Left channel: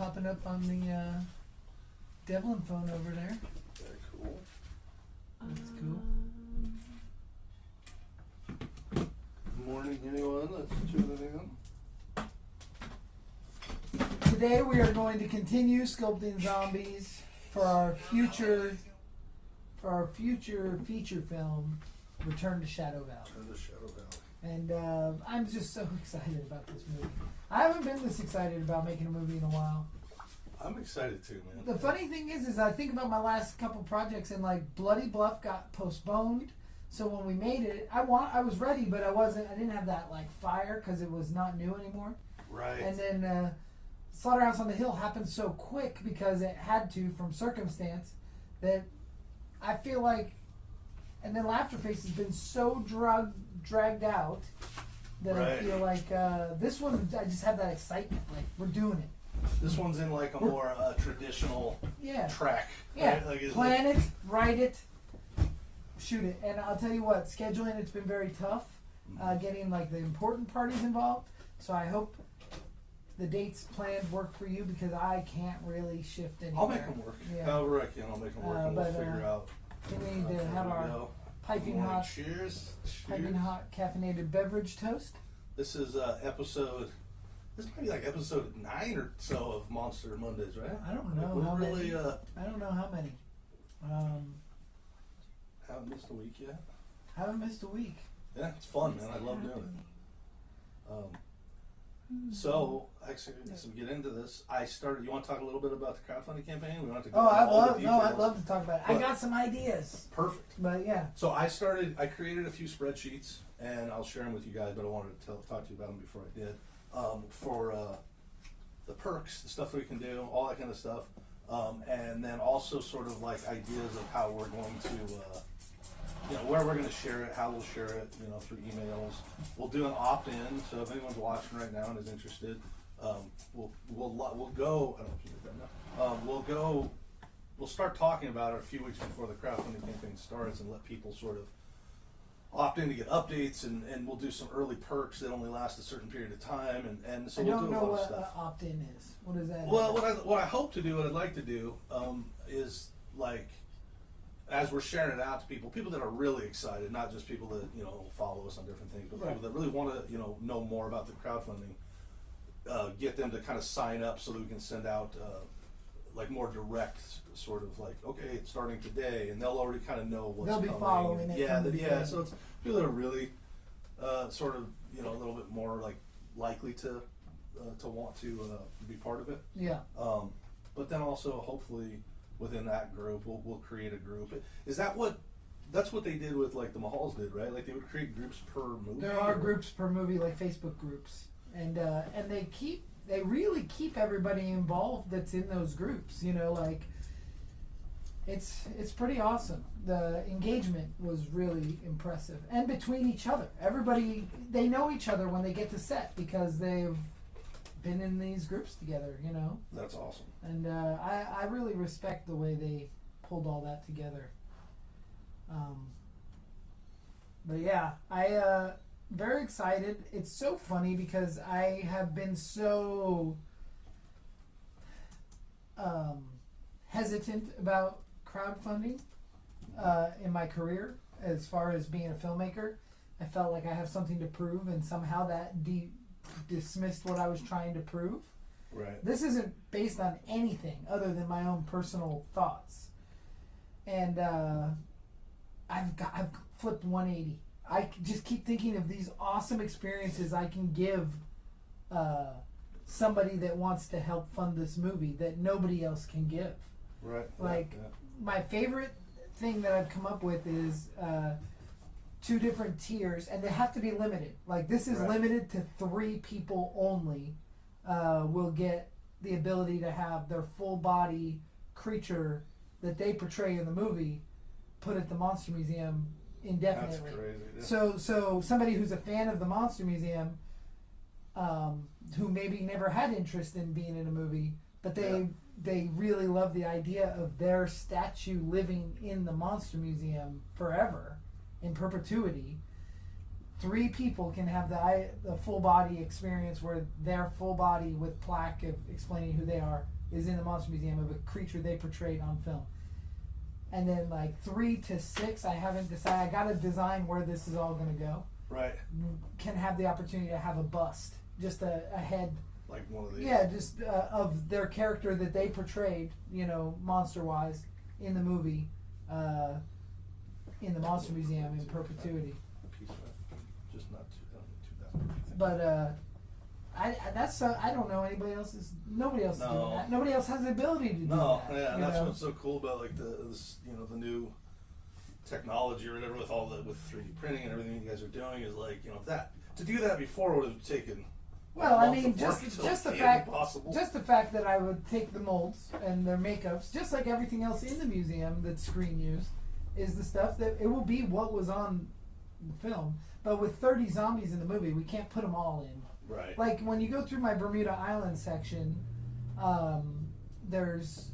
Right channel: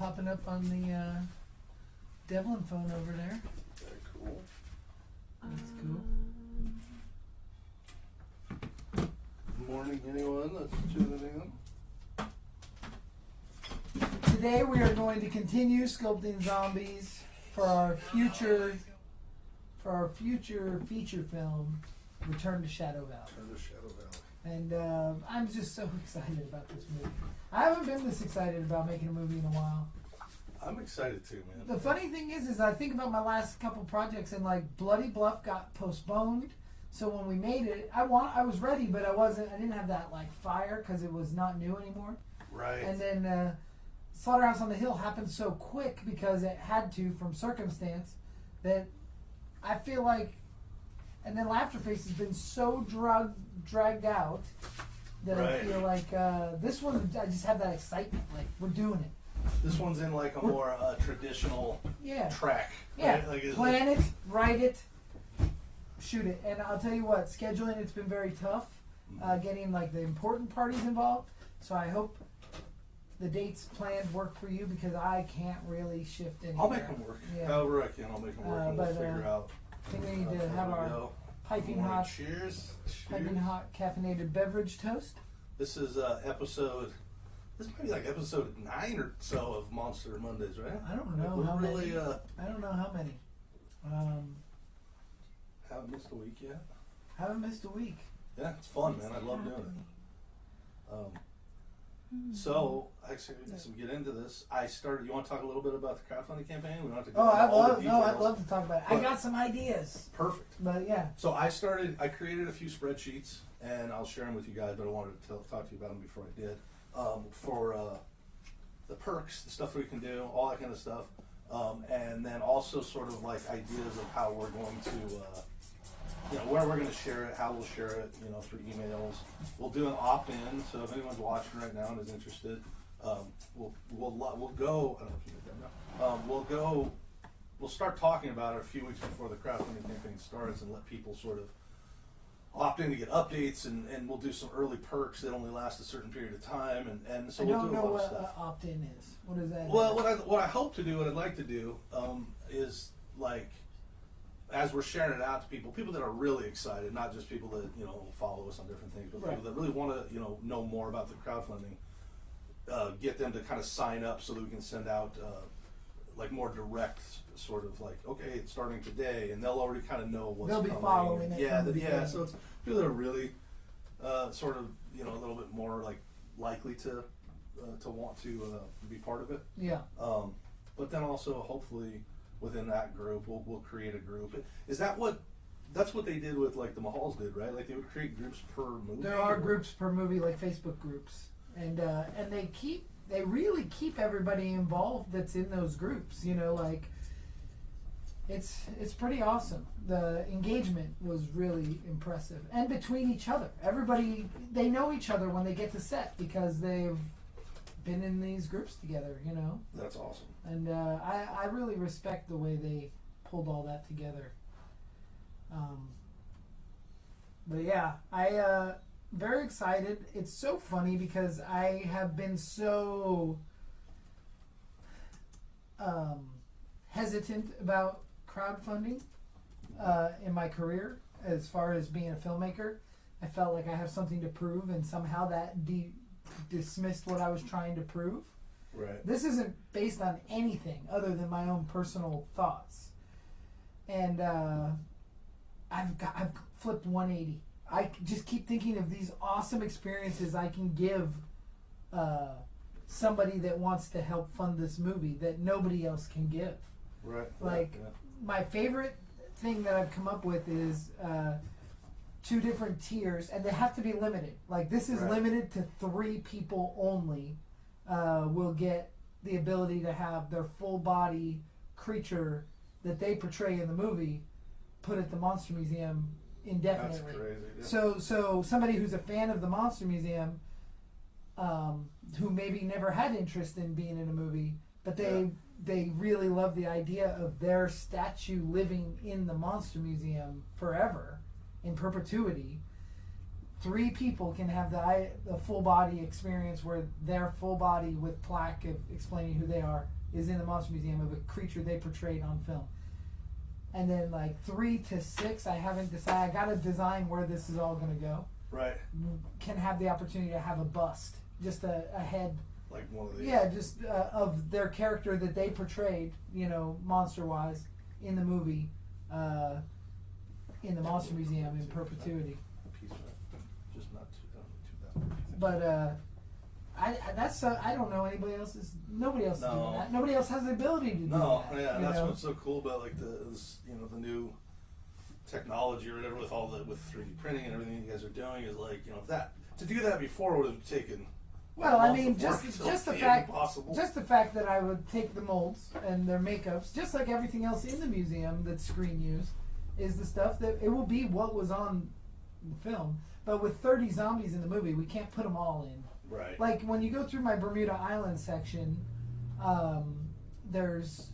popping up on the Devlin phone over there. Very cool. That's cool. Good morning, anyone that's tuning in. Today we are going to continue sculpting zombies for our future feature film, Return to Shadow Valley. Return to Shadow Valley. And I'm just so excited about this movie. I haven't been this excited about making a movie in a while. I'm excited too, man. The funny thing is I think about my last couple projects, and like Bloody Bluff got postponed. So when we made it, I was ready, but I didn't have that like fire because it was not new anymore. Right. And then Slaughterhouse on the Hill happened so quick because it had to from circumstance that I feel like, and then Laughterface has been so dragged out that Right. I feel like this one, I just have that excitement, like we're doing it. This one's in like a more traditional track. Yeah, Right? Like, plan it, write it, shoot it. And I'll tell you what, scheduling it's been very tough, getting like the important parties involved. So I hope the dates planned work for you because I can't really shift it. I'll make them work. Yeah. However I can, I'll make them work, and we'll figure out. We need to have our piping hot, Cheers. piping hot caffeinated beverage toast. This is episode. This might be like episode 9 or so of Monster Mondays, right? I don't know We're how really, many. I don't know how many. Haven't missed a week yet. Haven't missed a week. Yeah, it's fun, man. I love doing it. So, actually, as we get into this, I started. You want to talk a little bit about the crowdfunding campaign? We don't have to go into all the details. I'd love to talk about it. I got some ideas. Perfect. But yeah. So I created a few spreadsheets, and I'll share them with you guys, but I wanted to talk to you about them before I did. For the perks, the stuff that we can do, all that kind of stuff. And then also sort of like ideas of how we're going to, where we're going to share it, how we'll share it, through emails. We'll do an opt-in, so if anyone's watching right now and is interested, we'll go. I don't know if you did that now. We'll start talking about it a few weeks before the crowdfunding campaign starts, and let people sort of opt in to get updates, and we'll do some early perks that only last a certain period of time, and so we'll do a lot of stuff. I don't know what opt-in is. What is that? Well, what I hope to do, what I'd like to do, is like, as we're sharing it out to people that are really excited, not just people that follow us on different things, but people that really want to know more about the crowdfunding, get them to kind of sign up so that we can send out like more direct sort of like, okay, it's starting today, and they'll already kind of know what's They'll coming. be following it. Yeah. So it's people that are really sort of a little bit more like likely to want to be part of it. Yeah. But then also hopefully within that group we'll create a group. That's what they did with like the Mahals did, right? Like they would create groups per movie. There are groups per movie, like Facebook groups, and they really keep everybody involved that's in those groups. Like it's pretty awesome. The engagement was really impressive, and between each other, everybody they know each other when they get to set because they've been in these groups together. That's awesome. And I really respect the way they pulled all that together. But yeah, I very excited. It's so funny because I have been so hesitant about crowdfunding in my career as far as being a filmmaker. I felt like I have something to prove, and somehow that dismissed what I was trying to prove. Right. This isn't based on anything other than my own personal thoughts, and I've flipped 180. I just keep thinking of these awesome experiences I can give somebody that wants to help fund this movie that nobody else can give. Right. Like my favorite thing that I've come up with is 2 different tiers, and they have to be limited. Like this is limited to 3 people only. Will get the ability to have their full body creature that they portray in the movie put at the Monster Museum indefinitely. That's crazy. Yeah. So somebody who's a fan of the Monster Museum, who maybe never had interest in being in a movie, but they really love the idea of their statue living in the Monster Museum forever, in perpetuity. 3 people can have the full body experience where their full body with plaque of explaining who they are is in the Monster Museum of a creature they portrayed on film. And then like 3 to 6, I haven't decided. I got to design where this is all going to go. Right. Can have the opportunity to have a bust, just a head. Like one of these. Yeah, just of their character that they portrayed, you know, monster-wise, in the movie, in the Monster Museum in perpetuity. Just not too But I don't know anybody else. Nobody else is doing that. Nobody else has the ability to do that. No, yeah, and that's know? what's so cool about like the new technology or whatever with 3D printing and everything you guys are doing is like, you know, that to do that before would have taken. Well, I mean, months of work just the to fact, impossible. just the fact that I would take the molds and their makeups, just like everything else in the museum that's screen used, is the stuff that it will be what was on the film. But with 30 zombies in the movie, we can't put them all in. Right. Like when you go through my Bermuda Island section, there's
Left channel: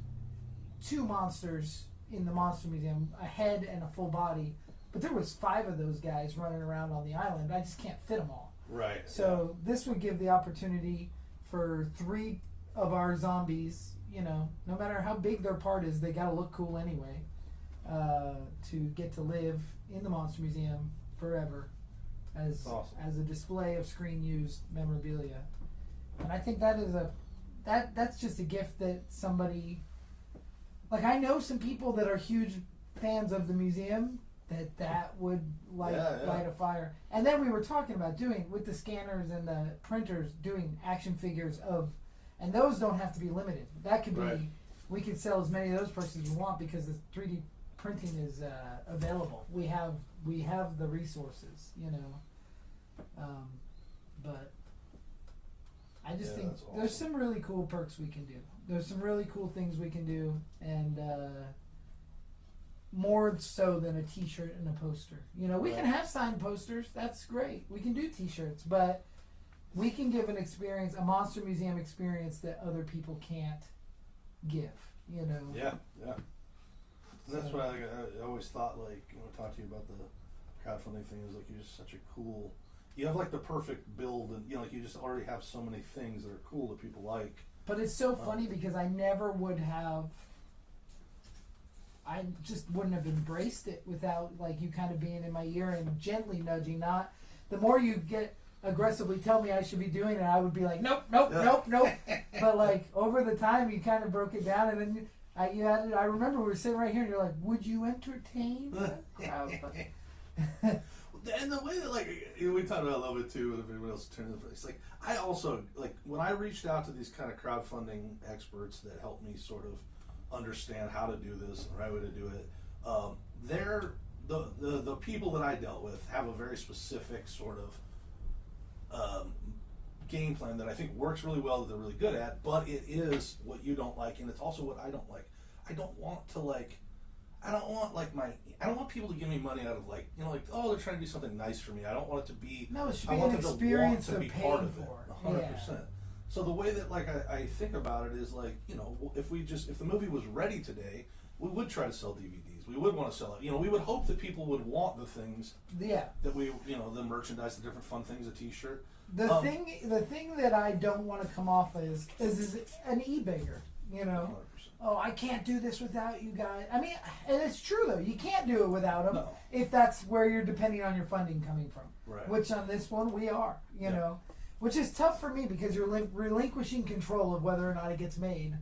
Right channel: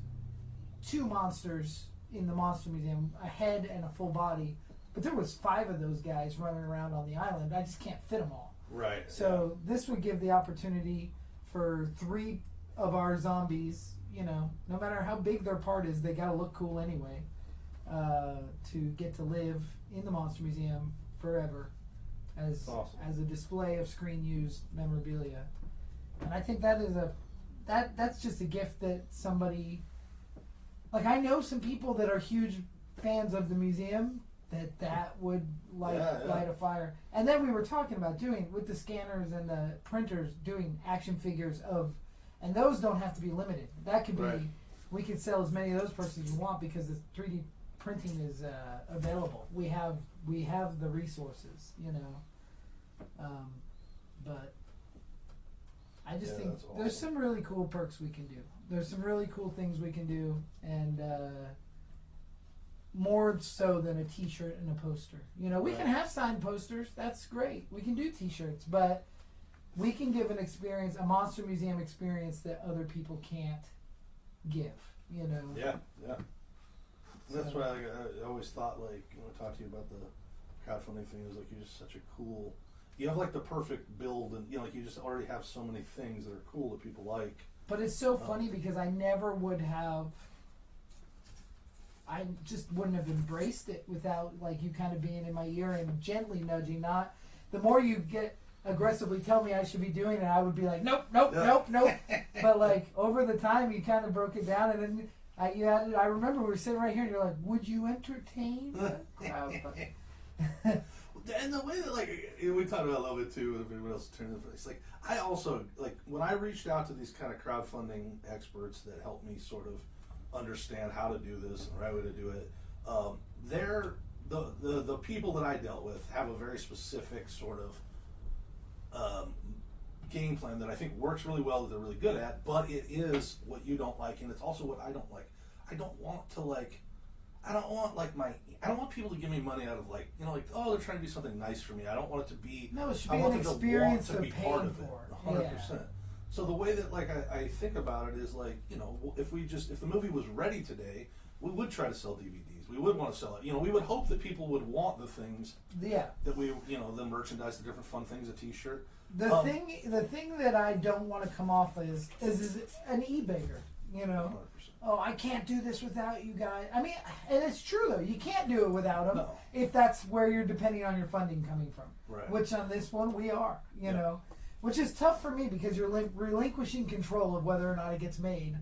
2 monsters in the Monster Museum, a head and a full body. But there was 5 of those guys running around on the island. I just can't fit them all. Right. So this would give the opportunity for 3 of our zombies, you know, no matter how big their part is, they gotta look cool anyway, to get to live in the Monster Museum forever as Awesome. as a display of screen used memorabilia. And I think that is that's just a gift that somebody, like I know some people that are huge fans of the museum that would light a fire. And then we were talking about doing with the scanners and the printers, doing action figures of, and those don't have to be limited. That could be, Right. we could sell as many of those parts as you want because the 3D printing is available. We have the resources, you know. But I just think that's awesome. there's some really cool perks we can do. There's some really cool things we can do, and more so than a t-shirt and a poster. You know, we can have signed posters, that's great. We can do t-shirts, but we can give an experience, a Monster Museum experience that other people can't give, you know. Yeah, yeah. That's why I always thought, like, you know, talk to you about the crowdfunding thing is like you're just such a cool, you have like the perfect build, and you know, like you just already have so many things that are cool that people like. But it's so funny because I never would have, I just wouldn't have embraced it without like you kind of being in my ear and gently nudging. Not the more you get aggressively tell me I should be doing it, I would be like nope. But like over the time you kind of broke it down, and then I remember we were sitting right here and you're like, would you entertain the crowd? And the way that, like, we talked about a little bit too, with everybody else turning it's like, I also, like, when I reached out to these kind of crowdfunding experts that helped me sort of understand how to do this and the right way to do it, they're, the people that I dealt with have a very specific sort of game plan that I think works really well, that they're really good at, but it is what you don't like, and it's also what I don't like. I don't want people to give me money out of like, you know, like, oh, they're trying to do something nice for me. I don't want it to be, No, it should I be want an them experience to of be part of it, paying for. 100%. So the way that like I think about it is like, you know, if the movie was ready today, we would try to sell DVDs. We would want to sell it. You know, we would hope that people would want the things that we, you know, the merchandise, the different fun things, a T-shirt. The thing that I don't want to come off is an eBayer, you know. 100%. Oh, I can't do this without you guys. I mean, and it's true though. You can't do it without them No. if that's where you're depending on your funding coming from. Right. Which on this one we are, you know, which is tough for me because you're relinquishing control of whether or not it gets made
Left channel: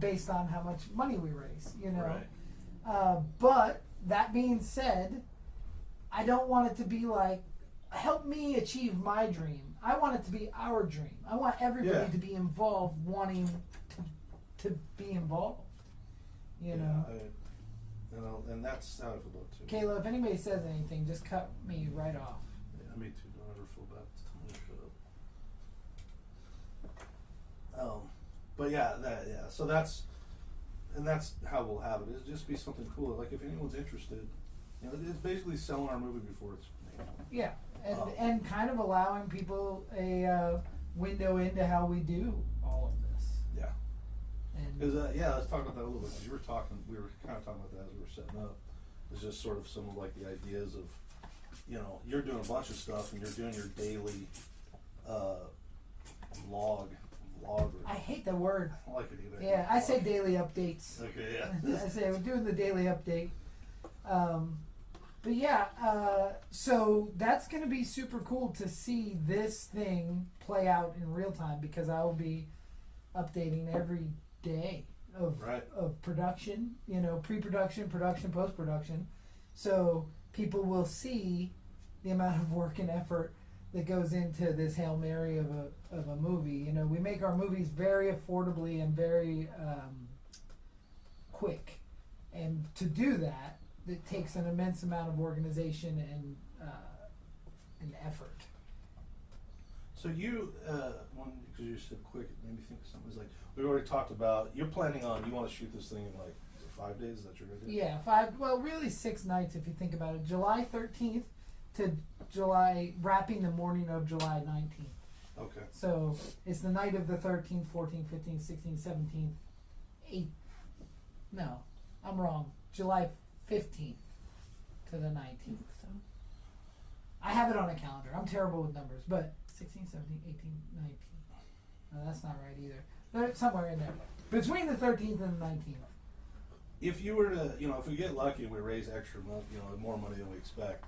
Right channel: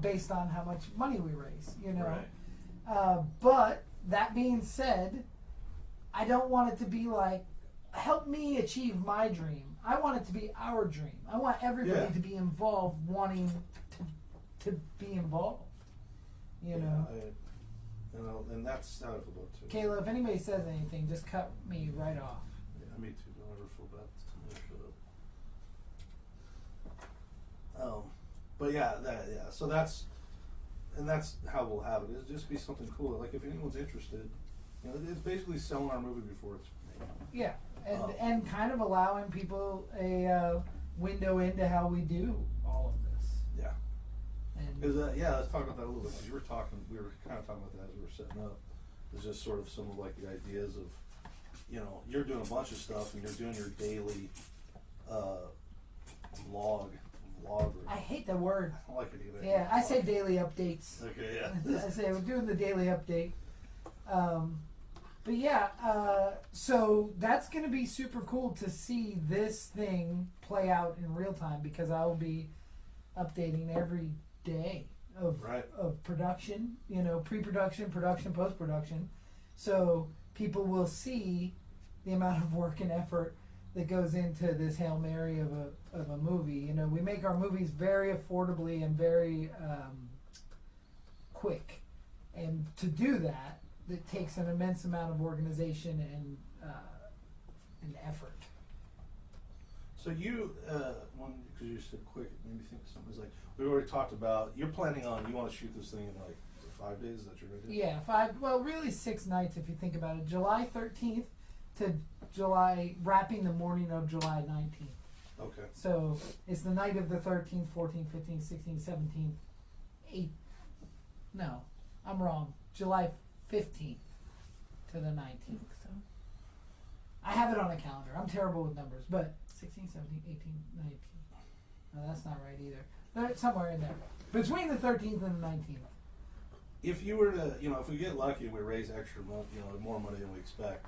based on how much money we raise, you know. Right. But that being said, I don't want it to be like, help me achieve my dream. I want it to be our dream. I want everybody to be involved, wanting to be involved. You know. You know, and that's how I feel about it too. Kayla, if anybody says anything, just cut me right off. Yeah, me too. Don't ever feel bad. Shut up. But yeah. So that's how we'll have it. It'll just be something cool. Like if anyone's interested, you know, it's basically selling our movie before it's. You know, And kind of allowing people a window into how we do all of this. Yeah. And Because let's talk about that a little bit. Because we were kind of talking about that as we were setting up. It's just sort of some of like the ideas of you know, you're doing a bunch of stuff and you're doing your daily log. I hate the word. I like it either. Yeah, I say daily updates. Okay, yeah. I say we're doing the daily update. But yeah, so that's going to be super cool to see this thing play out in real time, because I'll be updating every day of production, you know, pre-production, production, post-production. So people will see the amount of work and effort that goes into this Hail Mary of a movie. You know, we make our movies very affordably and very quick. And to do that, it takes an immense amount of organization and effort. So you, because you said quick, it made me think of something. It's like, we already talked about, you're planning on, you want to shoot this thing in like 5 days, is that your idea? Yeah, really 6 nights if you think about it. July 13th to wrapping the morning of July 19th. Okay. So it's the night of the 13th, 14th, 15th, 16th, 17th, 8th. No, I'm wrong. July 15th to the 19th. So I have it on a calendar. I'm terrible with numbers, but 16, 17, 18, 19. No, that's not right either. But somewhere in there. Between the 13th and the 19th. If you were to, you know, if we get lucky and we raise extra money, you know, more money than we expect,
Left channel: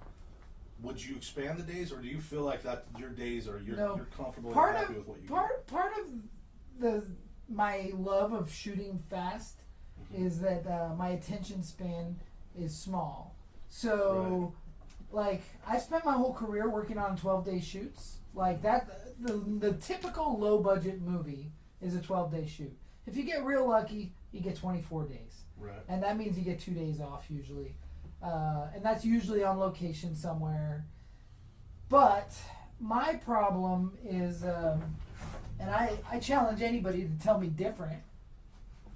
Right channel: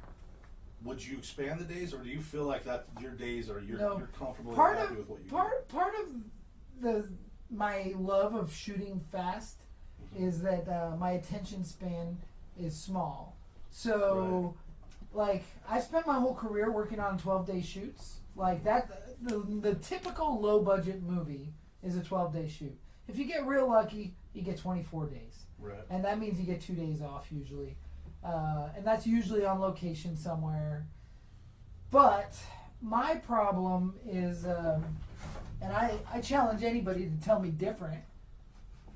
would you expand the days, or do you feel like that your days are you're comfortable and happy with what you do? Part of my love of shooting fast is that my attention span is small. So, like, I spent my whole career working on 12-day shoots. Like that, the typical low-budget movie is a 12-day shoot. If you get real lucky, you get 24 days. Right. And that means you get 2 days off usually. And that's usually on location somewhere. But my problem is, and I challenge anybody to tell me different.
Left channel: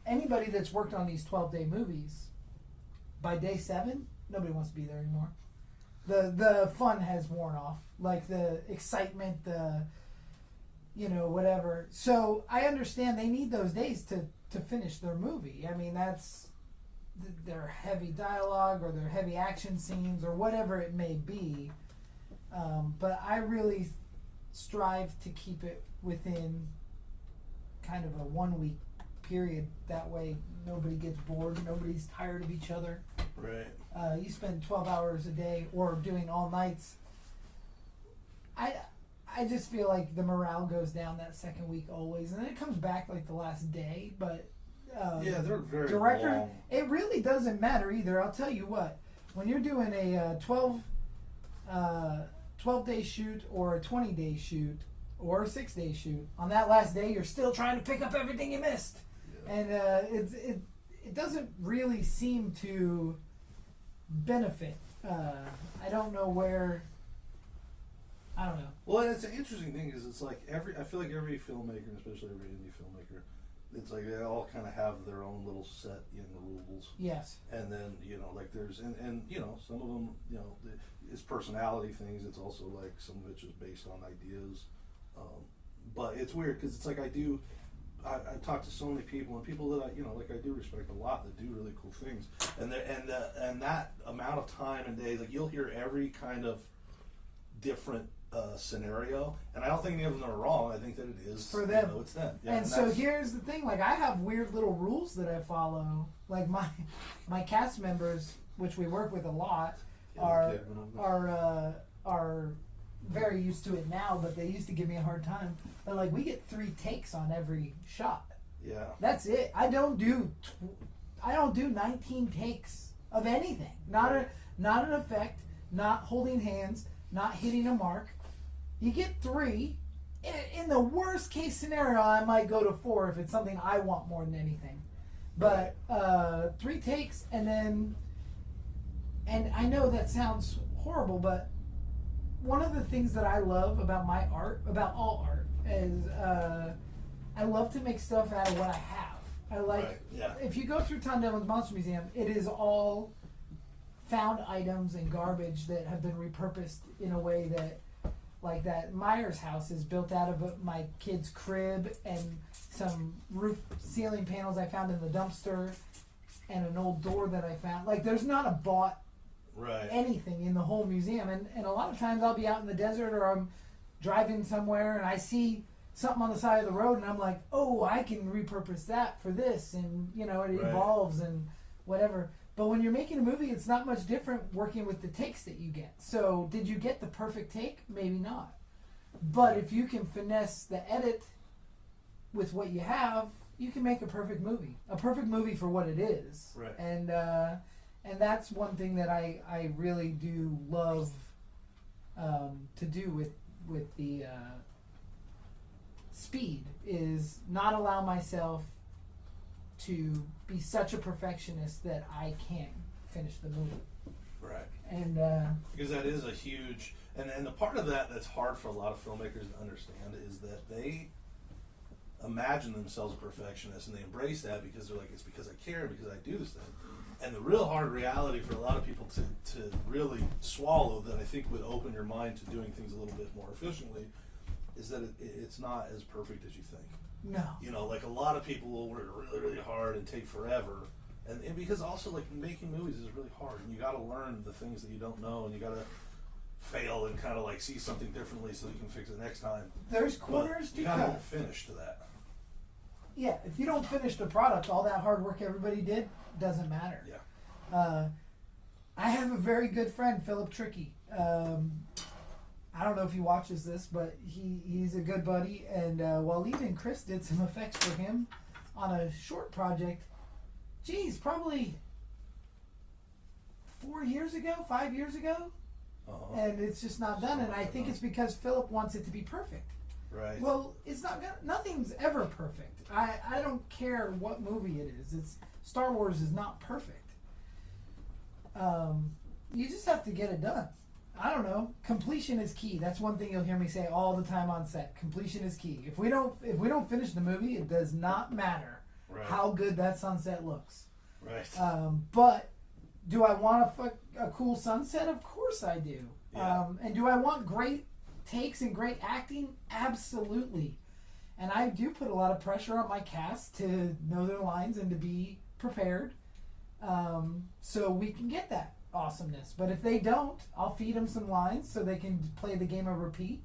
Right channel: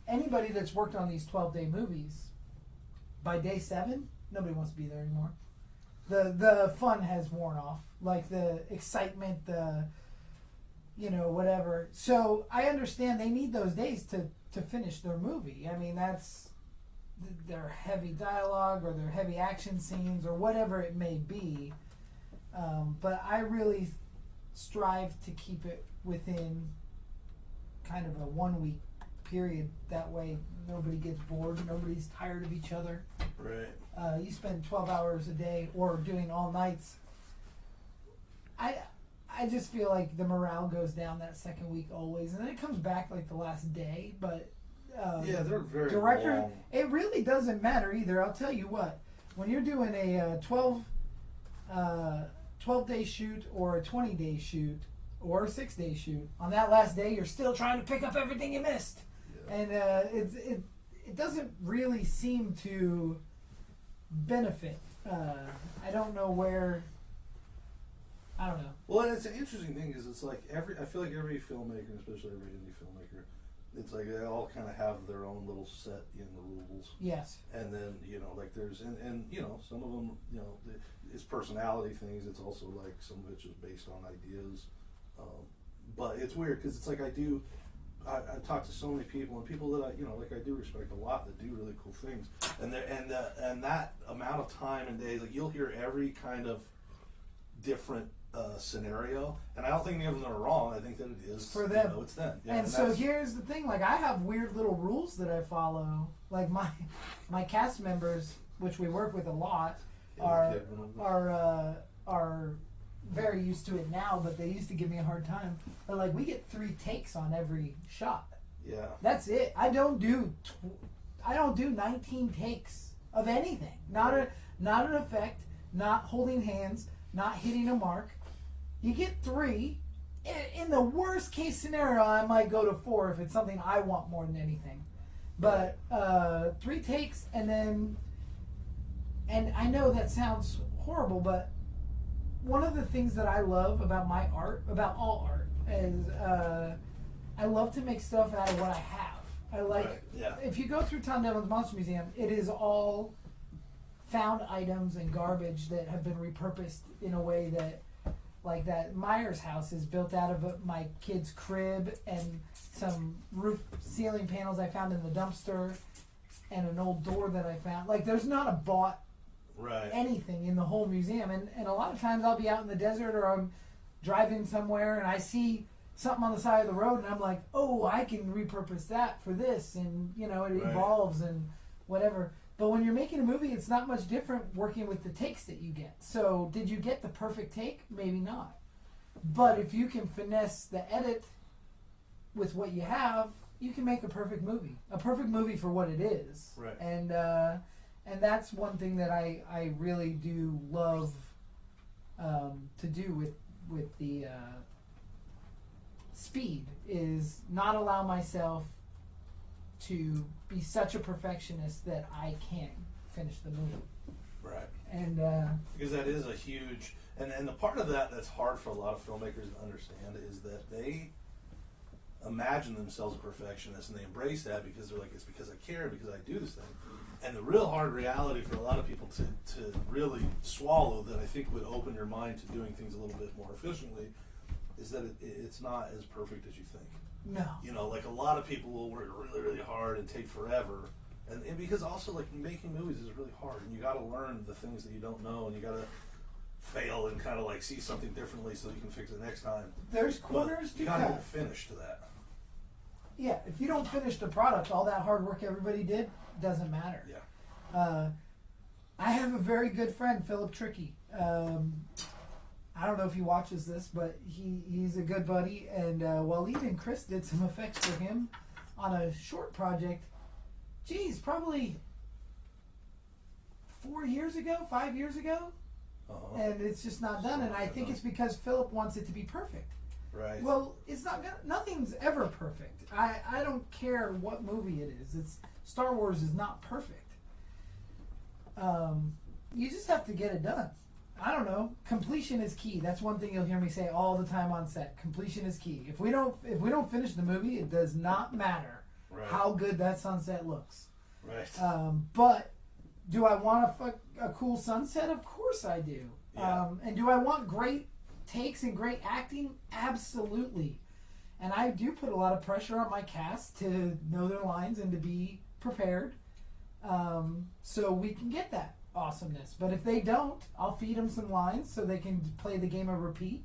Anybody that's worked on these 12-day movies, by day 7, nobody wants to be there anymore. The fun has worn off. Like the excitement, you know, whatever. So I understand they need those days to finish their movie. I mean, that's their heavy dialogue or their heavy action scenes or whatever it may be. But I really strive to keep it within kind of a 1 week period. That way nobody gets bored, nobody's tired of each other. Right. You spend 12 hours a day or doing all nights. I just feel like the morale goes down that second week always, and then it comes back like the last day. But yeah, they're very director, long. it really doesn't matter either. I'll tell you what, when you're doing a 12-day shoot or a 20-day shoot or a 6-day shoot, on that last day you're still trying to pick up everything you missed. Yeah. And it doesn't really seem to benefit. I don't know where. I don't know. Well, and it's an interesting thing because it's like I feel like every filmmaker, especially every indie filmmaker, it's like they all kind of have their own little set in the rules. Yes. And then, you know, like there's, and you know, some of them, you know, it's personality things. It's also like some of it's just based on ideas. But it's weird because it's like I talk to so many people, and people that I, you know, like I do respect a lot that do really cool things. And that amount of time and days, like you'll hear every kind of different scenario, and I don't think any of them are wrong. I think that it is for them. You know, it's them. Yeah, and so here's the thing: like I have weird little rules that I follow. Like my cast members, which we work with a lot, are very used to it now, but they used to give me a hard time. But like we get 3 takes on every shot. Yeah. That's it. I don't do 19 takes of anything. Not an effect. Not holding hands. Not hitting a mark. You get 3. In the worst case scenario, I might go to 4 if it's something I want more than anything. But 3 takes, and I know that sounds horrible, but one of the things that I love about my art, about all art, is I love to make stuff out of what I have. I like, if you go through Tom Devlin's Monster Museum, it is all found items and garbage that have been repurposed in a way that, like that Myers house is built out of my kid's crib and some roof ceiling panels I found in the dumpster and an old door that I found. Like there's not a bought Right. anything in the whole museum. And a lot of times I'll be out in the desert or I'm driving somewhere and I see something on the side of the road and I'm like, oh, I can repurpose that for this, and it Right. evolves and whatever. But when you're making a movie, it's not much different working with the takes that you get. So did you get the perfect take? Maybe not. But if you can finesse the edit with what you have, you can make a perfect movie. A perfect movie for what it is. Right. And that's one thing that I really do love to do with the speed, is not allow myself to be such a perfectionist that I can't finish the movie. Right. And Because that is a huge, and the part of that that's hard for a lot of filmmakers to understand is that they imagine themselves a perfectionist and they embrace that because they're like, it's because I care, because I do this thing. And the real hard reality for a lot of people to really swallow, that I think would open your mind to doing things a little bit more efficiently, is that it's not as perfect as you think. no. Like a lot of people will work really, really hard and take forever. And because also, like, making movies is really hard, and you got to learn the things that you don't know, and you got to fail and kind of like see something differently so you can fix it next time. There's But corners to you got to cut. get finished to that. Yeah, if you don't finish the product, all that hard work everybody did doesn't matter. Yeah. I have a very good friend, Philip Tricky. I don't know if he watches this, but he's a good buddy. And Waleed and Chris did some effects for him on a short project. Geez, probably 5 years ago. Uh-huh. And it's just not done. And I think it's because Philip wants it to be perfect. Right. Well, it's not gonna, nothing's ever perfect. I don't care what movie it is. It's Star Wars is not perfect. You just have to get it done. I don't know. Completion is key. That's one thing you'll hear me say all the time on set. Completion is key. If we don't finish the movie, it does not matter Right. how good that sunset looks. Right. But do I want a cool sunset? Of course I do. Yeah. And do I want great takes and great acting? Absolutely. And I do put a lot of pressure on my cast to know their lines and to be prepared, so we can get that awesomeness. But if they don't, I'll feed them some lines so they can play the game of repeat,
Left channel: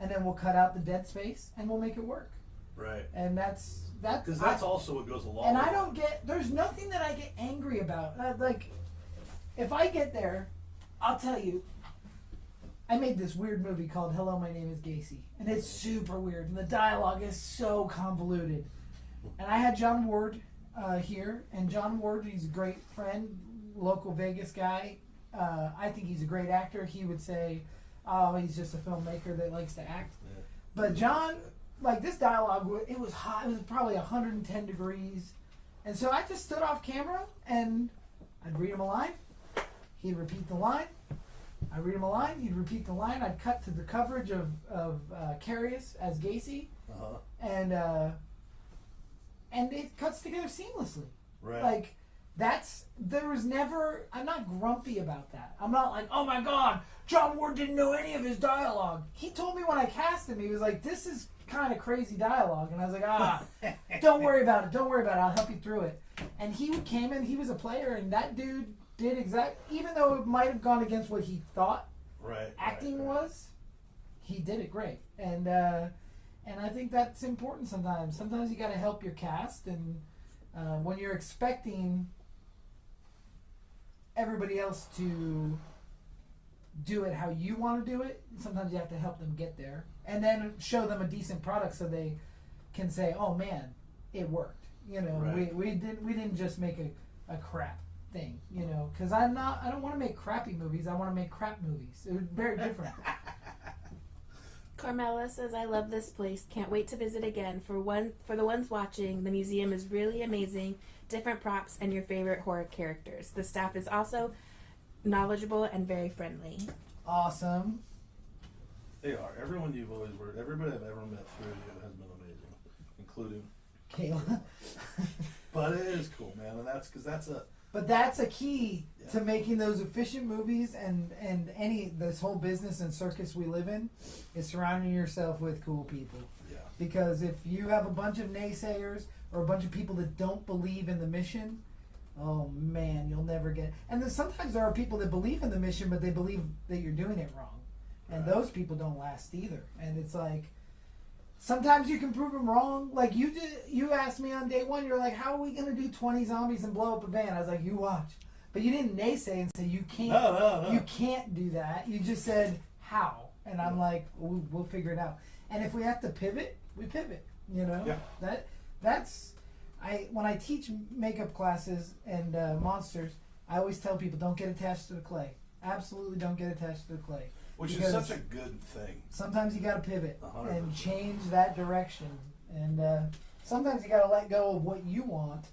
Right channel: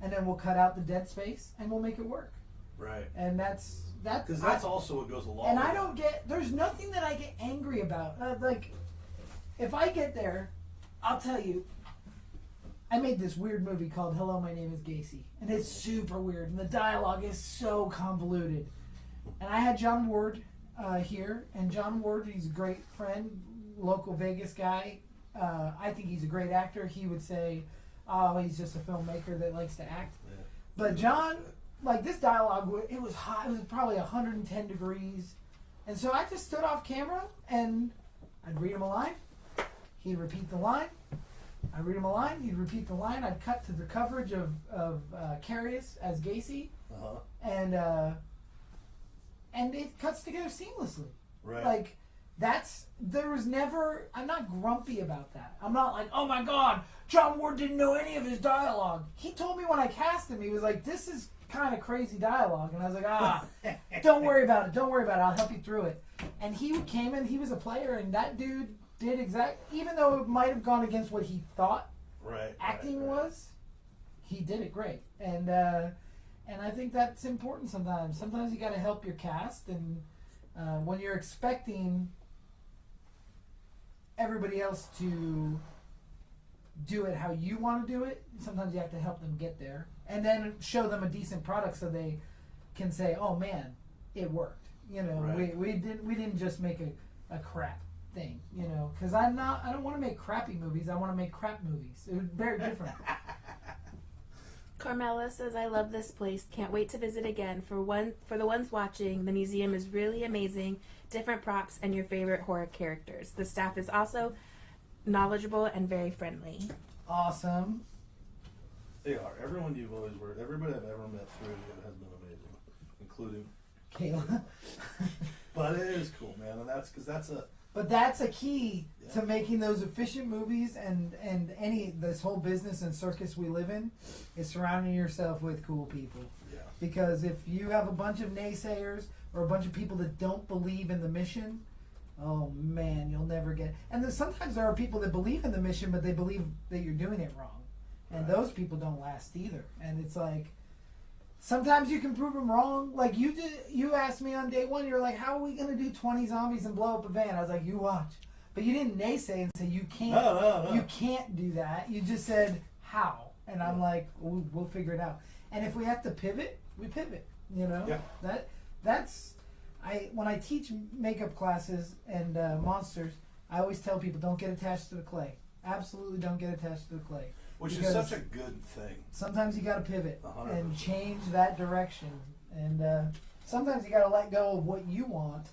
and then we'll cut out the dead space and we'll make it work. Right. And that's Because that's also what goes along. and with I it. don't get, there's nothing that I get angry about. Like, if I get there, I'll tell you, I made this weird movie called Hello, My Name is Gacy. And it's super weird. And the dialogue is so convoluted. And I had John Ward here. And John Ward, he's a great friend, local Vegas guy. I think he's a great actor. He would say, oh, he's just a filmmaker that likes to act. Yeah. But John, like, this dialogue, it was hot. It was probably 110 degrees. And so I just stood off camera and I'd read him a line. He'd repeat the line. I'd read him a line. He'd repeat the line. I'd cut to the coverage of Carius as Gacy. Uh-huh. And it cuts together seamlessly. Right. Like, there was never, I'm not grumpy about that. I'm not like, oh my God, John Ward didn't know any of his dialogue. He told me when I cast him, he was like, this is kind of crazy dialogue. And I was like, don't worry about it. I'll help you through it. And he came in, he was a player, and that dude did even though it might have gone against what he thought Right. acting was, he did it great. And I think that's important sometimes. Sometimes you got to help your cast, and when you're expecting everybody else to do it how you want to do it, sometimes you have to help them get there, and then show them a decent product so they can say, "Oh man, it worked." Right. We didn't just make a crap thing, because I don't want to make crappy movies. I want to make crap movies. It was very different. Carmela says, I love this place. Can't wait to visit again. For the ones watching, the museum is really amazing. Different props and your favorite horror characters. The staff is also knowledgeable and very friendly. Awesome. They are. Everyone you've always worked, everybody I've ever met through it has been amazing, including. Kayla. But it is cool, man, and But that's a key to making those efficient movies, and this whole business and circus we live in is surrounding yourself with cool people. Yeah. Because if you have a bunch of naysayers or a bunch of people that don't believe in the mission, oh man, you'll never get. And then sometimes there are people that believe in the mission, but they believe that you're doing it wrong, and those people don't last either. And it's like, sometimes you can prove them wrong. Like you did, you asked me on day one, you're like, how are we gonna do 20 zombies and blow up a van? I was like, you watch. But you didn't naysay and say you can't. No. You can't do that. You just said how, and I'm like, we'll figure it out. And if we have to pivot, we pivot. You know, that's when I teach makeup classes and monsters, I always tell people don't get attached to the clay. Absolutely, don't get attached to the clay. Which is such a good thing. Sometimes you got to pivot 100%. and change that direction, and sometimes you got to let go of what you want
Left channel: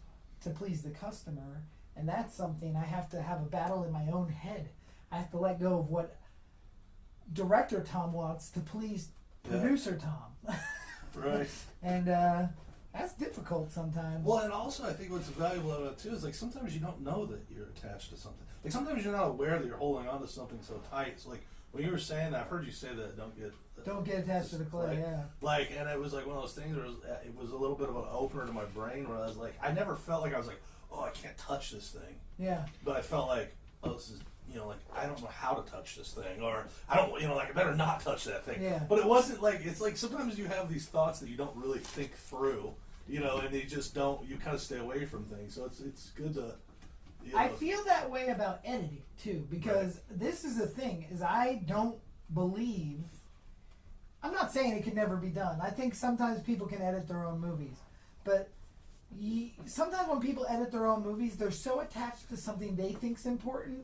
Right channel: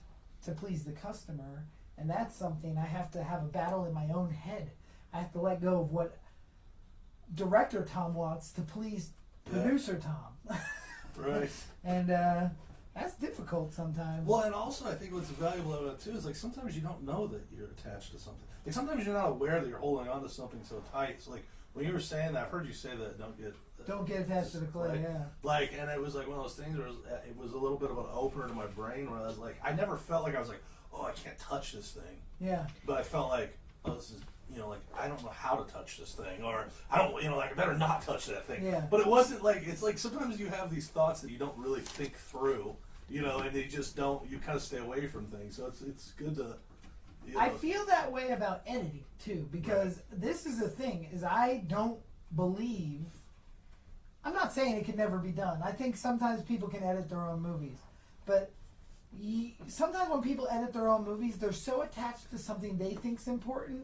to please the customer. And that's something I have to have a battle in my own head. I have to let go of what director Tom wants to please producer Tom. Right. And that's difficult sometimes. Well, and also I think what's valuable about it too is like sometimes you don't know that you're attached to something. Like sometimes you're not aware that you're holding on to something so tight. So like when you were saying that, I've heard you say that don't get attached to the clay. Like, yeah. Like, and it was like one of those things where it was a little bit of an opener to my brain where I was like, I never felt like I was like, oh, I can't touch this thing. Yeah. But I felt like, oh, this is, like, I don't know how to touch this thing, or I don't, like, I better not touch that thing. Yeah. But it wasn't like, it's like sometimes you have these thoughts that you don't really think through, and you just don't, you kind of stay away from things. So it's good to, I feel that way about editing too, because this is the thing, is I don't believe, I'm not saying it can never be done. I think sometimes people can edit their own movies, but sometimes when people edit their own movies, they're so attached to something they think's important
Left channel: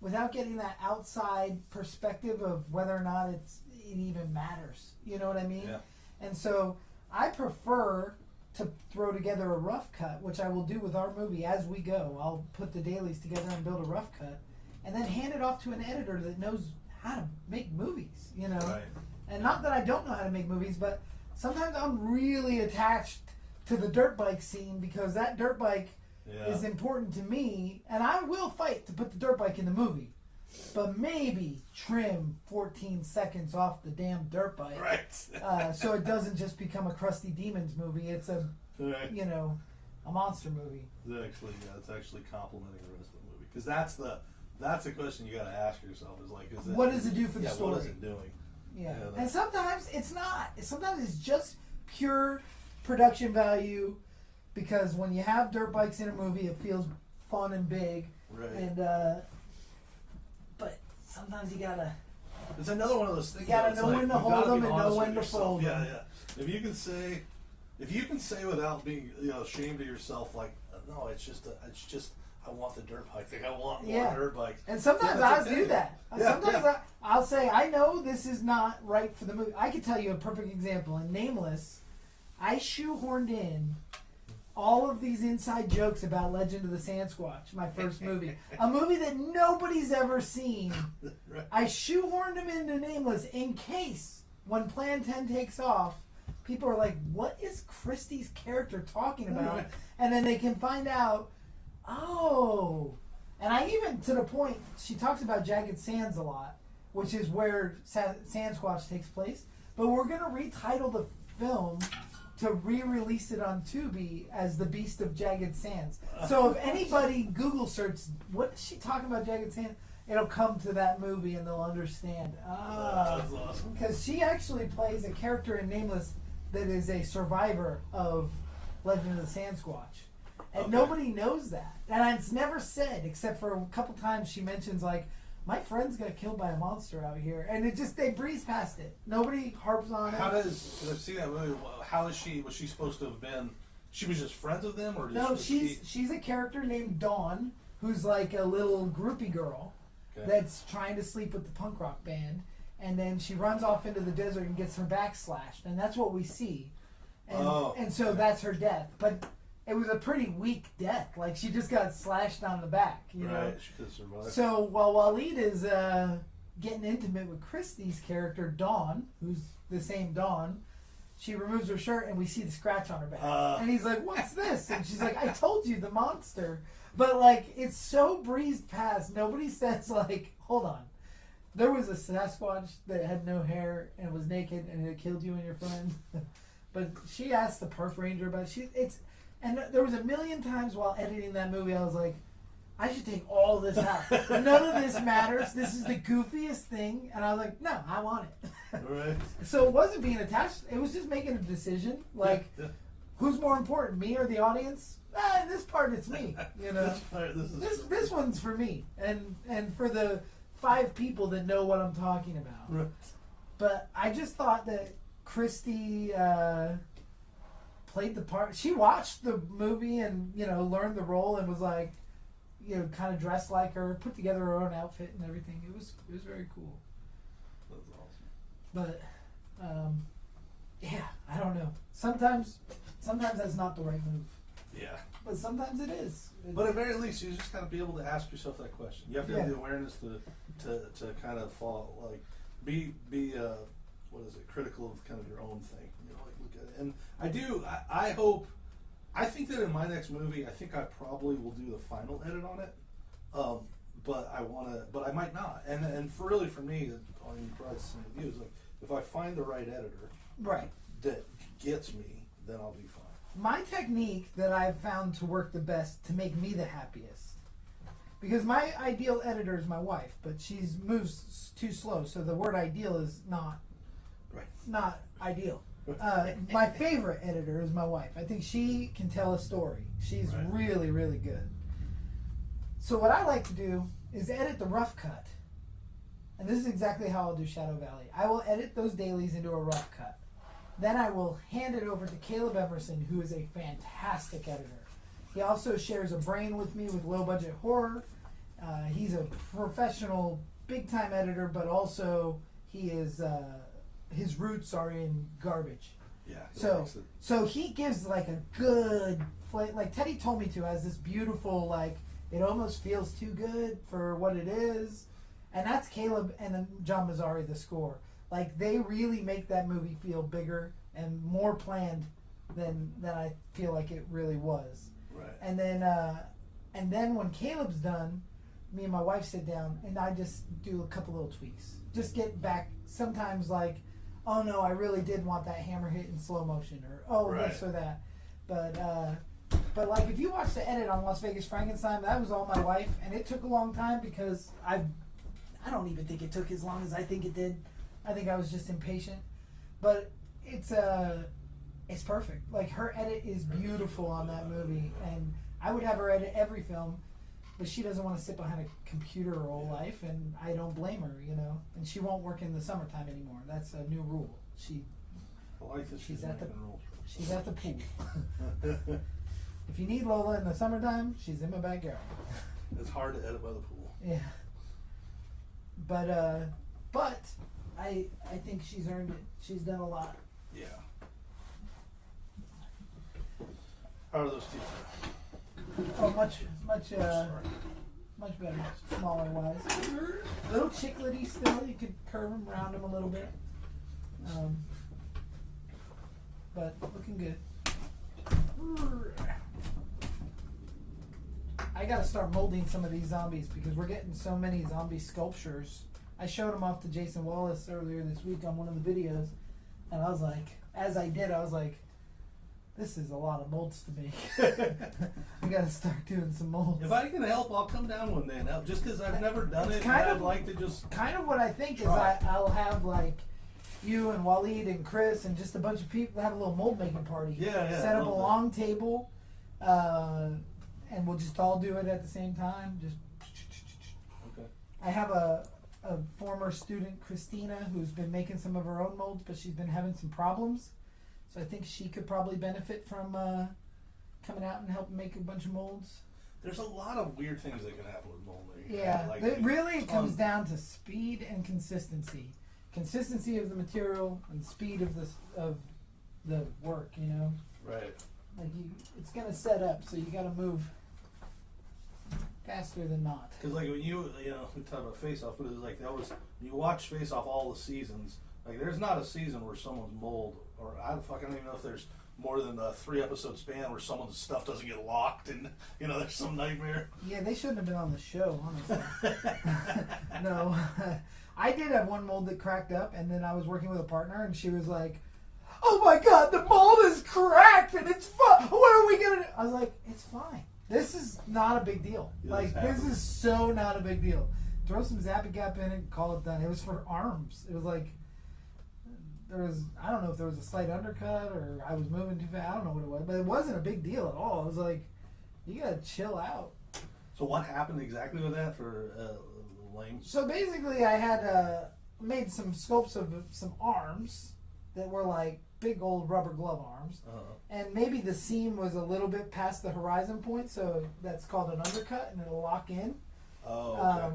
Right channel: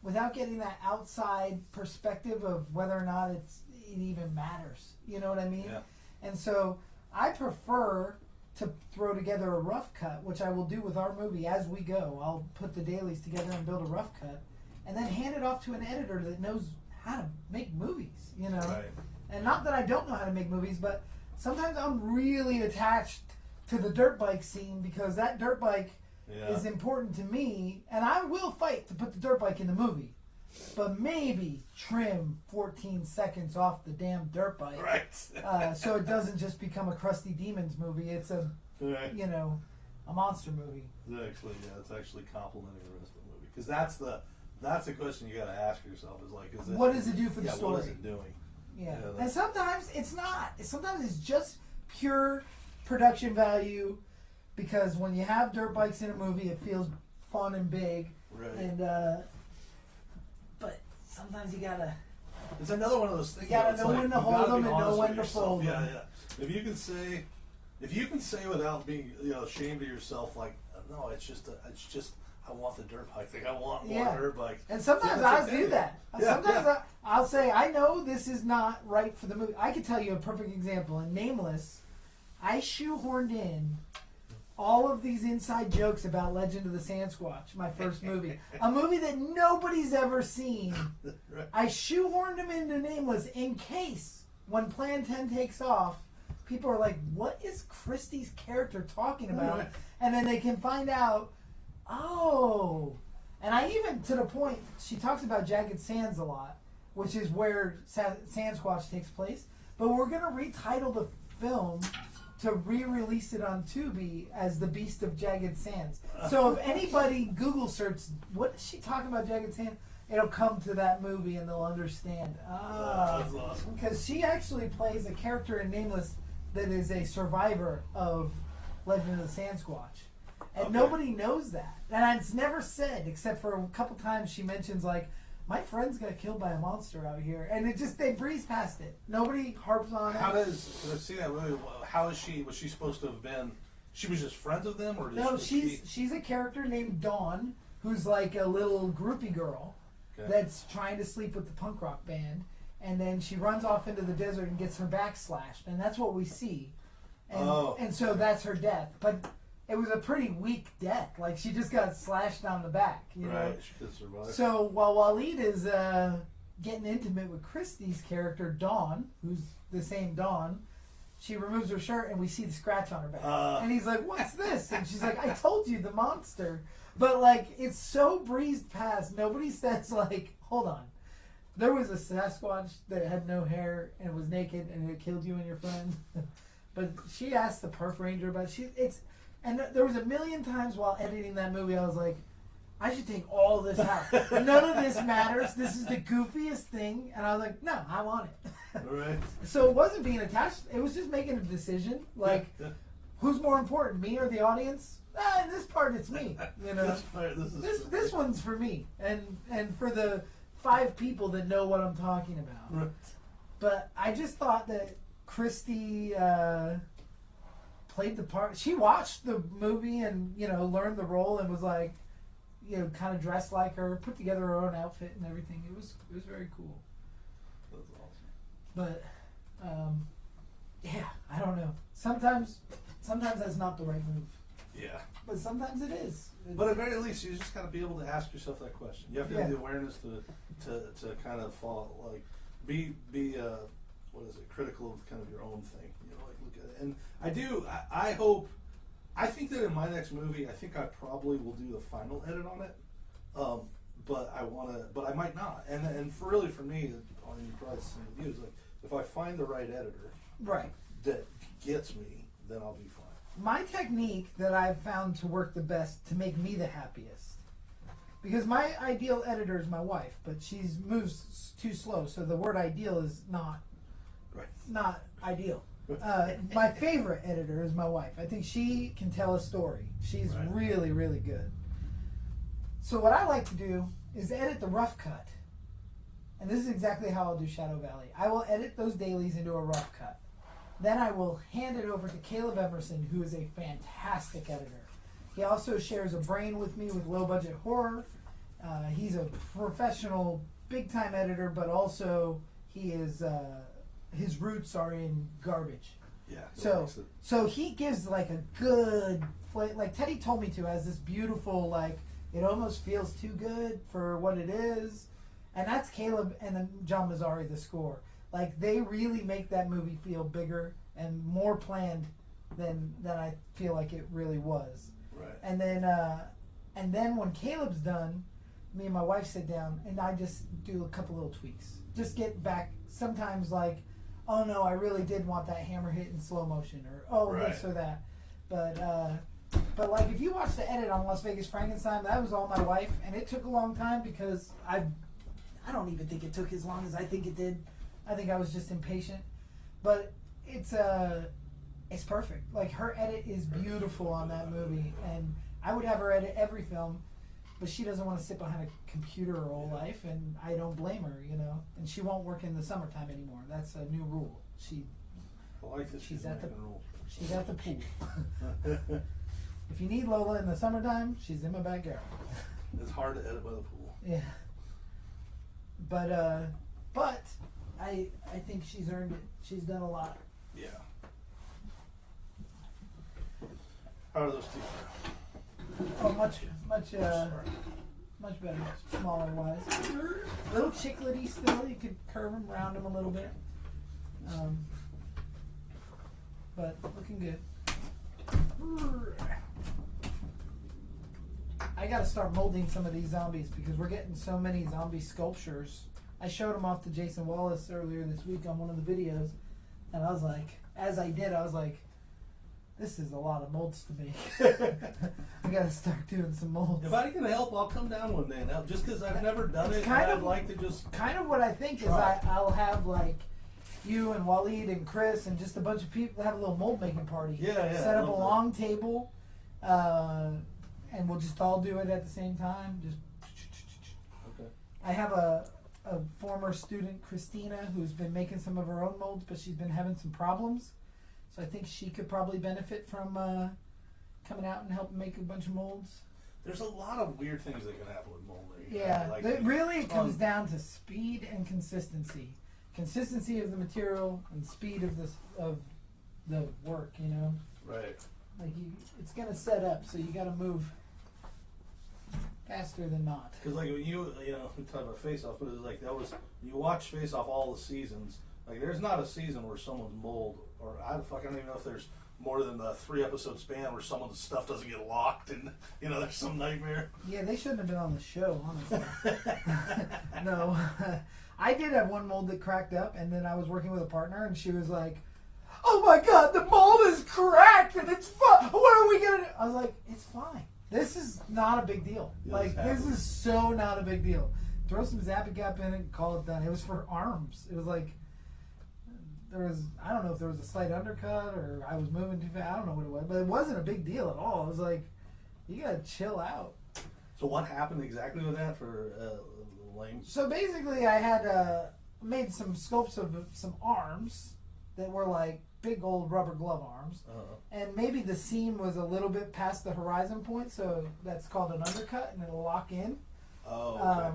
without getting that outside perspective of whether or not it even matters. You know what I mean? Yeah. And so I prefer to throw together a rough cut, which I will do with our movie as we go. I'll put the dailies together and build a rough cut, and then hand it off to an editor that knows how to make movies. Right. And not that I don't know how to make movies, but sometimes I'm really attached to the dirt bike scene because that dirt bike is important to me, and I will fight to put the dirt bike in the movie, but maybe trim 14 seconds off the damn dirt bike, right? So it doesn't just become a Crusty Demons movie. It's a a monster movie. It's actually complimenting the rest of the movie, because that's the question you got to ask yourself is like, what does it do for the story? What is it doing? Yeah. And sometimes it's not. Sometimes it's just pure production value, because when you have dirt bikes in a movie, it feels fun and big. Right. And but sometimes you gotta. It's another one of those things. You gotta know when to hold them and know when to fold them. Yeah. If you can say without being ashamed of yourself, like, no, it's just I want the dirt bike. Like, I want more dirt bikes. And sometimes I'll do that. Sometimes I'll say, I know this is not right for the movie. I can tell you a perfect example. In Nameless, I shoehorned in all of these inside jokes about Legend of the Sasquatch, my first movie. A movie that nobody's ever seen. Right. I shoehorned them into Nameless in case, when Plan 10 takes off, people are like, what is Christie's character talking about? Right. And then they can find out, oh. And I even, to the point, she talks about Jagged Sands a lot, which is where Sasquatch takes place. But we're going to retitle the film to re-release it on Tubi as The Beast of Jagged Sands. So if anybody Google search, what is she talking about, Jagged Sands? It'll come to that movie and they'll understand. That's awesome. Because she actually plays a character in Nameless that is a survivor of Legend of the Sasquatch. And nobody knows that. And it's never said, except for a couple times she mentions, like, my friends got killed by a monster out here. And it just, they breeze past it. Nobody harps on it. Let's see that movie. How is she, was she supposed to have been, she was just friends with them? Or No, she's a character named Dawn, who's like a little groupie girl that's trying to sleep with the punk rock band. And then she runs off into the desert and gets her back slashed. And that's what we see. And so that's her death. But it was a pretty weak death. Like, she just got slashed on the back, you know? She could survive. So while Waleed is getting intimate with Christie's character, Dawn, who's the same Dawn, she removes her shirt and we see the scratch on her back. And he's like, what's this? And she's like, I told you, the monster. But, like, it's so breezed past. Nobody says, like, hold on. There was a Sasquatch that had no hair and was naked and it killed you and your friend. But she asked the park ranger about it. And there was a million times while editing that movie, I was like, I should take all this out. None of this matters. This is the goofiest thing. And I was like, no, I want it. Right. So it wasn't being attached. It was just making a decision. Like, who's more important, me or the audience? In this part, it's me. You know, this one's for me, and for the 5 people that know what I'm talking about. Right. But I just thought that Christy played the part. She watched the movie and learned the role and was like, kind of dressed like her, put together her own outfit and everything. It was very cool. That's awesome. But yeah, I don't know. Sometimes that's not the right move. Yeah. But sometimes it is. But at the very least, you just got to be able to ask yourself that question. You have to have the awareness to kind of be critical of kind of your own thing. Like look at it. And I think that in my next movie, I think I probably will do the final edit on it. But I might not. And for me, on your price reviews, like if I find the right editor, right, that gets me, then I'll be fine. My technique that I've found to work the best to make me the happiest, because my ideal editor is my wife, but she moves too slow, so the word ideal is not ideal. My favorite editor is my wife. I think she can tell a story. She's really, really good. So what I like to do is edit the rough cut. And this is exactly how I'll do Shadow Valley. I will edit those dailies into a rough cut. Then I will hand it over to Caleb Emerson, who is a fantastic editor. He also shares a brain with me with low budget horror. He's a professional, big time editor, but also he is his roots are in garbage. Yeah. So he gives like a good flavor. Like Teddy told me to, has this beautiful, like it almost feels too good for what it is. And that's Caleb and then John Mazzari, the score. Like they really make that movie feel bigger and more planned than I feel like it really was. Right. And then when Caleb's done, me and my wife sit down and I just do a couple little tweaks. Just get back sometimes like, oh no, I really did want that hammer hit in slow motion, or this or that. But like if you watch the edit on Las Vegas Frankenstein, that was all my wife, and it took a long time because I don't even think it took as long as I think it did. I think I was just impatient. But it's perfect. Like her edit is beautiful on that movie, and I would have her edit every film, but she doesn't want to sit behind a computer her whole life, and I don't blame her, And she won't work in the summertime anymore. That's a new rule. I like that she's at the pool. If you need Lola in the summertime, she's in my backyard. It's hard to edit by the pool. Yeah. But I think she's earned it. She's done a lot. Yeah. How are those teeth? Oh, much better. Smaller wise. Little chiclety still. You could curve them, round them a little bit. But looking good. I gotta start molding some of these zombies because we're getting so many zombie sculptures. I showed them off to Jason Wallace earlier this week on one of the videos, and I was like, this is a lot of molds to make. I gotta start doing some molds. If I can help, I'll come down one day and help. Just because I've never done it, I'd like to just kind of what I think try. Is I'll have like you and Waleed and Chris and just a bunch of people have a little mold making party. Yeah. Set up a long table, and we'll just all do it at the same time. Just. Okay. I have a former student, Christina, who's been making some of her own molds, but she's been having some problems. So I think she could probably benefit from coming out and helping make a bunch of molds. There's a lot of weird things that can happen with molding. Yeah, it really comes down to speed and consistency. Consistency of the material and speed of the work. Right. Like it's gonna set up, so you gotta move faster than not. Because like when we talk about Face Off, but it's like you watch Face Off all the seasons. Like there's not a season where someone's mold, or I don't even know if there's more than a 3-episode span where someone's stuff doesn't get locked and there's some nightmare. Yeah, they shouldn't have been on the show, honestly. No. I did have one mold that cracked up, and then I was working with a partner, and she was like, "Oh my God, the mold is cracked, and it's what are we gonna do?" I I was like, it's fine. This is not a big deal. Yeah, Like, exactly. this is so not a big deal. Throw some Zap-A-Gap in it and call it done. It was for arms. It was like, I don't know if there was a slight undercut or I was moving too fast. I don't know what it was, but it wasn't a big deal at all. I was like, you gotta chill out. So what happened exactly with that for Lane? So basically, I had made some sculpts of some arms that were like big old rubber glove arms. And maybe the seam was a little bit past the horizon point, so that's called an undercut, and it'll lock in. Oh, okay.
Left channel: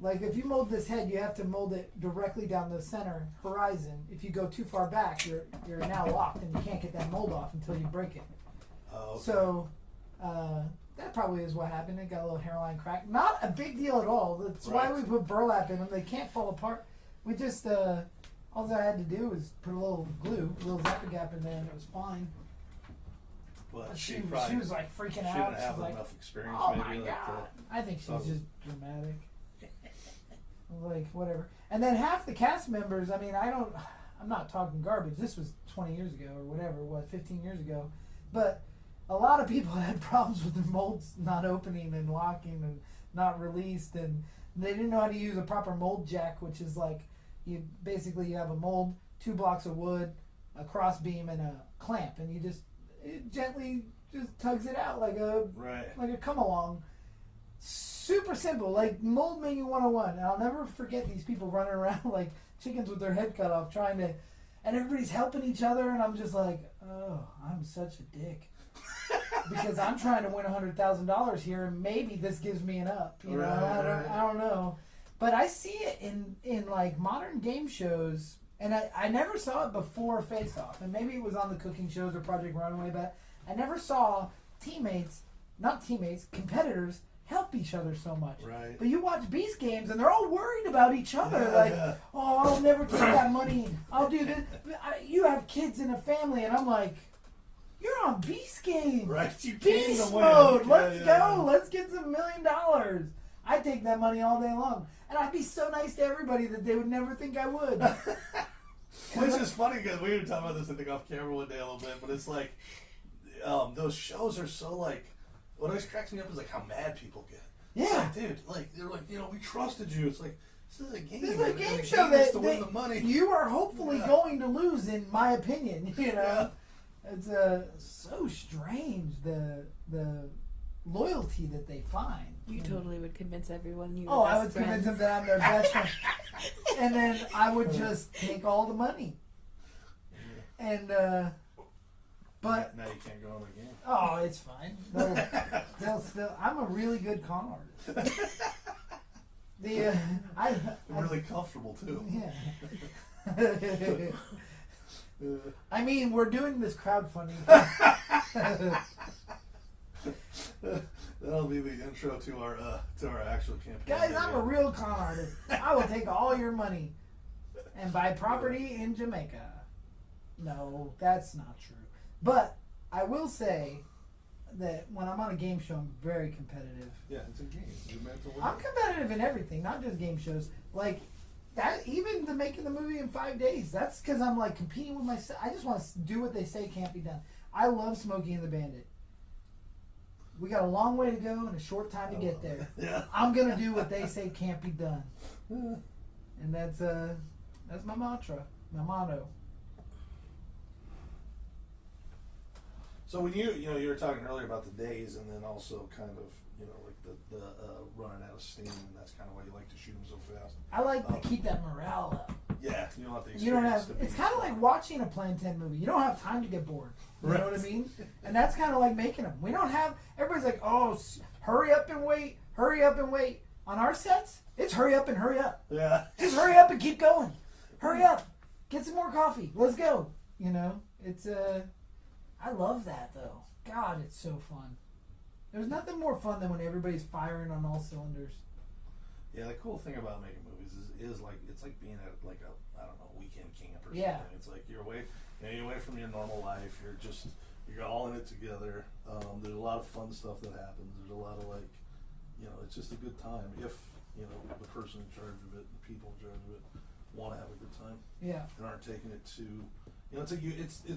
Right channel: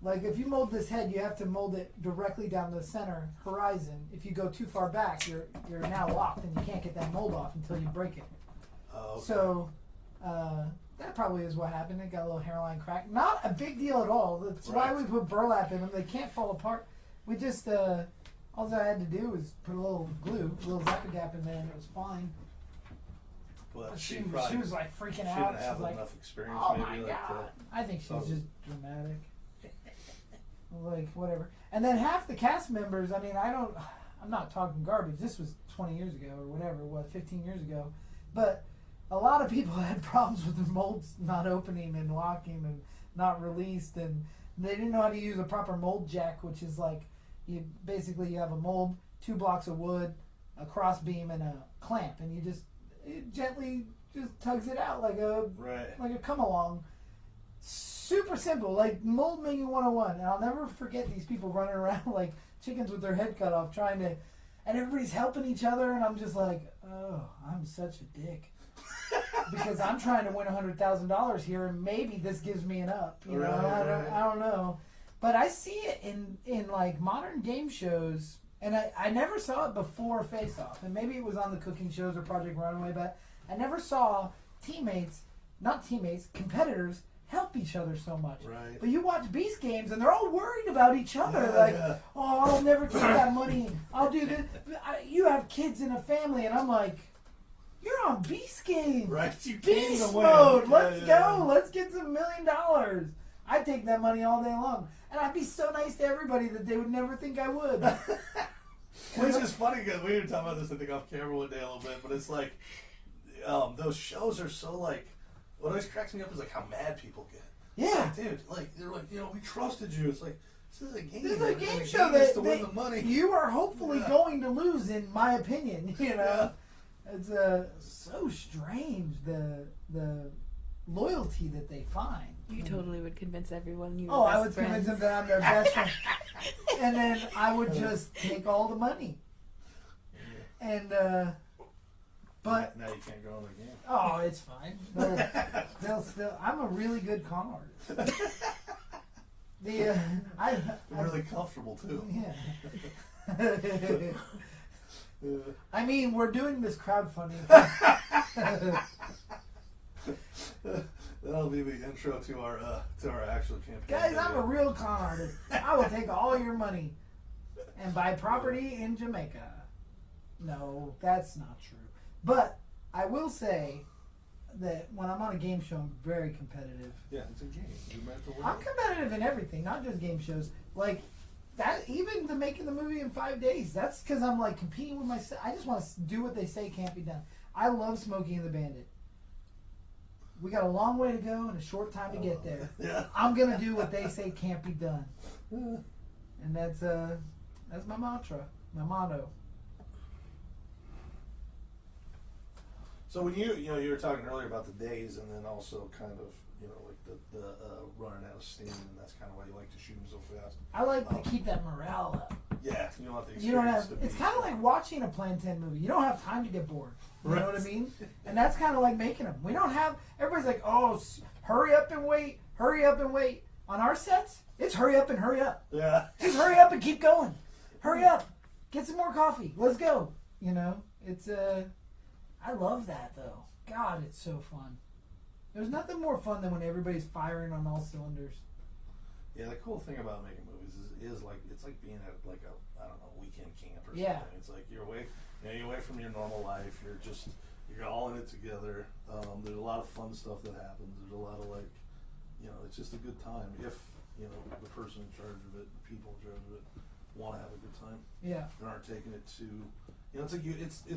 Like if you mold this head, you have to mold it directly down the center horizon. If you go too far back, you're now locked, and you can't get that mold off until you break it. Oh, okay. So that probably is what happened. It got a little hairline crack. Not a big deal at all. That's why we put burlap in them. They can't fall apart. We just all I had to do was put a little glue, a little Zap-A-Gap in there, and it was fine. But She probably was like freaking she out. didn't She's have like, enough experience. "Oh maybe, my like, god!" I think she was awesome. just dramatic. Like whatever. And then half the cast members. I mean, I'm not talking garbage. This was 20 years ago or whatever. 15 years ago. But a lot of people had problems with the molds not opening and locking and not released, and they didn't know how to use a proper mold jack, which is like you have a mold, 2 blocks of wood, a cross beam, and a clamp, and it gently just tugs it out like a come along. Super simple, like mold menu 101. And I'll never forget these people running around like chickens with their head cut off, and everybody's helping each other, and I'm just like, oh, I'm such a dick. Because I'm trying to win $100,000 here, and maybe this gives me an up. You know, I don't know, but I see it in like modern game shows, and I never saw it before Face Off, and maybe it was on the cooking shows or Project Runway, but I never saw competitors help each other so much. Right. But you watch Beast Games, and they're all worried about each other. Oh, I'll never take that money. I'll do this. You have kids and a family, and I'm like, you're on Beast Games. Right. You Beast can't win. mode. Let's go. Let's get some $1 million. I'd take that money all day long. And I'd be so nice to everybody that they would never think I would. Which is funny because we were talking about this, I think, off camera one day a little bit, but it's like, those shows are so like, what always cracks me up is like how mad people get. Yeah. It's like, dude, like, they're like, we trusted you. It's like, this is a game. This is a game The show game is to that win the money. you are hopefully going to lose, in my opinion. You know, it's so strange the loyalty that they find. You totally would convince everyone you were Oh, I best would friends. convince them that I'm their best friend, and then I would just take all the money. And but now you can't go on again. oh, it's fine. They'll still. I'm a really good con artist. You're really comfortable too. Yeah. I mean, we're doing this crowdfunding. That'll be the intro to our actual campaign. Guys, I'm a real con artist. I will take all your money and buy property in Jamaica. No, that's not true. But I will say that when I'm on a game show, I'm very competitive. Yeah, it's a game. You're meant to win. I'm competitive in everything, not just game shows. Like that, even the making the movie in 5 days. That's because I'm like competing with myself. I just want to do what they say can't be done. I love Smokey and the Bandit. We got a long way to go and a short time to get there. Yeah. I'm gonna do what they say can't be done, and that's my mantra, my motto. So when you were talking earlier about the days, and then also kind of like the running out of steam, and that's kind of why you like to shoot them so fast. I like to keep that morale up. Yeah, you don't have the You don't have. experience to It's be- kind of like watching a Plan 10 movie. You don't have time to get bored. You know what I mean? And that's kind of like making them. We don't have. Everybody's like, oh, hurry up and wait, hurry up and wait. On our sets, it's hurry up and hurry up. Yeah. Just hurry up and keep going. Hurry up. Get some more coffee. Let's go. You know, it's I love that though. God, it's so fun. There's nothing more fun than when everybody's firing on all cylinders. Yeah, the cool thing about making movies is like it's like being at like a weekend camp or Yeah. something. It's like you're away from your normal life. You're all in it together. There's a lot of fun stuff that happens. There's a lot of like, it's just a good time if the person in charge of it, the people in charge of it, want to have a good time. Yeah. They aren't taking it too. It's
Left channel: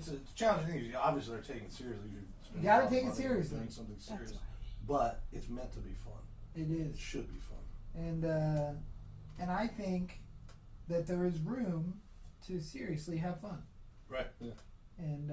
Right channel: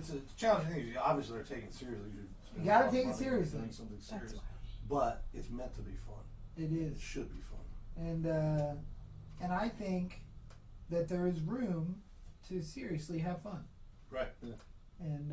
a challenging thing. Obviously, they're taking it seriously. You're spending You gotta a lot of take it money seriously. doing something serious, That's but it's meant to be fun. It It is. should be fun. And I think that there is room to seriously have fun. Right. Yeah. And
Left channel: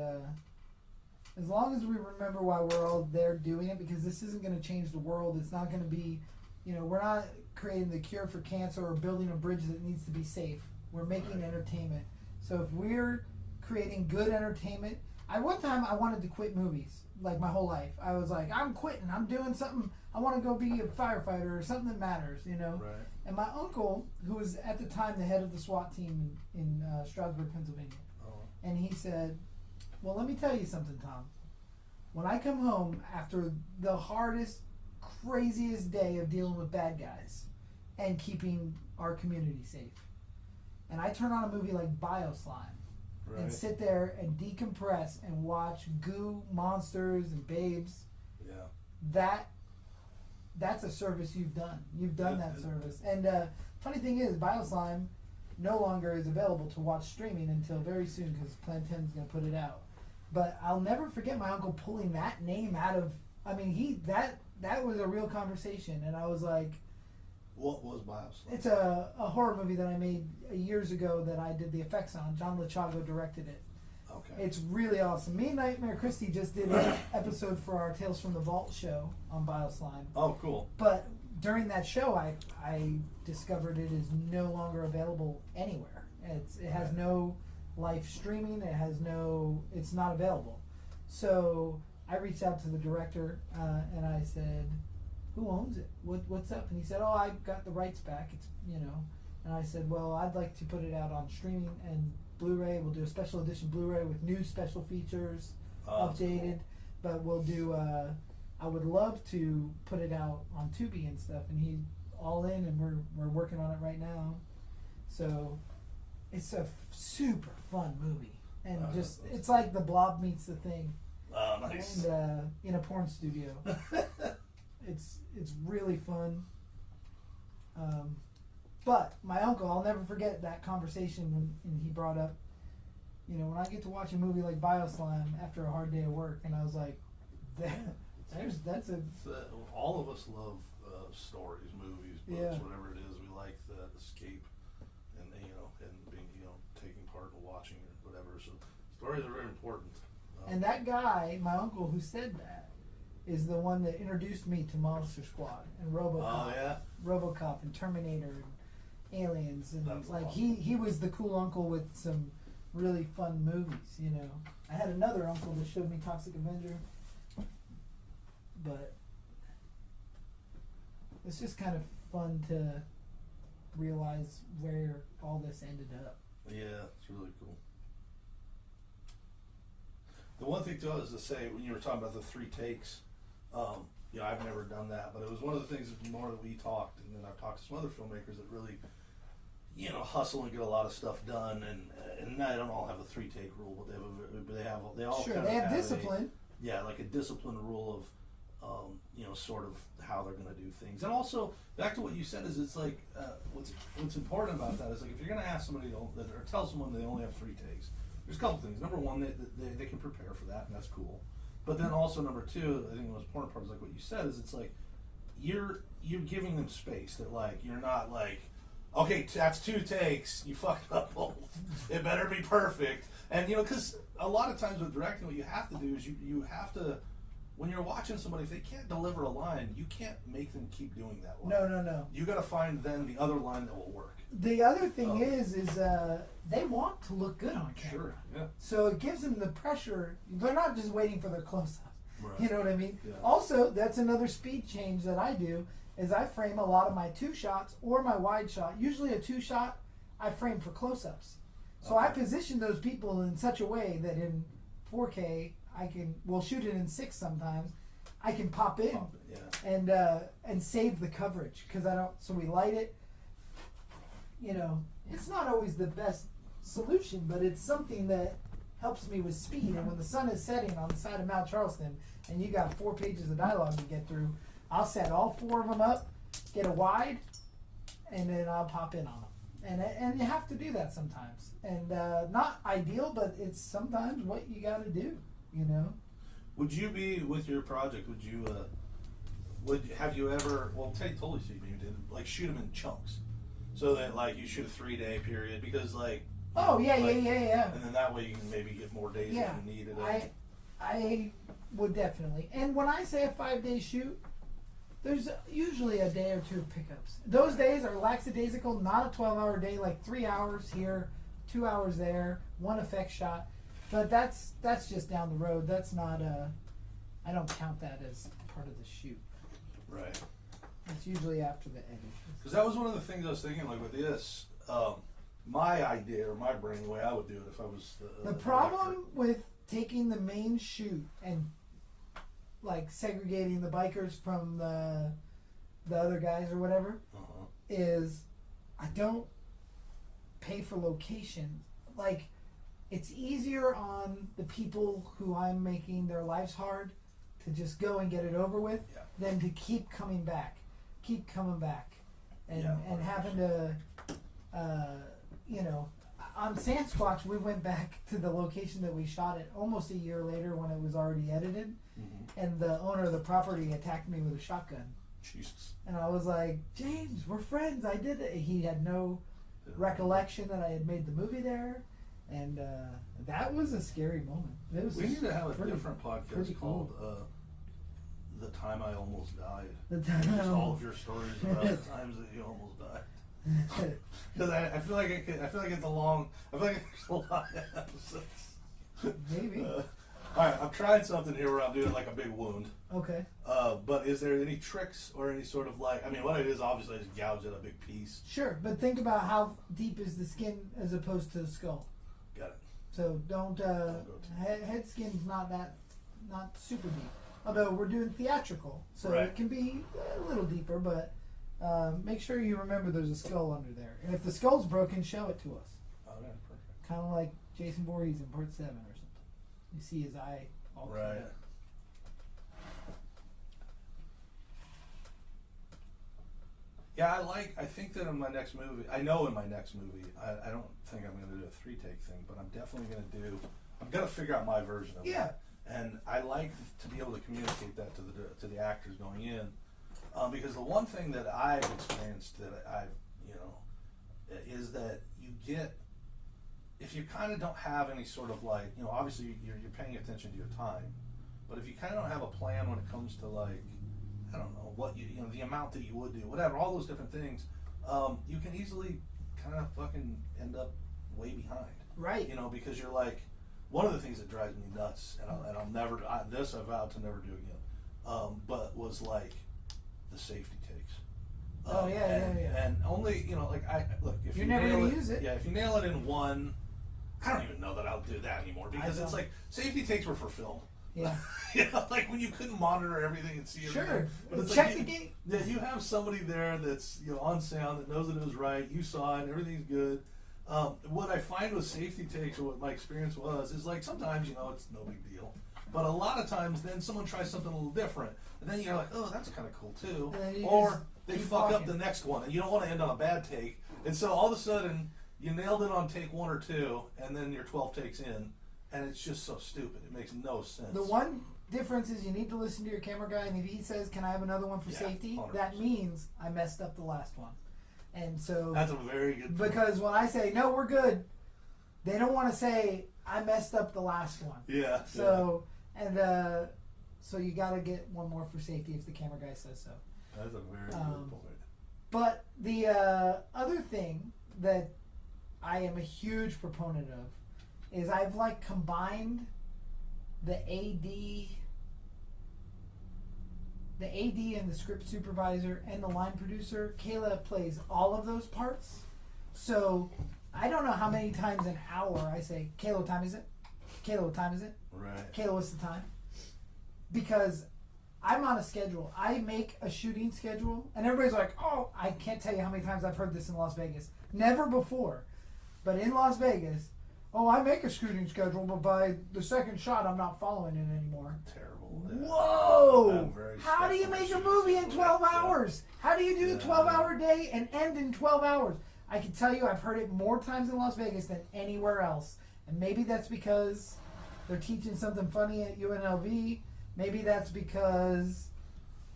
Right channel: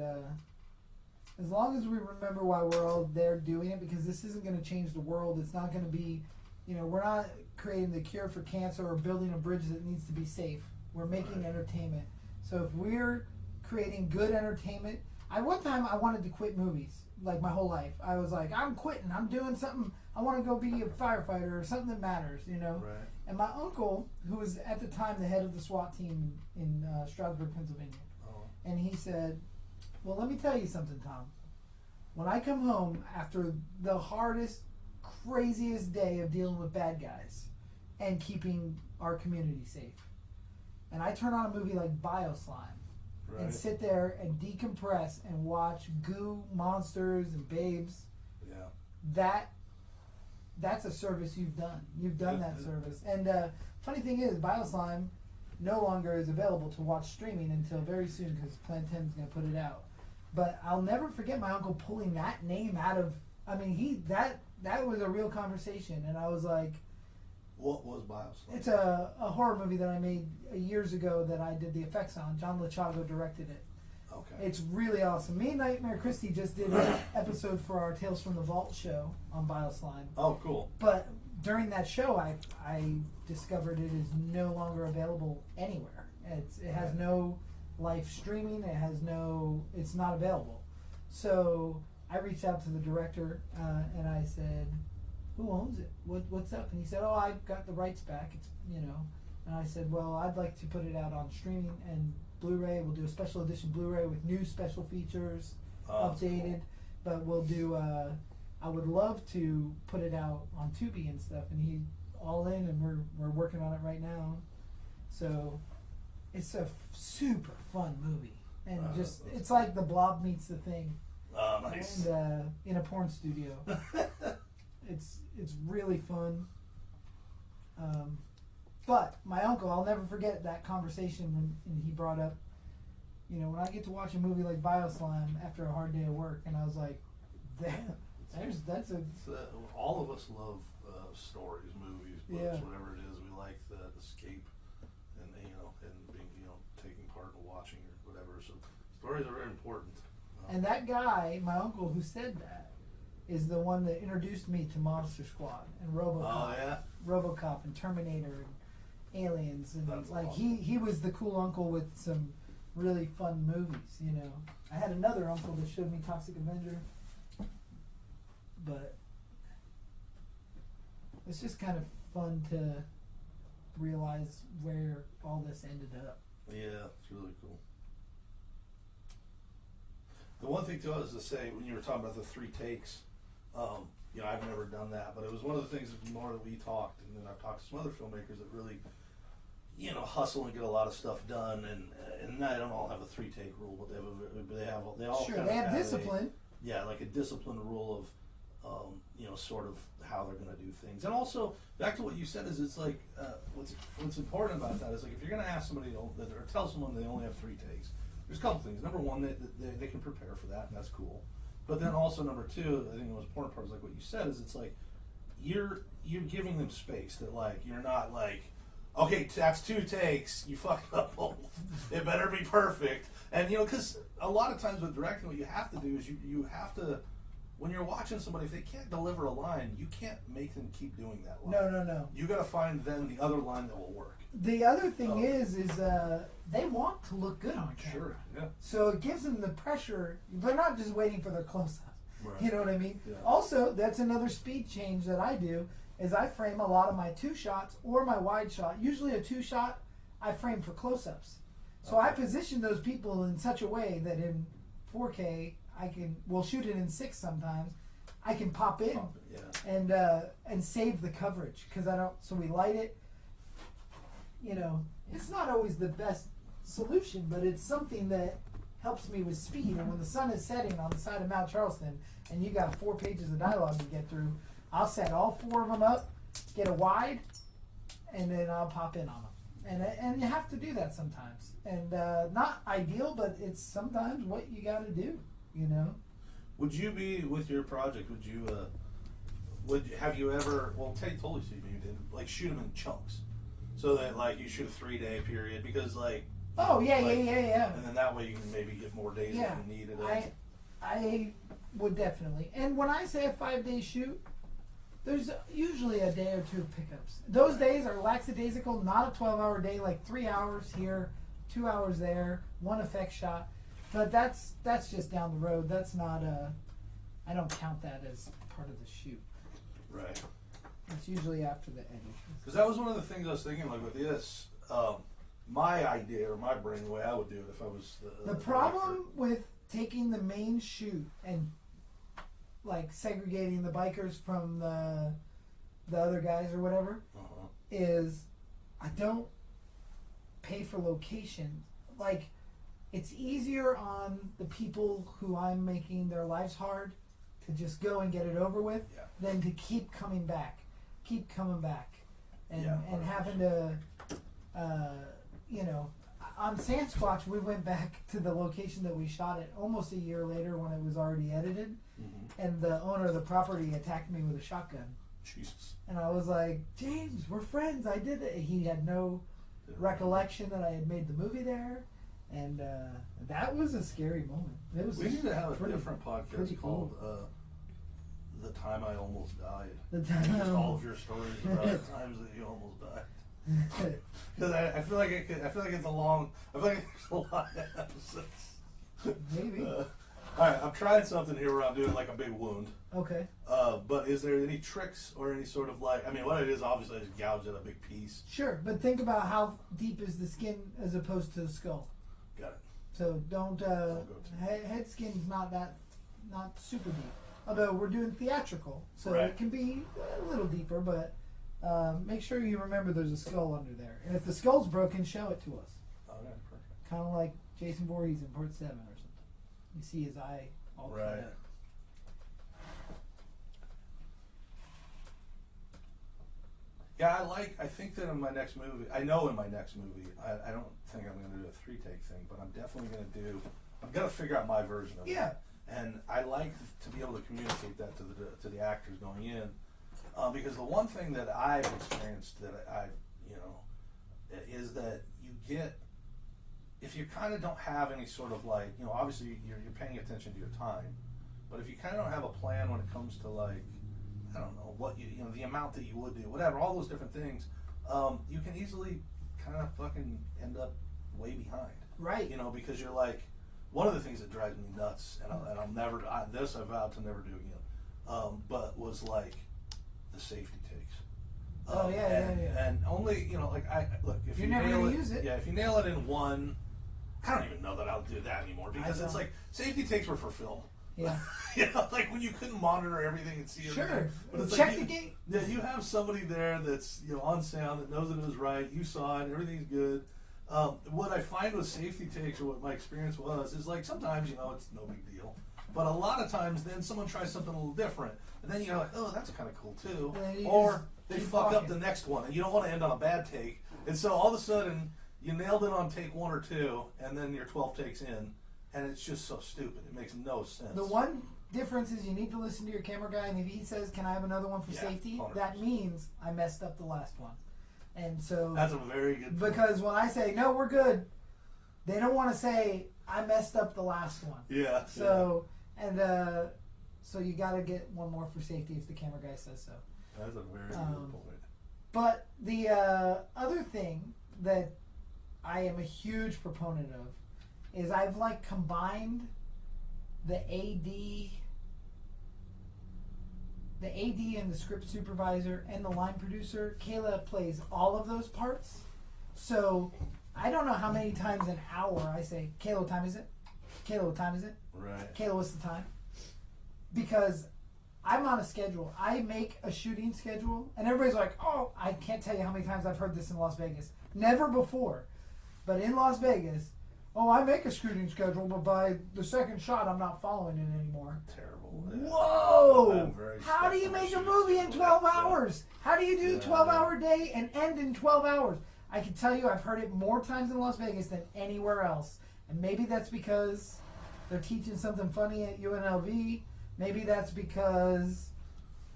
as long as we remember why we're all there doing it, because this isn't going to change the world. It's not going to be, we're not creating the cure for cancer or building a bridge that needs to be safe. We're making entertainment. So if we're creating good entertainment, one time I wanted to quit movies, like my whole life. I was like, I'm quitting. I'm doing something. I want to go be a firefighter or something that matters, Right. And my uncle, who was at the time the head of the SWAT team in Stroudsburg, Pennsylvania, Oh. and he said, well, let me tell you something, Tom. When I come home after the hardest, craziest day of dealing with bad guys and keeping our community safe, and I turn on a movie like Bioslime Right. and sit there and decompress and watch goo monsters and babes, Yeah. that's a service you've done. You've done Yeah. that service. And funny thing is, Bioslime no longer is available to watch streaming until very soon because Plan 10 is going to put it out. But I'll never forget my uncle pulling that name out of. I mean, that was a real conversation, and I was like, What was Bioslime? it's a horror movie that I made years ago that I did the effects on. John Lachago directed it. Okay. It's really awesome. Me and Nightmare Christie just did an episode for our Tales from the Vault show on Bioslime. Oh, cool. But during that show, I discovered it is no longer available anywhere. It has no live streaming. It's not available. So I reached out to the director and I said, "Who owns it? What's up?" And he said, "Oh, I got the rights back. It's And I said, "Well, I'd like to put it out on streaming and Blu-ray. We'll do a special edition Blu-ray with new special features, updated. But we'll do. I would love to put it out on Tubi and stuff." And he all in, and we're working on it right now. So it's a super fun movie, and it's like The Blob meets The Thing, Oh, nice. and in a porn studio. It's really fun. But my uncle, I'll never forget that conversation when he brought up, when I get to watch a movie like Bioslime after a hard day of work, and I was like, that's a. All of us love stories, movies, books, Yeah. whatever it is. We like the escape and being taking part in watching or whatever. So stories are very important. And that guy, my uncle who said that, is the one that introduced me to Monster Squad and RoboCop. Oh yeah. RoboCop and Terminator and Aliens, and That's like awesome. he was the cool uncle with some really fun movies. I had another uncle that showed me Toxic Avenger, but it's just kind of fun to realize where all this ended up. Yeah, it's really cool. The one thing too is to say when you were talking about the 3 takes, I've never done that, but it was one of the things that more that we talked, and then I've talked to some other filmmakers that really, hustle and get a lot of stuff done, and I don't all have a 3-take rule, but they all Sure, kind they of have discipline. like a discipline rule of, sort of how they're going to do things. And also, back to what you said, is it's like, what's important about that is like if you're going to ask somebody or tell someone they only have 3 takes, there's a couple things. Number one, they can prepare for that, and that's cool. But then also number 2, I think the most important part is like what you said, is it's like you're giving them space, that like you're not like, okay, that's 2 takes, you fucked up both. It better be perfect. And because a lot of times with directing, what you have to do is you have to, when you're watching somebody, if they can't deliver a line, you can't make them keep doing that line. No. You got to find then the other line that will work. The other thing is they want to look good on camera. Sure. Yeah. So it gives them the pressure. They're not just waiting for their close-ups. Right. You know what I mean? Yeah. Also, that's another speed change that I do, is I frame a lot of my 2 shots or my wide shot. Usually a 2 shot, I frame for close-ups. So I position those people in such a way that in 4K, we'll shoot it in 6 sometimes, I can pop in Yeah. and save the coverage, because so we light it. It's not always the best solution, but it's something that helps me with speed. And when the sun is setting on the side of Mount Charleston and you got 4 pages of dialogue to get through, I'll set all 4 of them up, get a wide, and then I'll pop in on them. And you have to do that sometimes. And not ideal, but it's sometimes what you got to do. Would you be with your project? Would you? Have you ever? Well, totally see you did like shoot them in chunks, so that like you shoot a 3-day period because like. Oh yeah, like, yeah. And then that way you can maybe get more days Yeah, if you needed it. I would definitely. And when I say a 5-day shoot, there's usually a day or two of pickups. Those days are lackadaisical, not a 12-hour day, like 3 hours here, 2 hours there, one effect shot. But that's just down the road. That's not I don't count that as part of the shoot. Right. It's usually after the edit. Because that was one of the things I was thinking, like with this, my idea or my brain, the way I would do it if I was The problem with taking the main shoot and like segregating the bikers from the other guys or whatever is I don't pay for locations. Like it's easier on the people who I'm making their lives hard to just go and get it over with than to keep coming back, and having to, on Sandsquatch we went back to the location that we shot it almost a year later when it was already edited, and the owner of the property attacked me with a shotgun. Jesus. And I was like, James, we're friends. I did it. He had no recollection that I had made the movie there. And that was a scary moment. It was We need to have a pretty- different podcast pretty called cool. The Time I Almost Died. The time Just all of your stories about the times that you almost died. Because I feel like I feel like it's a long. I feel like there's a lot of episodes. Maybe. All right, I'm trying something here where I'm doing like a big wound. Okay. But is there any tricks or any sort of like? I mean, what it is obviously is gouge at a big piece. Sure, but think about how deep is the skin as opposed to the skull. Got it. So don't head skin's not super deep. Although we're doing theatrical, so Right. it can be a little deeper, but make sure you remember there's a skull under there. And if the skull's broken, show it to us. Oh yeah, perfect. Kind of like Jason Voorhees in Part 7 or something. You see his eye all cut Right. up. Yeah, I think that in my next movie, I don't think I'm going to do a 3-take thing, but I'm definitely going to figure out my version of it. Yeah. And I like to be able to communicate that to the actors going in, because the one thing that I've experienced that is that you get, if you kind of don't have any sort of like, obviously you're paying attention to your time, but if you kind of don't have a plan when it comes to like, I don't know, what the amount that you would do, whatever, all those different things, you can easily kind of fucking end up way behind. Right. Because you're like, one of the things that drives me nuts, and I'll never, this I vowed to never do again, but was like the safety takes. Yeah. And only, look, if You're you never nail gonna it, use it. yeah, if you nail it in one, I don't even know that I'll do that anymore, because it's like, safety takes were for film. Yeah. Like when you couldn't monitor everything and see everything. Sure. But it's Check like the gate. Yeah, you have somebody there that's on sound that knows that it was right. You saw it. Everything's good. What I find with safety takes, or what my experience was, is like sometimes it's no big deal, but a lot of times then someone tries something a little different, and then you're like, oh, that's kind of cool too. Or they fuck up the next one, and you don't want to end on a bad take, and so all of a sudden you nailed it on take 1 or 2, and then you're 12 takes in, and it's just so stupid. It makes no sense. The one difference is you need to listen to your camera guy, and if he says, "Can I have another one for safety?" 100%. That means I messed up the last one. And so That's a very good point. because when I say no, we're good, they don't want to say I messed up the last one. Yeah. So so you got to get one more for safety if the camera guy says so. That's a very good point. But the other thing that I am a huge proponent of is I've like combined the AD and the script supervisor and the line producer. Kayla plays all of those parts. So I don't know how many times an hour I say, Kayla, what time is it? Kayla, what time is it? Right. Kayla, what's the time? Because I'm on a schedule. I make a shooting schedule, and everybody's like, oh, I can't tell you how many times I've heard this in Las Vegas. Never before. But in Las Vegas, oh, I make a shooting schedule, but by the second shot, I'm not following it anymore. Terrible. Whoa! I'm very How do you make a movie in 12 hours? How do you do a 12-hour day and end in 12 hours? I can tell you I've heard it more times in Las Vegas than anywhere else. And maybe that's because they're teaching something funny at UNLV, Maybe that's because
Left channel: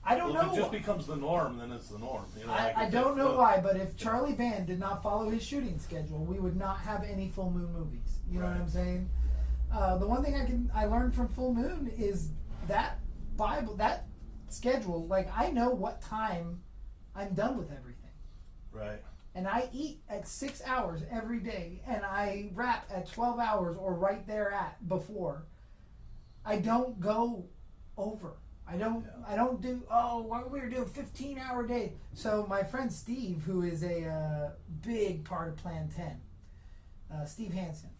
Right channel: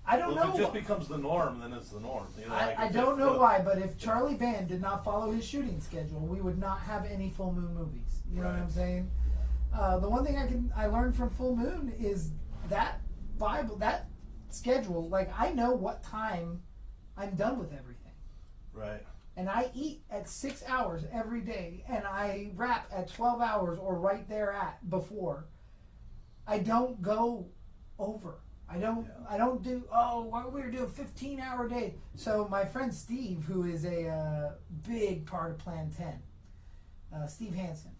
I don't Well, know. if it just becomes the norm, then it's the norm. You know, I don't know why, but if Charlie Band did not follow his shooting schedule, we would not have any Full Moon movies. You know what I'm saying? The one thing I learned from Full Moon is that that schedule. Like, I know what time I'm done with everything. Right. And I eat at 6 hours every day, and I wrap at 12 hours or right there at before. I don't go over. I don't do, why we're doing 15-hour day. So my friend Steve, who is a big part of Plan 10, Steve Hansen,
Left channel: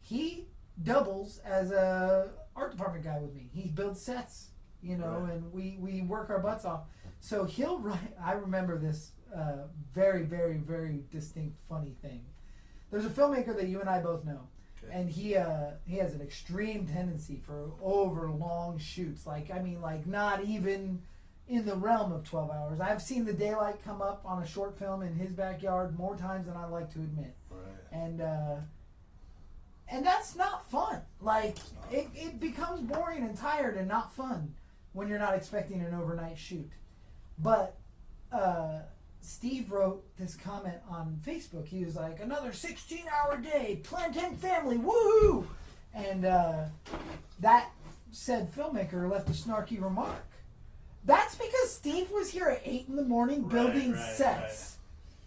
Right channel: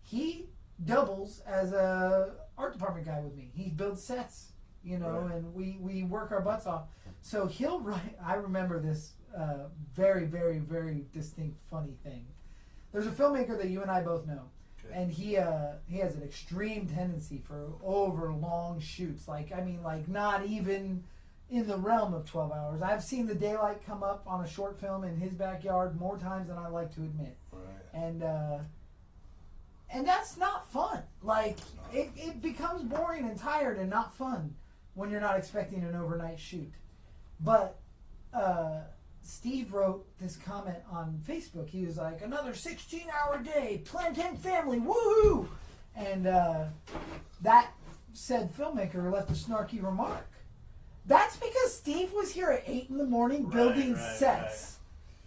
he doubles as a art department guy with me. He builds sets, you know, and we work our butts off. So he'll write, I remember this very, very, very distinct funny thing. There's a filmmaker that you and I both know. And he has an extreme tendency for over long shoots. Like not even in the realm of 12 hours. I've seen the daylight come up on a short film in his backyard more times than I like to admit. Right. And that's not fun. Like it becomes boring and tired and not fun when you're not expecting an overnight shoot. But Steve wrote this comment on Facebook. He was like, another 16-hour day, Plan 10 family, woohoo! And that said filmmaker left a snarky remark. That's because Steve was here at 8 in the morning building sets.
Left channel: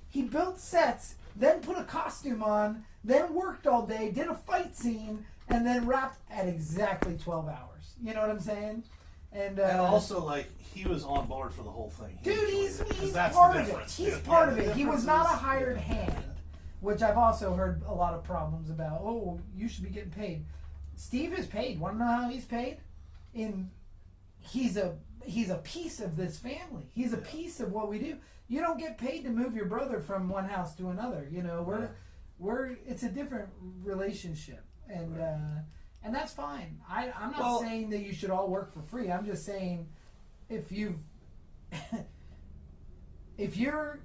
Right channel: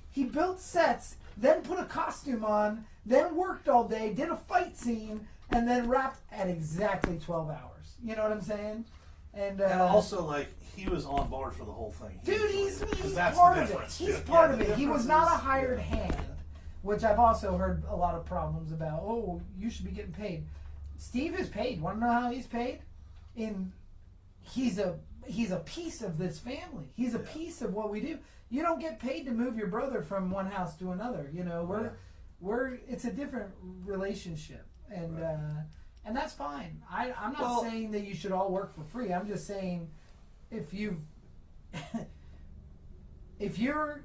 He built sets, then put a costume on, then worked all day, did a fight scene, and then wrapped at exactly 12 hours. You know what I'm saying? And also, like, he was on board for the whole thing. Dude, he's part of it. He's part of it. He was not a hired hand, which I've also heard a lot of problems about. Oh, you should be getting paid. Steve is paid. Want to know how he's paid? He's a piece of this family. He's a piece of what we do. You don't get paid to move your brother from one house to another. You know, it's a different relationship, and that's fine. I'm not saying that you should all work for free. I'm just saying, if you're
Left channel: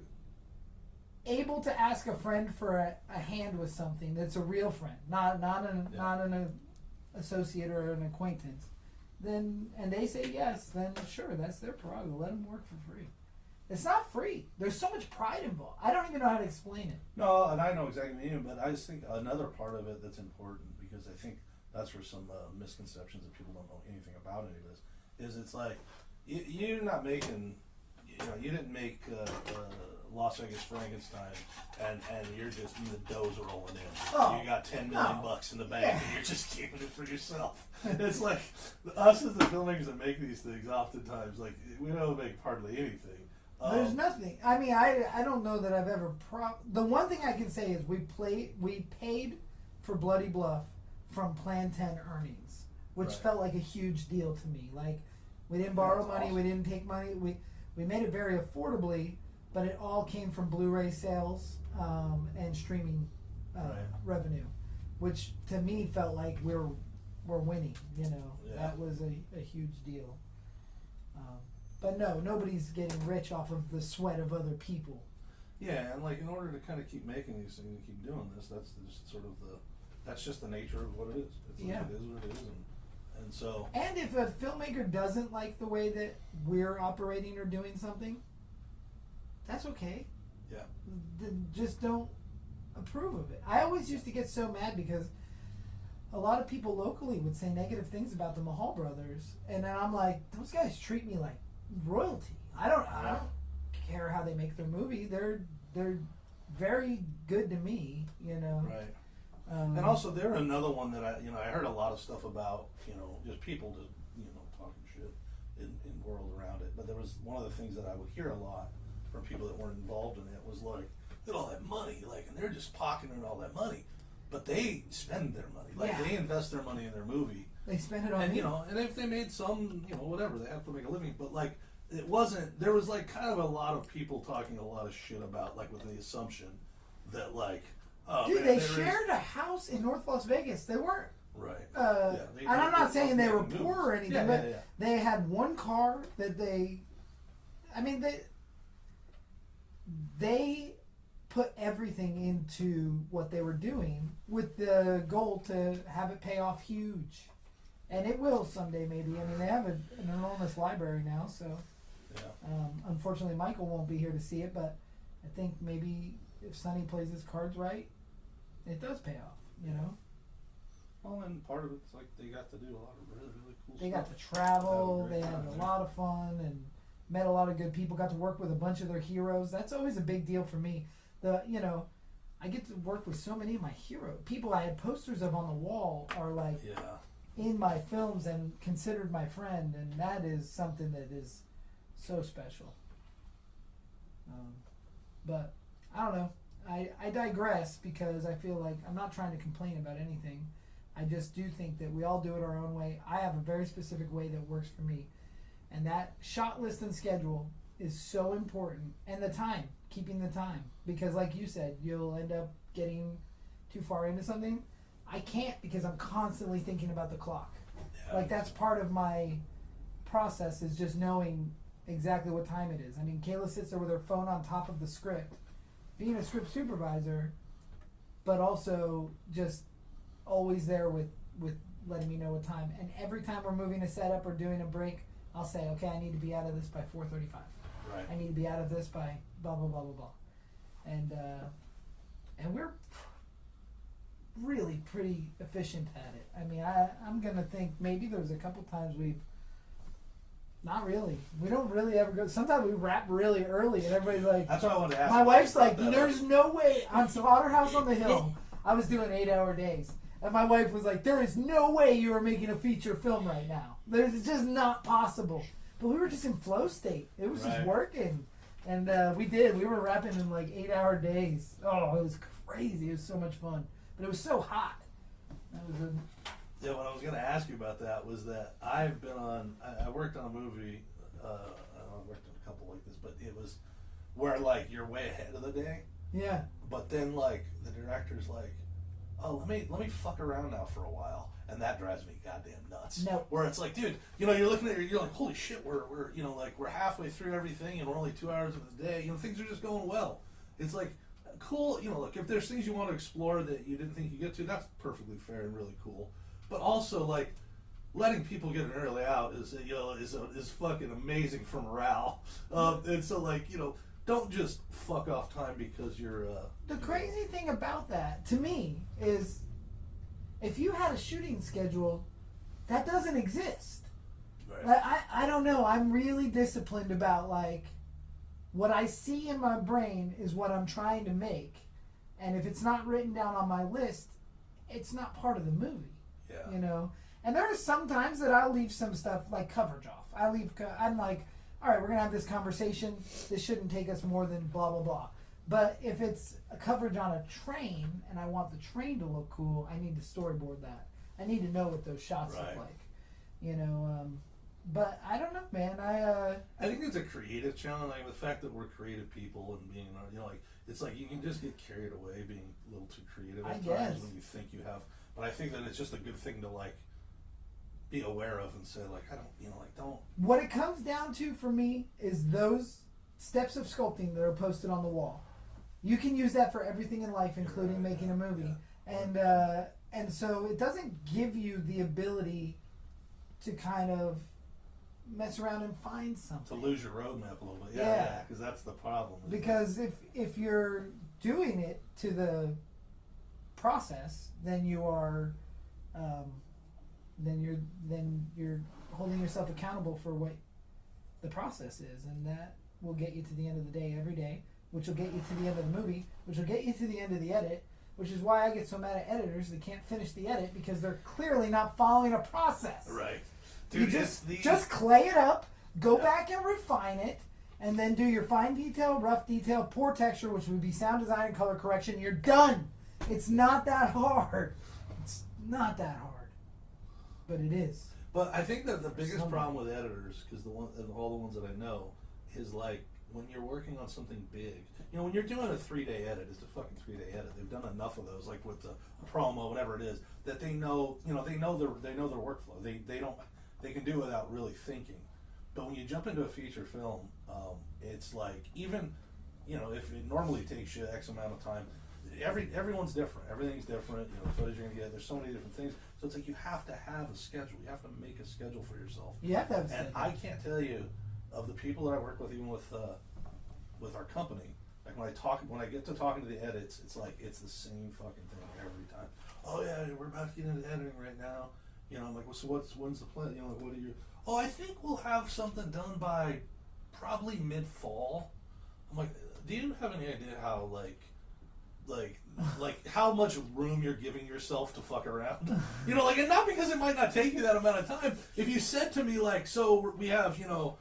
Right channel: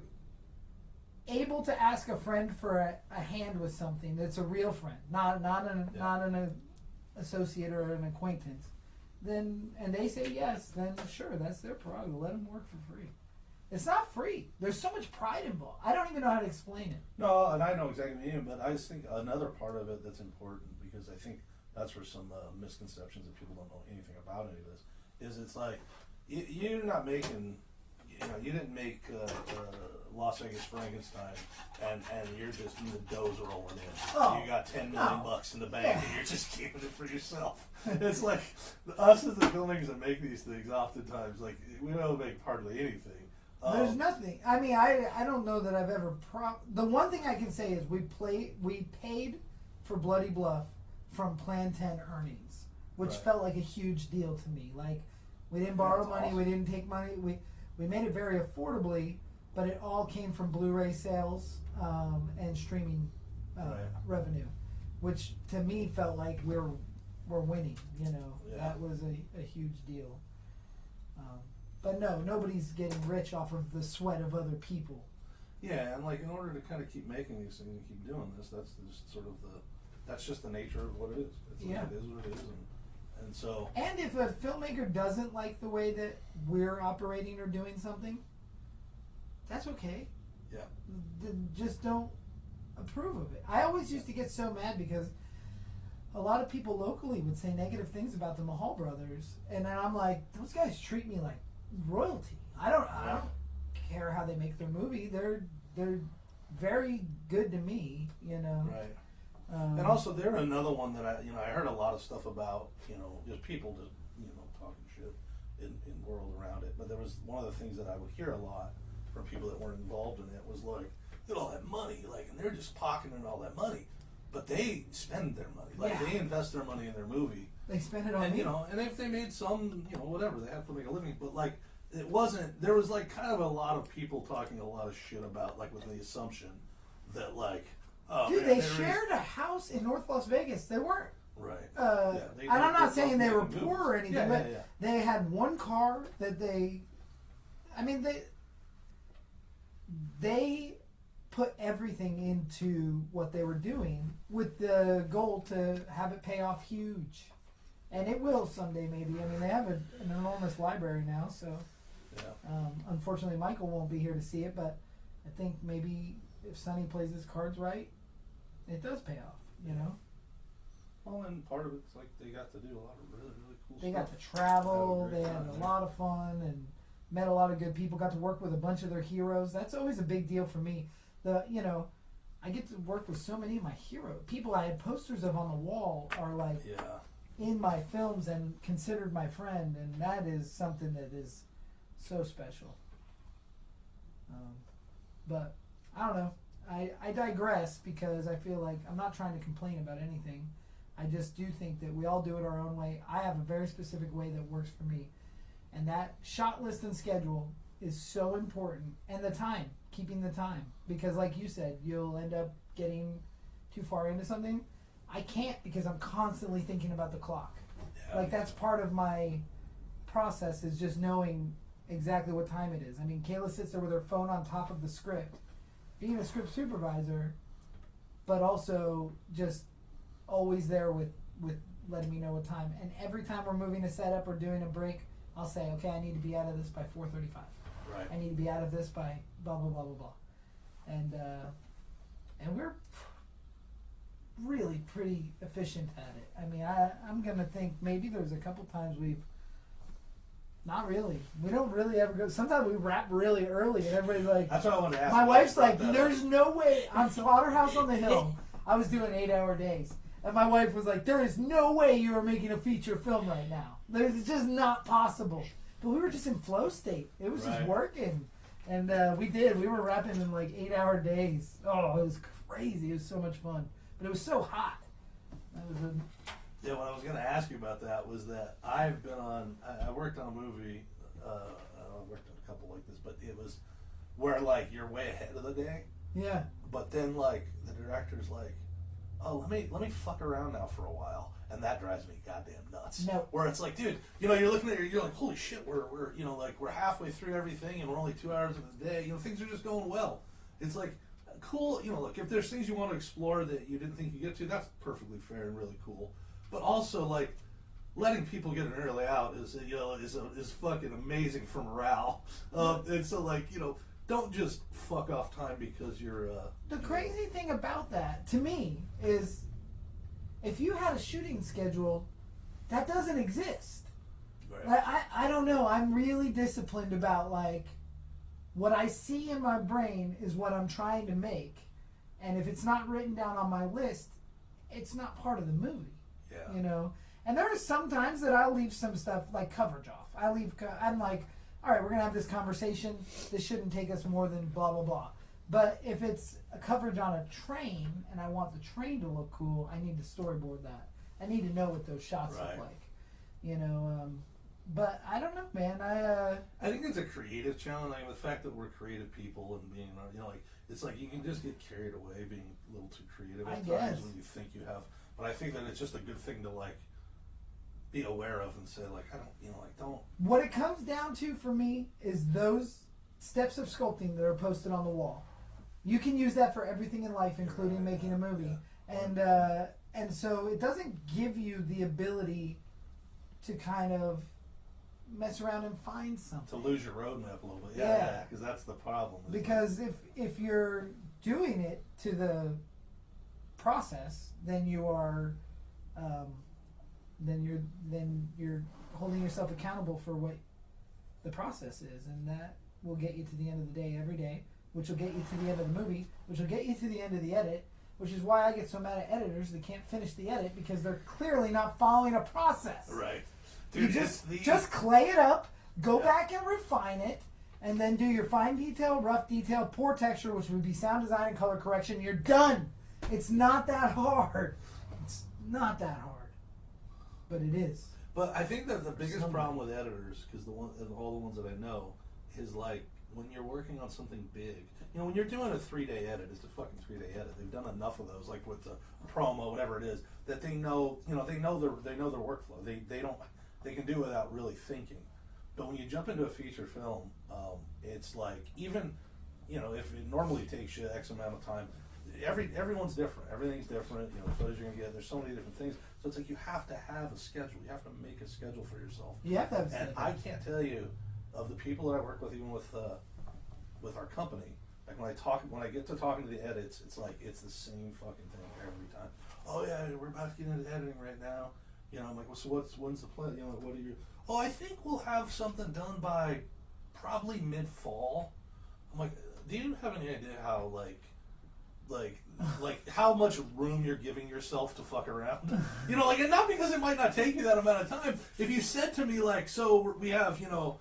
able to ask a friend for a hand with something that's a real friend, not an associate or an acquaintance, then and they say yes, then sure, that's their prerogative. Let them work for free. It's not free. There's so much pride involved. I don't even know how to explain it. No, and I know exactly what you mean, but I just think another part of it that's important, because I think that's where some misconceptions that people don't know anything about any of this, is it's like, you're not making, you didn't make Las Vegas Frankenstein, and you're just, the dough's rolling in. Oh, you got $10 million in the bank, and you're just keeping it for yourself. It's like, us as the filmmakers that make these things, oftentimes, like, we don't make hardly anything. There's nothing. I mean, I don't know that I've ever. The one thing I can say is we paid for Bloody Bluff from Plan 10 earnings, which felt like a huge deal to me. Like, we didn't borrow money, we didn't take money, we made it very affordably, but it all came from Blu-ray sales and streaming revenue, which to me felt like we're winning. You know, that was a huge deal. But no, nobody's getting rich off of the sweat of other people. Yeah, and like, in order to kind of keep making these things and keep doing this, that's just sort of that's just the nature of what it is. It is what it is, and so. And if a filmmaker doesn't like the way that we're operating or doing something, that's okay. Yeah. Then just don't approve of it. I always used to get so mad because a lot of people locally would say negative things about the Mahal brothers, and then I'm like, those guys treat me like royalty. I don't care how they make their movie. They're very good to me, you know. Right. And also, they're another one that I heard a lot of stuff about, just people just talking shit in the world around it. But there was one of the things that I would hear a lot from people that weren't involved in it was like, look at all that money, like, and they're just pocketing all that money, but they spend their money, like they invest their money in their movie. They spend it on and and if they made some, whatever, they have to make a living. But like, it wasn't. There was like kind of a lot of people talking a lot of shit about, like, with the assumption that, like, dude, they shared a house in North Las Vegas. They weren't right. And I'm not saying they were poor or anything, but they had one car that they they put everything into what they were doing with the goal to have it pay off huge. And it will someday, maybe. I mean, they have an enormous library now, so unfortunately Michael won't be here to see it, but I think maybe if Sonny plays his cards right, it does pay off, you know? Well, and part of it's like they got to do a lot of really, really cool They stuff. got to travel, they had time, a lot of fun, and met a lot of good people, got to work with a bunch of their heroes. That's always a big deal for me. I get to work with so many of my heroes. People I had posters of on the wall are like in my films and considered my friend, and that is something that is so special. But I don't know. I digress because I feel like I'm not trying to complain about anything. I just do think that we all do it our own way. I have a very specific way that works for me. And that shot list and schedule is so important. And the time, keeping the time. Because like you said, you'll end up getting too far into something. I can't because I'm constantly thinking about the clock. Like that's part of my process is just knowing exactly what time it is. I mean, Kayla sits there with her phone on top of the script. Being a script supervisor, but also just always there with letting me know what time. And every time we're moving a setup or doing a break, I'll say, okay, I need to be out of this by 4:35. Right. I need to be out of this by blah blah blah blah blah. And we're really pretty efficient at it. I mean, I'm gonna think maybe there's a couple times we've not really. We don't really ever go. Sometimes we wrap really early, and everybody's like, that's what I wanted to ask. my wife's like, that. there's no way. On Slaughterhouse on the Hill, I was doing 8-hour days. And my wife was like, there is no way you are making a feature film right now. It's just not possible. But we were just in flow state. It was just working. And we did. We were rapping in like 8-hour days. Oh, it was crazy. It was so much fun. But it was so hot. Yeah, what I was going to ask you about that was that I've been on, I worked on a movie, I worked on a couple like this, but it was where like you're way ahead of the day. Yeah. But then like the director's like, oh, let me fuck around now for a while, and that drives me goddamn nuts. No. Where it's like, dude, you're looking at it, you're like, holy shit, we're we're halfway through everything, and we're only 2 hours of the day. Things are just going well. It's like cool. Look, if there's things you want to explore that you didn't think you get to, that's perfectly fair and really cool. But also like letting people get an early out is fucking amazing for morale. And so like don't just fuck off time because you're. The crazy thing about that, to me, is if you had a shooting schedule, that doesn't exist. Right. Like, I don't know. I'm really disciplined about like what I see in my brain is what I'm trying to make, and if it's not written down on my list, it's not part of the movie. Yeah. And there are some times that I'll leave some stuff like coverage off. I'm like, all right, we're gonna have this conversation. This shouldn't take us more than blah blah blah. But if it's a coverage on a train and I want the train to look cool, I need to storyboard that. I need to know what those shots look like. But I don't know, man. I think it's a creative challenge. Like the fact that we're creative people and being, it's like you can just get carried away being a little too creative at times when you think you have. But I think that it's just a good thing to like be aware of and say like don't. What it comes down to for me is those steps of sculpting that are posted on the wall. You can use that for everything in life, including making a movie. Yeah. And so it doesn't give you the ability to kind of mess around and find something. To lose your roadmap a little bit. Yeah, because that's the problem. Because if you're doing it to the process, then you're holding yourself accountable for what the process is, and that will get you to the end of the day every day, which will get you to the end of the movie, which will get you to the end of the edit, which is why I get so mad at editors that can't finish the edit because they're clearly not following a process. Right. Dude, you just clay it up, go back and refine it, and then do your fine detail, rough detail, poor texture, which would be sound design and color correction. You're done. It's not that hard. It's not that hard, but it is. But I think that the biggest problem with editors, because all the ones that I know, is like when you're working on something big. When you're doing a 3-day edit, it's a fucking 3-day edit. They've done enough of those, like with the promo, whatever it is, that they know their workflow. They can do it without really thinking. But when you jump into a feature film, it's like even if it normally takes you X amount of time, everyone's different. Everything's different. The footage you're gonna get. There's so many different things. So it's like you have to have a schedule. You have to make a schedule for yourself. You have to have a And schedule. I can't tell you of the people that I work with, even with our company. Like when I get to talking to the edits, it's like it's the same fucking thing every time. Oh yeah, we're about to get into editing right now. You know, I'm like, well, so when's the plan? You know, what are you? Oh, I think we'll have something done by probably mid-fall. I'm like, do you have any idea how like how much room you're giving yourself to fuck around? You know, like, and not because it might not take you that amount of time. If you said to me like, so we have, you know,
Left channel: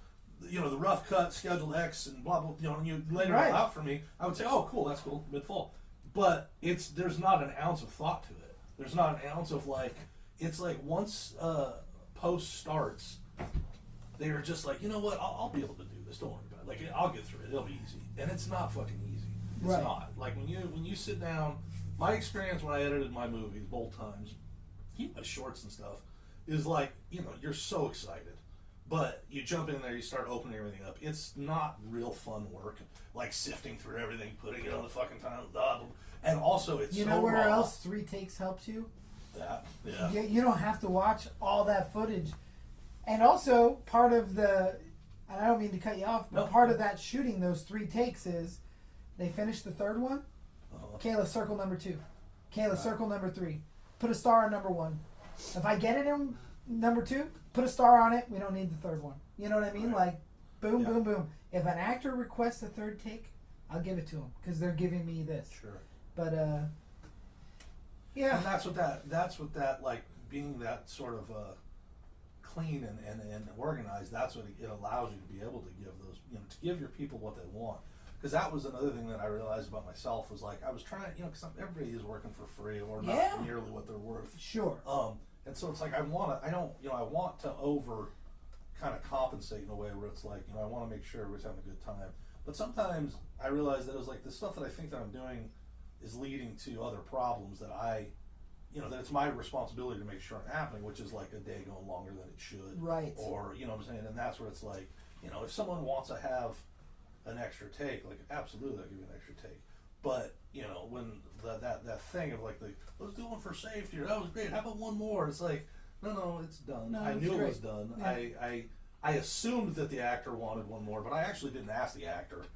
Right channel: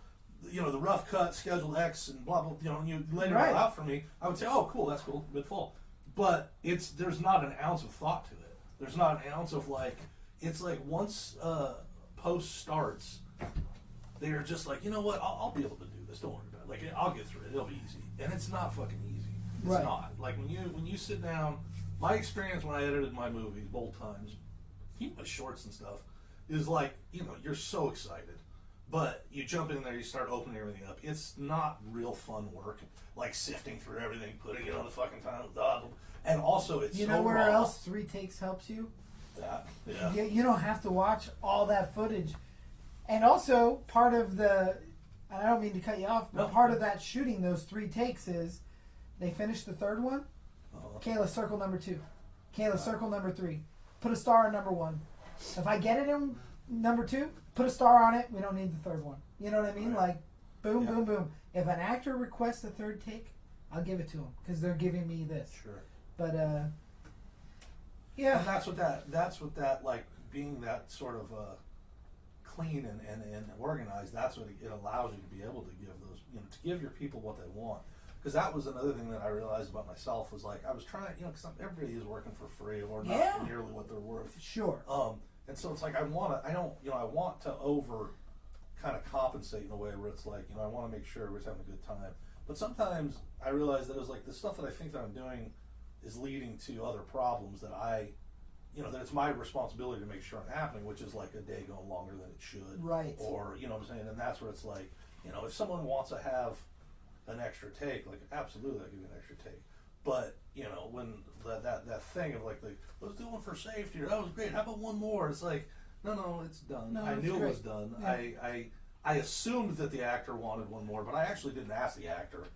the rough cut schedule X and blah blah, you know, and you laid it all out for me, I would say, oh, cool, that's cool, mid-fall. But there's not an ounce of thought to it. There's not an ounce of like, it's like once post starts, they are just like, you know what, I'll be able to do this. Don't worry about it. Like, I'll get through it. It'll be easy, and it's not fucking easy. It's not. Like when you sit down. My experience when I edited my movies, both times, even my shorts and stuff, is like, you know, you're so excited. But you jump in there, you start opening everything up. It's not real fun work, like sifting through everything, putting it on the fucking time, and also it's You so know where raw. else 3 takes helps you? Yeah. You don't have to watch all that footage. And also, part of the, and I don't mean to cut you off, but part of that shooting those 3 takes is they finish the third one. Kayla, circle number 2. Kayla, circle number 3. Put a star on number 1. If I get it in number 2, put a star on it. We don't need the third one. You know what I mean? Like, boom, boom, boom. If an actor requests a third take, I'll give it to them because they're giving me this. Sure. But yeah. And that's what that like being that sort of clean and organized. That's what it allows you to be able to give those, you know, to give your people what they want. Because that was another thing that I realized about myself was like I was trying, you know, because everybody is working for free or not nearly what they're worth. Sure. And so it's like I want to over kind of compensate in a way where it's like, you know, I want to make sure everybody's having a good time. But sometimes I realize that it was like the stuff that I think that I'm doing is leading to other problems that you know, that it's my responsibility to make sure aren't happening, which is like a day going longer than it should. Right. Or, you know what I'm saying? And that's where it's like, you know, if someone wants to have an extra take, like absolutely I'll give you an extra take. But, you know, when that thing of like let's do one for safety, or that was great, how about one more? It's like, no, it's done. No, I knew great. it was done. Yeah. I assumed that the actor wanted one more, but I actually didn't ask the actor.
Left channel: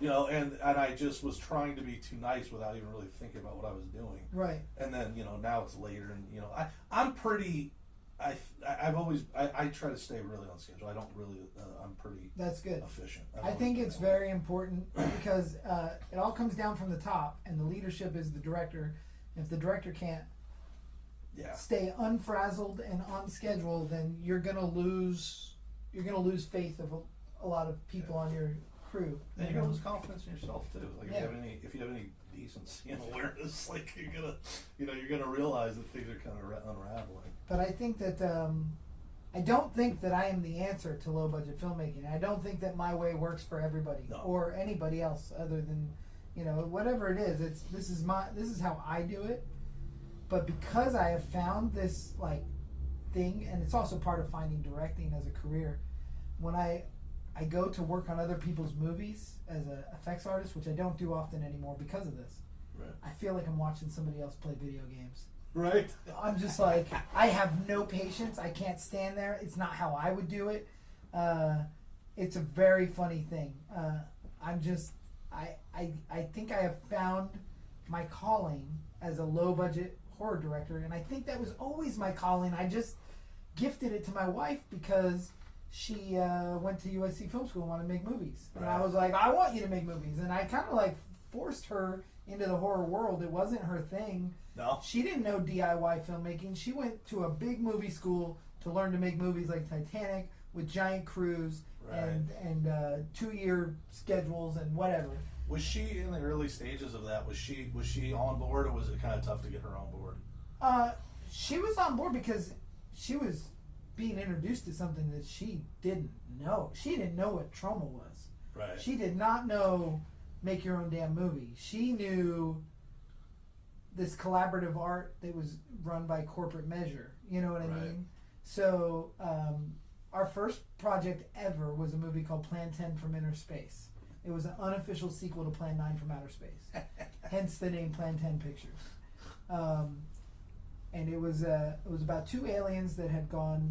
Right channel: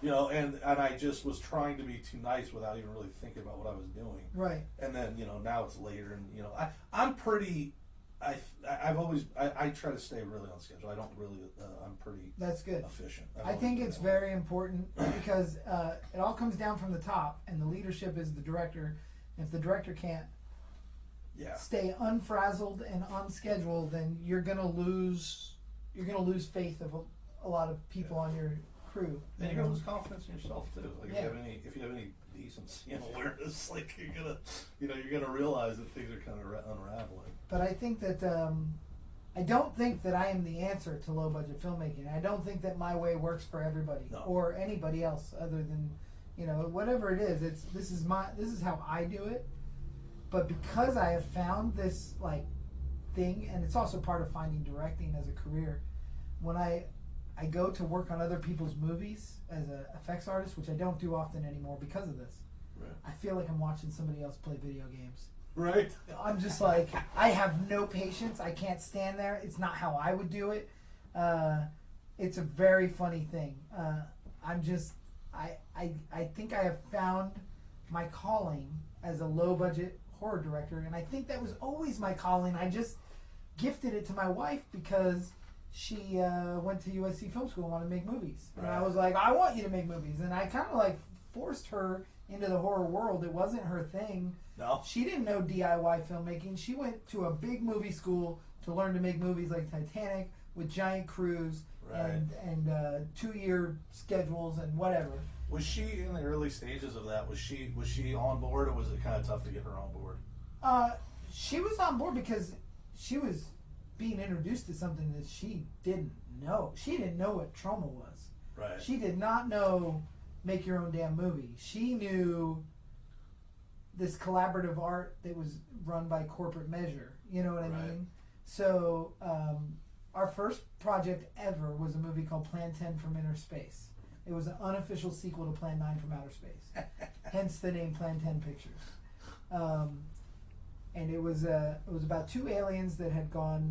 You know, and I just was trying to be too nice without even really thinking about what I was doing. Right. And then, you know, now it's later, and you know, I'm pretty. I've always I try to stay really on schedule. I don't really. I'm pretty. That's good. Efficient. I think it's very important because it all comes down from the top, and the leadership is the director. If the director can't stay unfrazzled and on schedule, then you're gonna lose faith of a lot of people on your crew. And you gotta lose confidence in yourself too. Like if you have any decency and awareness, like you're gonna realize that things are kind of unraveling. But I think that I don't think that I am the answer to low budget filmmaking. I don't think that my way works for everybody or anybody else other than, you know, whatever it is. This is how I do it. But because I have found this like thing, and it's also part of finding directing as a career, when I go to work on other people's movies as an effects artist, which I don't do often anymore because of this. Right. I feel like I'm watching somebody else play video games. Right. I'm just like, I have no patience. I can't stand there. It's not how I would do it. It's a very funny thing. I think I have found my calling as a low budget horror director, and I think that was always my calling. I just gifted it to my wife because she went to USC Film School and wanted to make movies. And I was like, I want you to make movies. And I kind of like forced her into the horror world. It wasn't her thing. No. She didn't know DIY filmmaking. She went to a big movie school to learn to make movies like Titanic with giant crews and 2-year schedules and whatever. Was she in the early stages of that? Was she on board, or was it kind of tough to get her on board? She was on board because she was being introduced to something that she didn't know. She didn't know what trauma was. Right. She did not know make your own damn movie. She knew this collaborative art that was run by corporate measure. You know what I mean? So our first project ever was a movie called Plan 10 from Inner Space. It was an unofficial sequel to Plan 9 from Outer Space. Hence the name Plan 10 Pictures. and it was about two aliens that had gone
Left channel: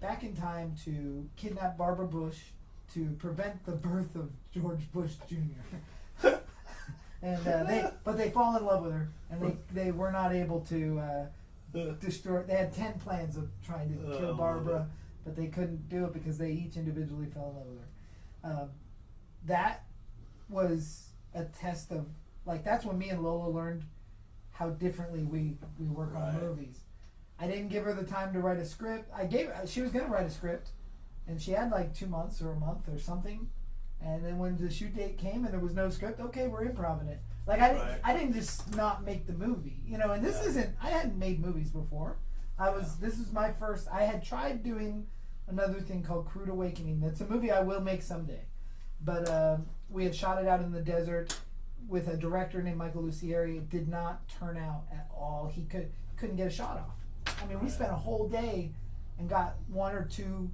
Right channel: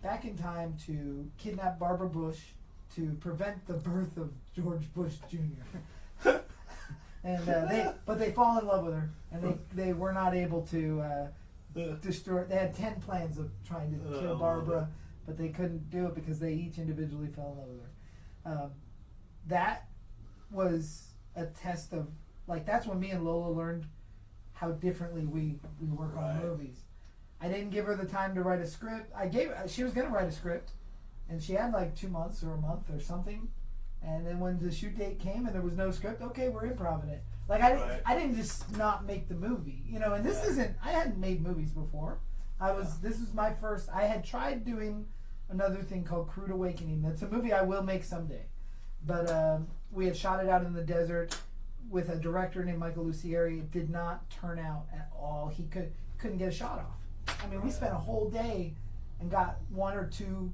back in time to kidnap Barbara Bush to prevent the birth of George Bush Jr. And they fall in love with her, and they were not able to destroy. They had 10 plans of trying to kill Barbara, but they couldn't do it because they each individually fell in love with her. That was a test of, like, that's when me and Lola learned how differently we work on movies. I didn't give her the time to write a script. She was gonna write a script, and she had like 2 months or a month or something. And then when the shoot date came and there was no script, okay, we're improvising it. Like I didn't just not make the movie, you know. And this isn't. I hadn't made movies before. This was my first. I had tried doing another thing called Crude Awakening. That's a movie I will make someday. But we had shot it out in the desert with a director named Michael Lucieri. It did not turn out at all. He couldn't get a shot off. I mean, we spent a whole day and got 1 or 2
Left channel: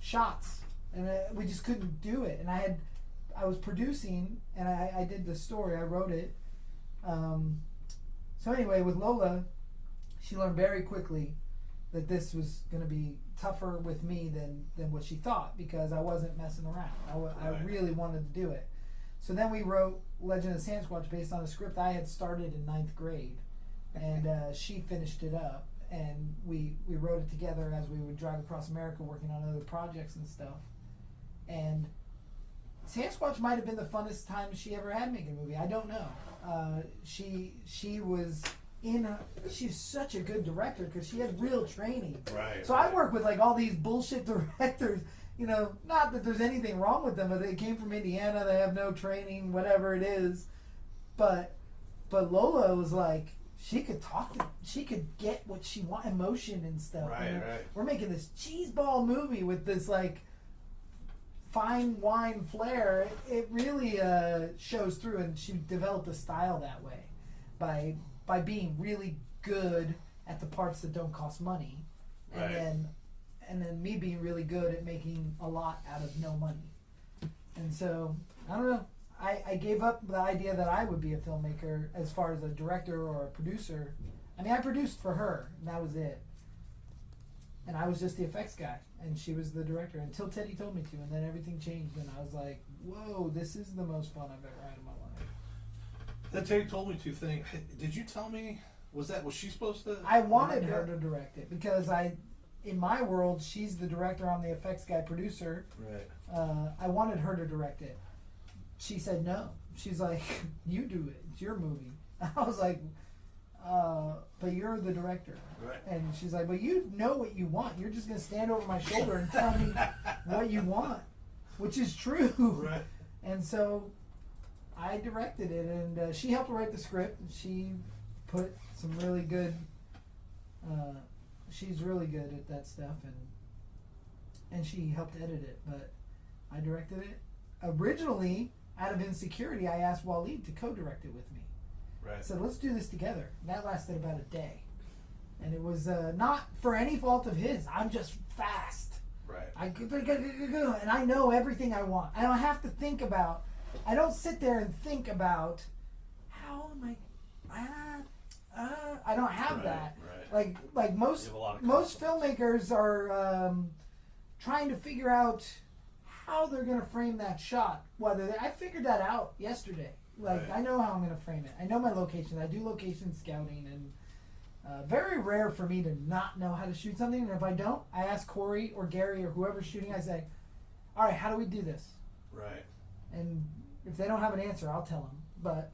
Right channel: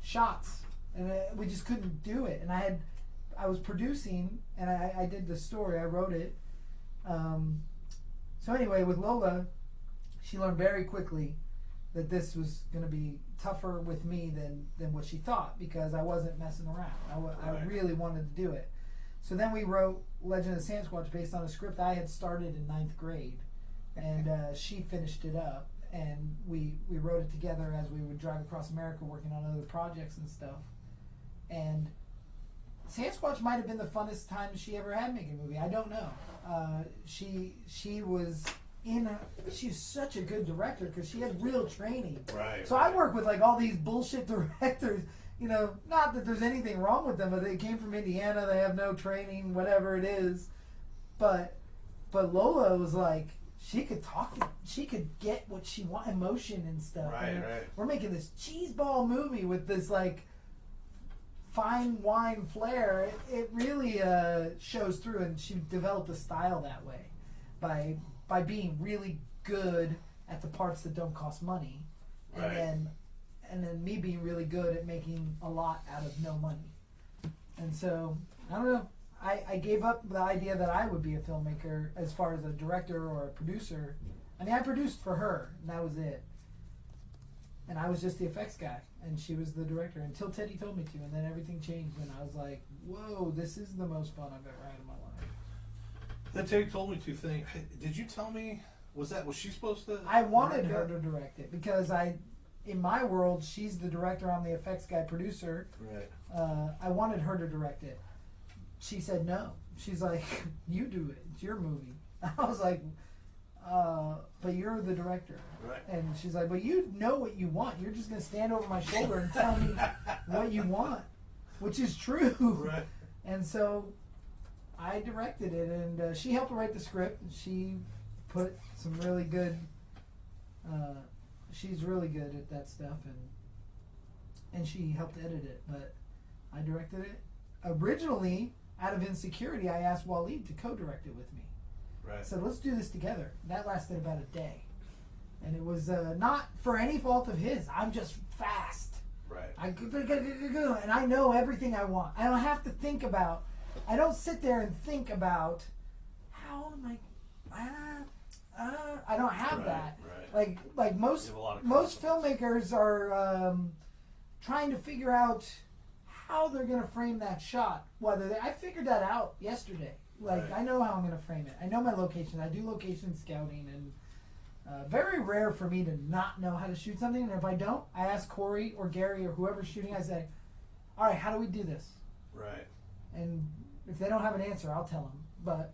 shots, and we just couldn't do it. And I was producing, and I did the story. I wrote it. So anyway, with Lola, she learned very quickly that this was going to be tougher with me than what she thought, because I wasn't messing around. I really wanted to do it. So then we wrote Legend of Sasquatch based on a script I had started in 9th grade, and she finished it up, and we wrote it together as we would drive across America working on other projects and stuff. And Sasquatch might have been the funnest time she ever had making a movie. I don't know. She was she's such a good director because she had real training. Right. So I work with like all these bullshit directors. You know, not that there's anything wrong with them, but they came from Indiana. They have no training, whatever it is. But Lola was like, she could talk. She could get what she wanted, emotion and stuff. Right, and right. We're making this cheeseball movie with this like fine wine flair. It really shows through, and she developed a style that way by being really good at the parts that don't cost money, and then me being really good at making a lot out of no money. And so I don't know. I gave up the idea that I would be a filmmaker as far as a director or a producer. I mean, I produced for her, and that was it. And I was just the effects guy, and she was the director until Teddy told me to, and then everything changed, and I was like, whoa, this is the most fun I've ever had in my life. Then Teddy told me to think. Did you tell me? Was she supposed to? I wanted her to direct it because in my world, she's the director, I'm the effects guy, producer. Right. I wanted her to direct it. She said no. She's like, you do it. It's your movie. I was like, but you're the director. Right. And she's like, but you know what you want. You're just going to stand over my shoulder and tell me what you want, which is true. Right. And so I directed it, and she helped write the script. And she put some really good, she's really good at that stuff, and she helped edit it, but I directed it. Originally, out of insecurity, I asked Waleed to co-direct it with me. Right. I said, let's do this together. And that lasted about a day. And it was not for any fault of his. I'm just fast. Right. And I know everything I want. I don't have to think about, I don't sit there and think about, how am I don't have that. Right. Like most filmmakers are trying to figure out how they're going to frame that shot. I figured that out yesterday. Like, right. I know how I'm going to frame it. I know my location. I do location scouting, and very rare for me to not know how to shoot something. And if I don't, I ask Corey or Gary or whoever's shooting. I say, all right, how do we do this? Right. And if they don't have an answer, I'll tell them. But,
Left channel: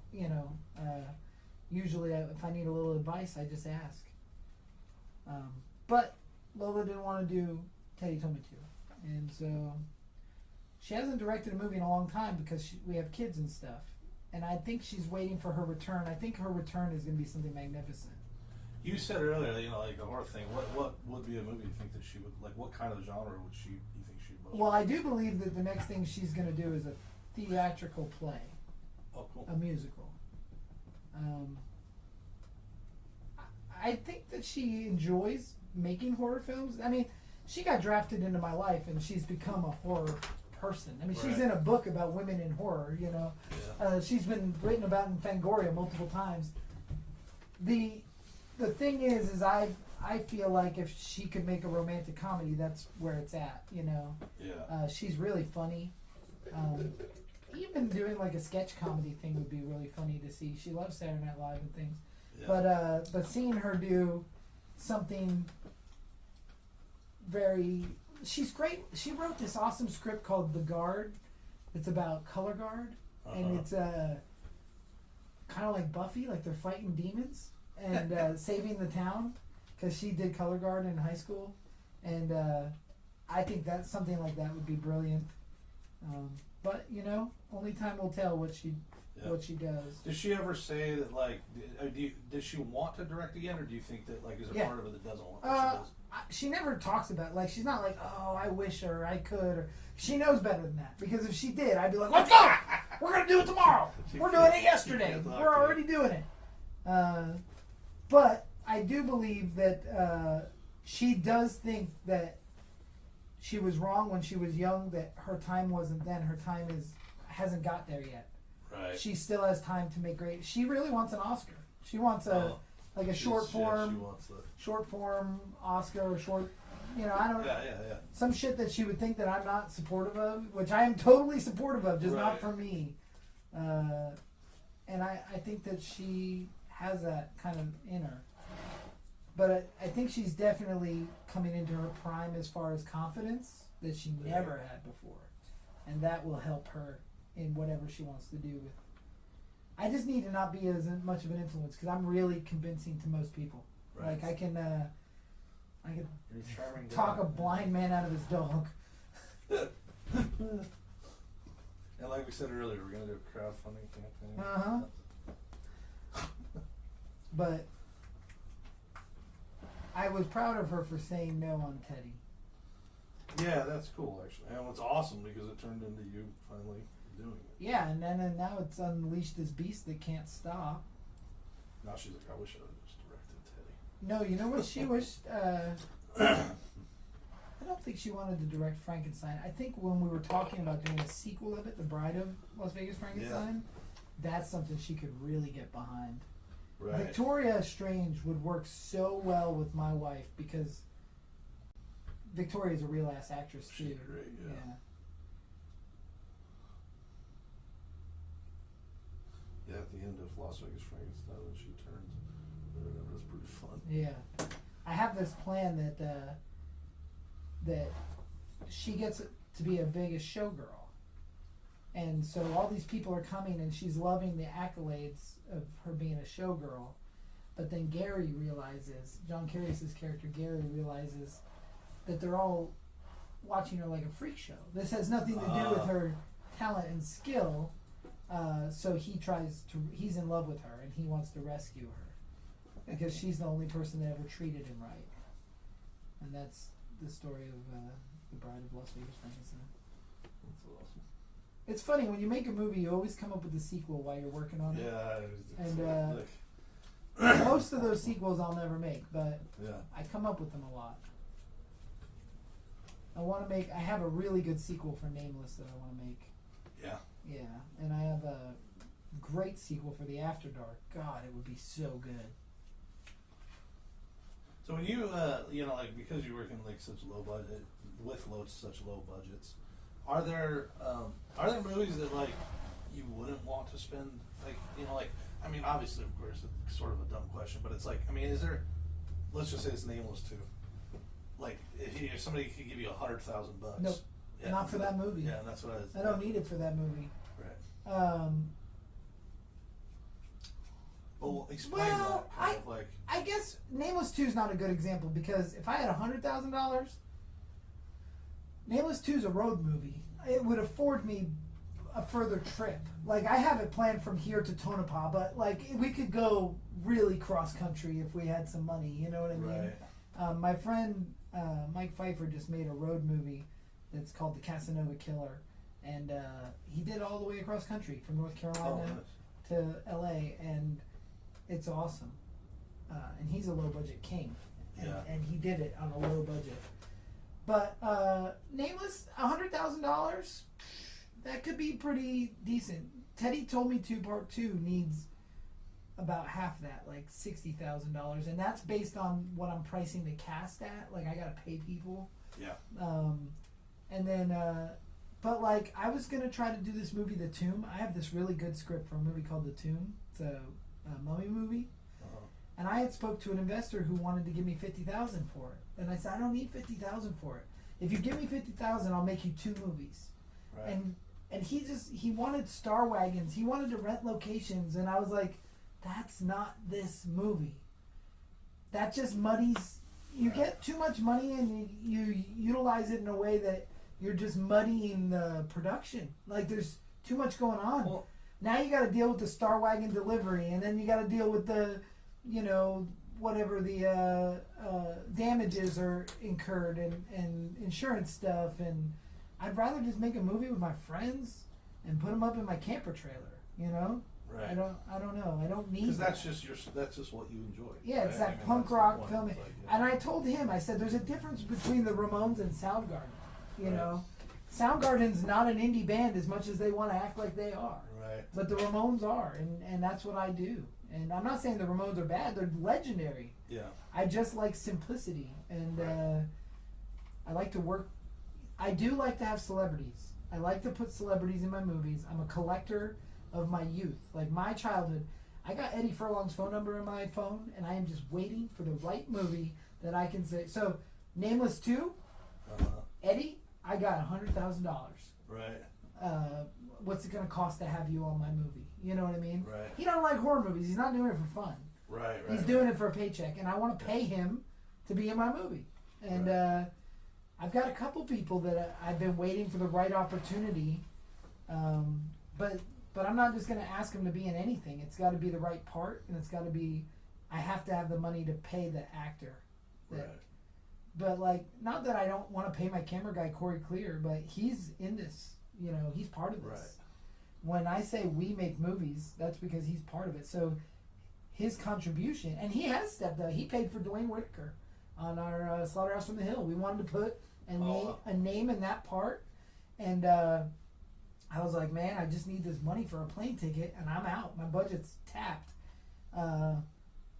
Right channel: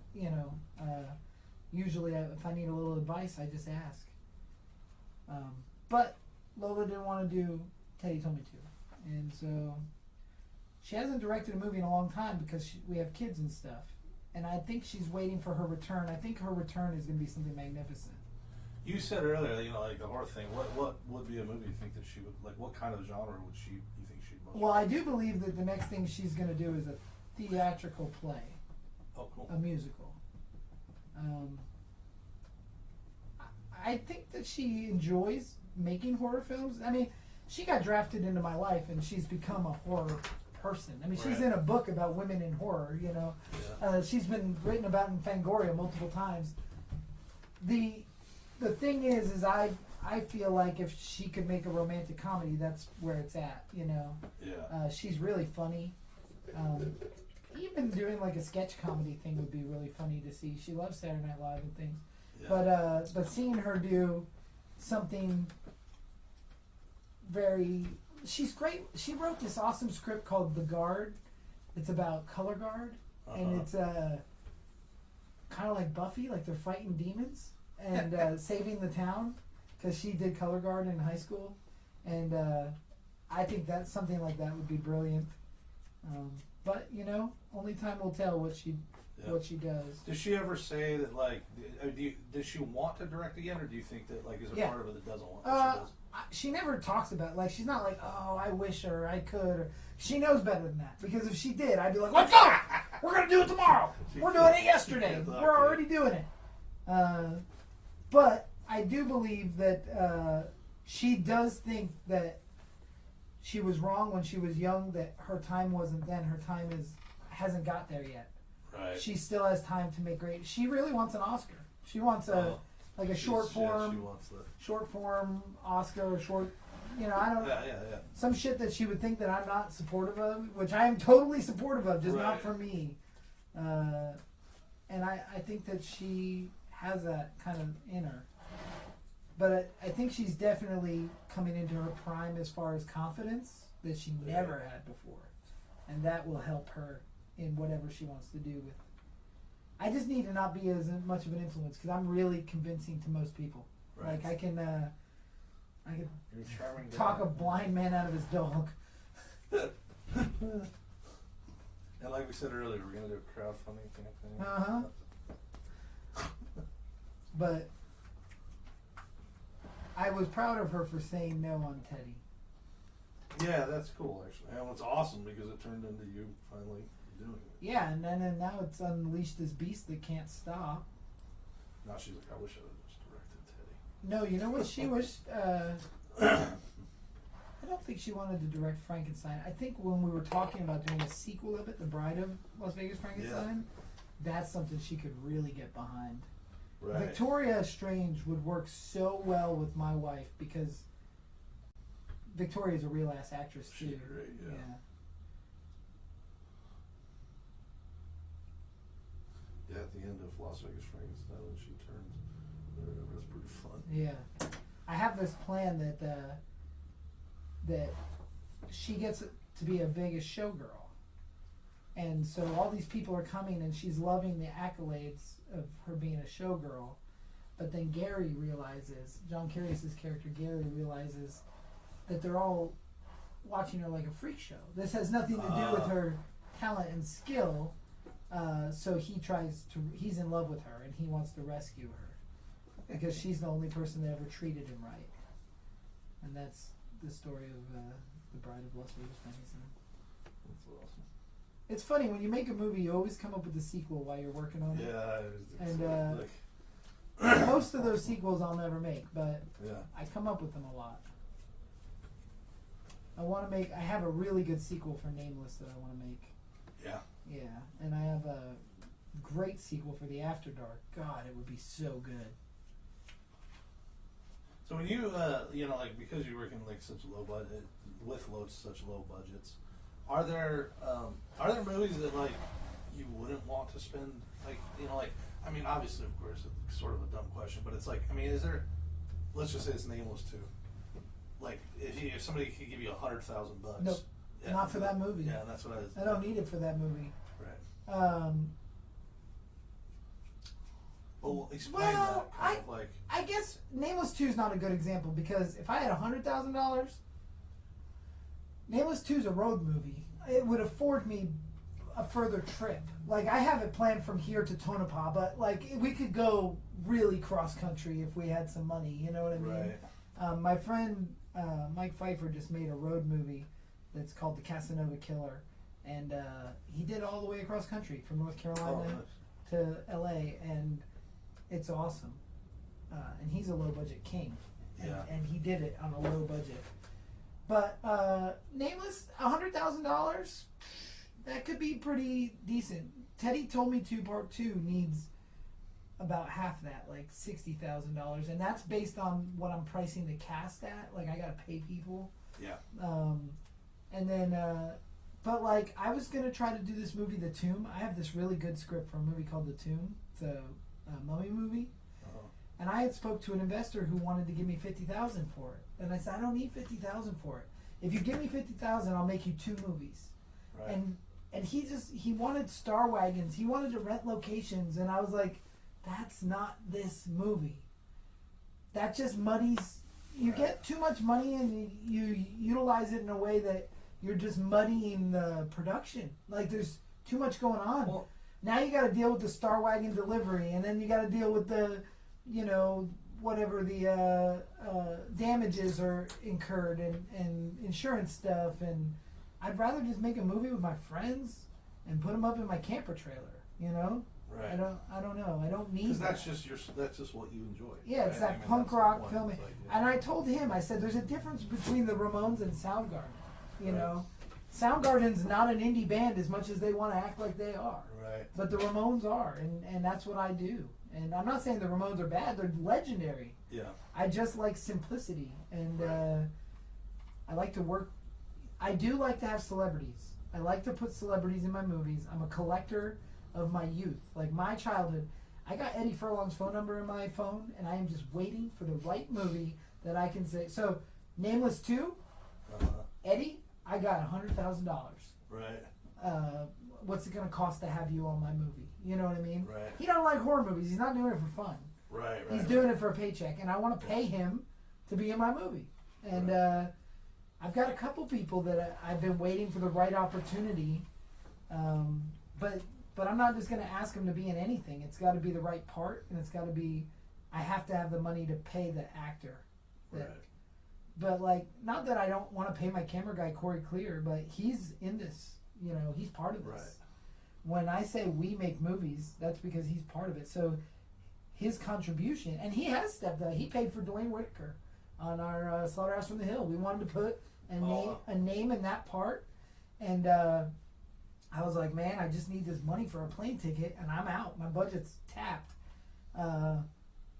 usually if I need a little advice, I just ask. But Lola didn't want to do Teddy Told Me To. And so she hasn't directed a movie in a long time because we have kids and stuff. And I think she's waiting for her return. I think her return is going to be something magnificent. You said earlier, like the horror thing. What would be a movie you think that she would like? What kind of genre would you think she'd most? Well, I do believe that the next thing she's going to do is a theatrical play. Oh, cool. A musical. I think that she enjoys making horror films. I mean, she got drafted into my life, and she's become a horror person. I mean, she's in a book about women in horror. She's been written about in Fangoria multiple times. the thing is I feel like if she could make a romantic comedy, that's where it's at. You know, Yeah. she's really funny. Even doing like a sketch comedy thing would be really funny to see. She loves Saturday Night Live and things. Yeah. But seeing her do something very, she's great. She wrote this awesome script called The Guard. It's about color guard, and it's kind of like Buffy, like they're fighting demons and saving the town, because she did color guard in high school, and I think that something like that would be brilliant. But you know, only time will tell what she does. Does she ever say that, like, does she want to direct again, or do you think that, like, is there part of it that doesn't want to? She never talks about it. Like, she's not like, oh, I wish or I could, or she knows better than that, because if she did, I'd be like, let's go, we're gonna do it tomorrow, we're doing it yesterday, we're already doing it. But I do believe that she does think that she was wrong when she was young, that her time wasn't then, her time hasn't got there yet. Right. She still has time to make great. She really wants an Oscar. She wants short form Oscar, or short, you know, I don't know. Yeah. Some shit that she would think that I'm not supportive of, which I am totally supportive of, just not for me. And I think that she has that kind of in her. But I think she's definitely coming into her prime as far as confidence that she never had before. And that will help her in whatever she wants to do with. I just need to not be as much of an influence, because I'm really convincing to most people. Right. Like I can You're a charming talk guy. a blind man out of his dog. And like we said earlier, we're gonna do a crowdfunding campaign. But I was proud of her for saying no on Teddy. Yeah, that's cool actually. And it's awesome because it turned into you finally doing it. Yeah, and now it's unleashed this beast that can't stop. Now she's like, I wish I would have just directed Teddy. No, you know what she wished? I don't think she wanted to direct Frankenstein. I think when we were talking about doing a sequel of it, The Bride of Las Vegas Frankenstein, that's something she could really get behind. Right. Victoria Strange would work so well with my wife, because Victoria's a real ass actress too. She's great, yeah. Yeah, at the end of Las Vegas Frankenstein when she turns, it was pretty fun. Yeah. I have this plan that she gets to be a Vegas showgirl. And so all these people are coming, and she's loving the accolades of her being a showgirl. But then Gary realizes, John Carey's character, Gary realizes that they're all watching her like a freak show. This has nothing to do with her talent and skill. So he's in love with her, and he wants to rescue her, because she's the only person that ever treated him right. And that's the story of The Bride of Las Vegas Frankenstein. That's awesome. It's funny, when you make a movie, you always come up with a sequel while you're working on it. Yeah, And most of those sequels I'll never make, but yeah. I come up with them a lot. I have a really good sequel for Nameless that I want to make. Yeah. Yeah, and I have a great sequel for The After Dark. God, it would be so good. So when you, like, because you work in like such low budget, with such low budgets, are there movies that like you wouldn't want to spend, like, I mean, obviously, of course, it's sort of a dumb question, but it's like, I mean, is there, let's just say it's Nameless 2. Like, if somebody could give you $100,000. Nope. Yeah, Not for that movie. Yeah, that's what I don't need it for that movie. Right. Well, explain Well, that. Kind of like, I guess Nameless 2 is not a good example, because if I had $100,000, Nameless 2 is a road movie. It would afford me a further trip. Like, I have it planned from here to Tonopah, but like we could go really cross country if we had some money. You know what I mean? Right. My friend Mike Pfeiffer just made a road movie that's called The Casanova Killer, and he did all the way across country from North Carolina to LA, and it's awesome. And he's a low budget king, and he did it on a low budget. But Nameless, $100,000, that could be pretty decent. Teddy Told Me To Part 2 needs about half that, like $60,000, and that's based on what I'm pricing the cast at. Like I gotta pay people. Yeah. And then, but like I was gonna try to do this movie, The Tomb. I have this really good script for a movie called The Tomb. It's a mummy movie. And I had spoke to an investor who wanted to give me $50,000 for it, and I said I don't need $50,000 for it. If you give me $50,000, I'll make you 2 movies. Right. And he wanted star wagons. He wanted to rent locations, and I was like, that's not this movie. That just muddies. You get too much money and you utilize it in a way that you're just muddying the production. Like there's too much going on. Well, now you got to deal with the star wagon delivery, and then you got to deal with the, whatever the damages are incurred and insurance stuff. And I'd rather just make a movie with my friends and put them up in my camper trailer. Right. I don't know. I don't need. Because that's just what you enjoy. Yeah, it's that punk rock filming. And I told him, I said, there's a difference between the Ramones and Soundgarden. Soundgarden's not an indie band as much as they want to act like they are. Right. But the Ramones are, and that's what I do. And I'm not saying the Ramones are bad; they're legendary. Yeah. I just like simplicity, and I like to work. I do like to have celebrities. I like to put celebrities in my movies. I'm a collector of my youth, like my childhood. I got Eddie Furlong's phone number in my phone, and I am just waiting for the right movie that I can say. So, Nameless 2, Eddie, I got $100,000. Right. What's it gonna cost to have you on my movie? You know what I mean? Right. He don't like horror movies. He's not doing it for fun. Right. He's doing it for a paycheck, and I want to pay him to be in my movie. And I've got a couple people that I've been waiting for the right opportunity, but I'm not just going to ask him to be in anything. It's got to be the right part, and it's got to be. I have to have the money to pay the actor. Right. But like, not that I don't want to pay my camera guy Corey Clear, but he's in this. He's part of this. Right. When I say we make movies, that's because he's part of it. So his contribution, and he has stepped up. He paid for Dwayne Whitaker on our Slaughterhouse from the Hill. We wanted to put a name in that part, and I was like, man, I just need this money for a plane ticket, and I'm out. My budget's tapped.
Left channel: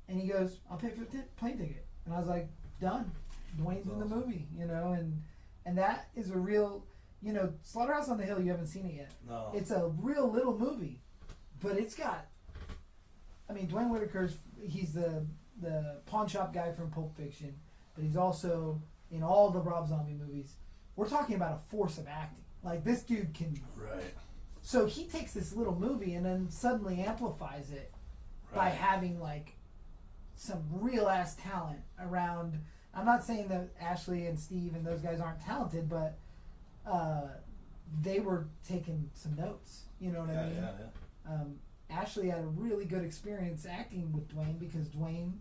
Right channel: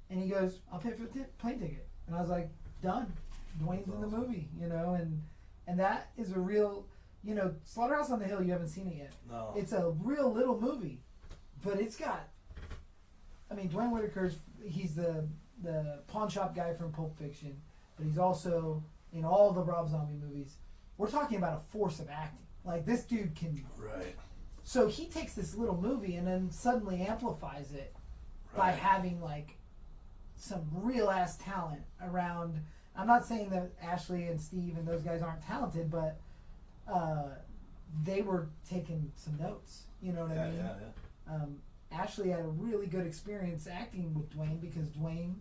And he goes, I'll pay for the plane ticket. And I was like, done. Dwayne's in the movie, and that is a real, Slaughterhouse on the Hill, you haven't seen it yet. No. It's a real little movie, but it's got, Dwayne Whitaker's, he's the pawn shop guy from Pulp Fiction, but he's also in all the Rob Zombie movies. We're talking about a force of acting. Like, this dude can. Right. So he takes this little movie and then suddenly amplifies it by having, like, some real ass talent around. I'm not saying that Ashley and Steve and those guys aren't talented, but they were taking some notes. You know what I mean? Yeah. Ashley had a really good experience acting with Dwayne because Dwayne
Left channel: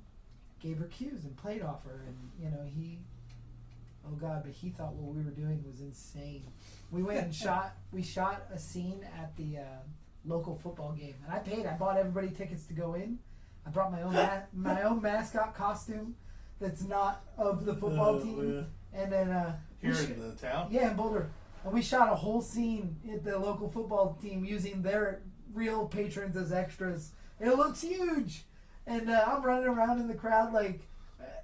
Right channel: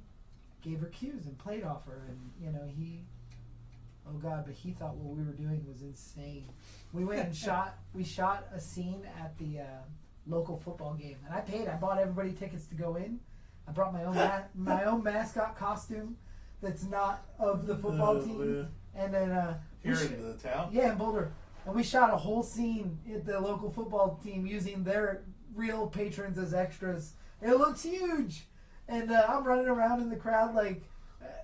gave her cues and played off her, and but he thought what we were doing was insane. We went and shot a scene at the local football game, and I bought everybody tickets to go in. I brought my own mascot costume that's not of the football team, Man. and then Here in the town? Yeah, in Boulder. And we shot a whole scene at the local football team using their real patrons as extras. It looks huge. And I'm running around in the crowd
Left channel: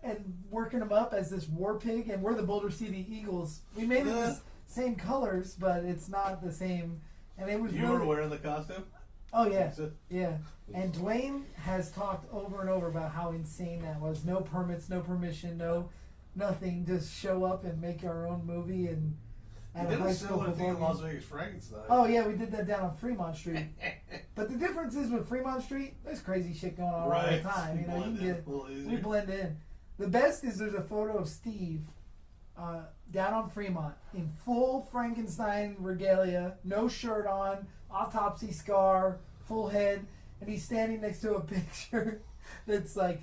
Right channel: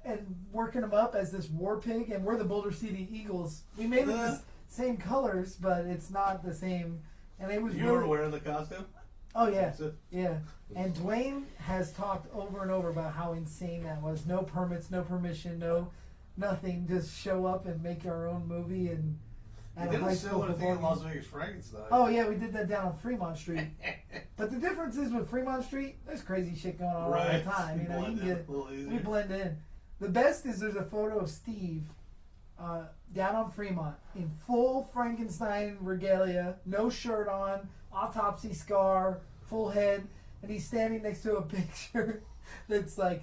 and working them up as this war pig, and we're the Boulder City Eagles. We made it the same colors, but it's not the same. And it was You were wearing the costume? Oh, yeah. Yeah. And Dwayne has talked over and over about how insane that was. No permits, no permission, no nothing. Just show up and make our own movie and at a high school thing in football Las game. Vegas Frankenstein. Oh yeah, we did that down on Fremont Street. But the difference is with Fremont Street, there's crazy shit going on all the time. You can get it. We blend in. The best is there's a photo of Steve down on Fremont in full Frankenstein regalia, no shirt on, autopsy scar, full head, and he's standing next to a picture that's like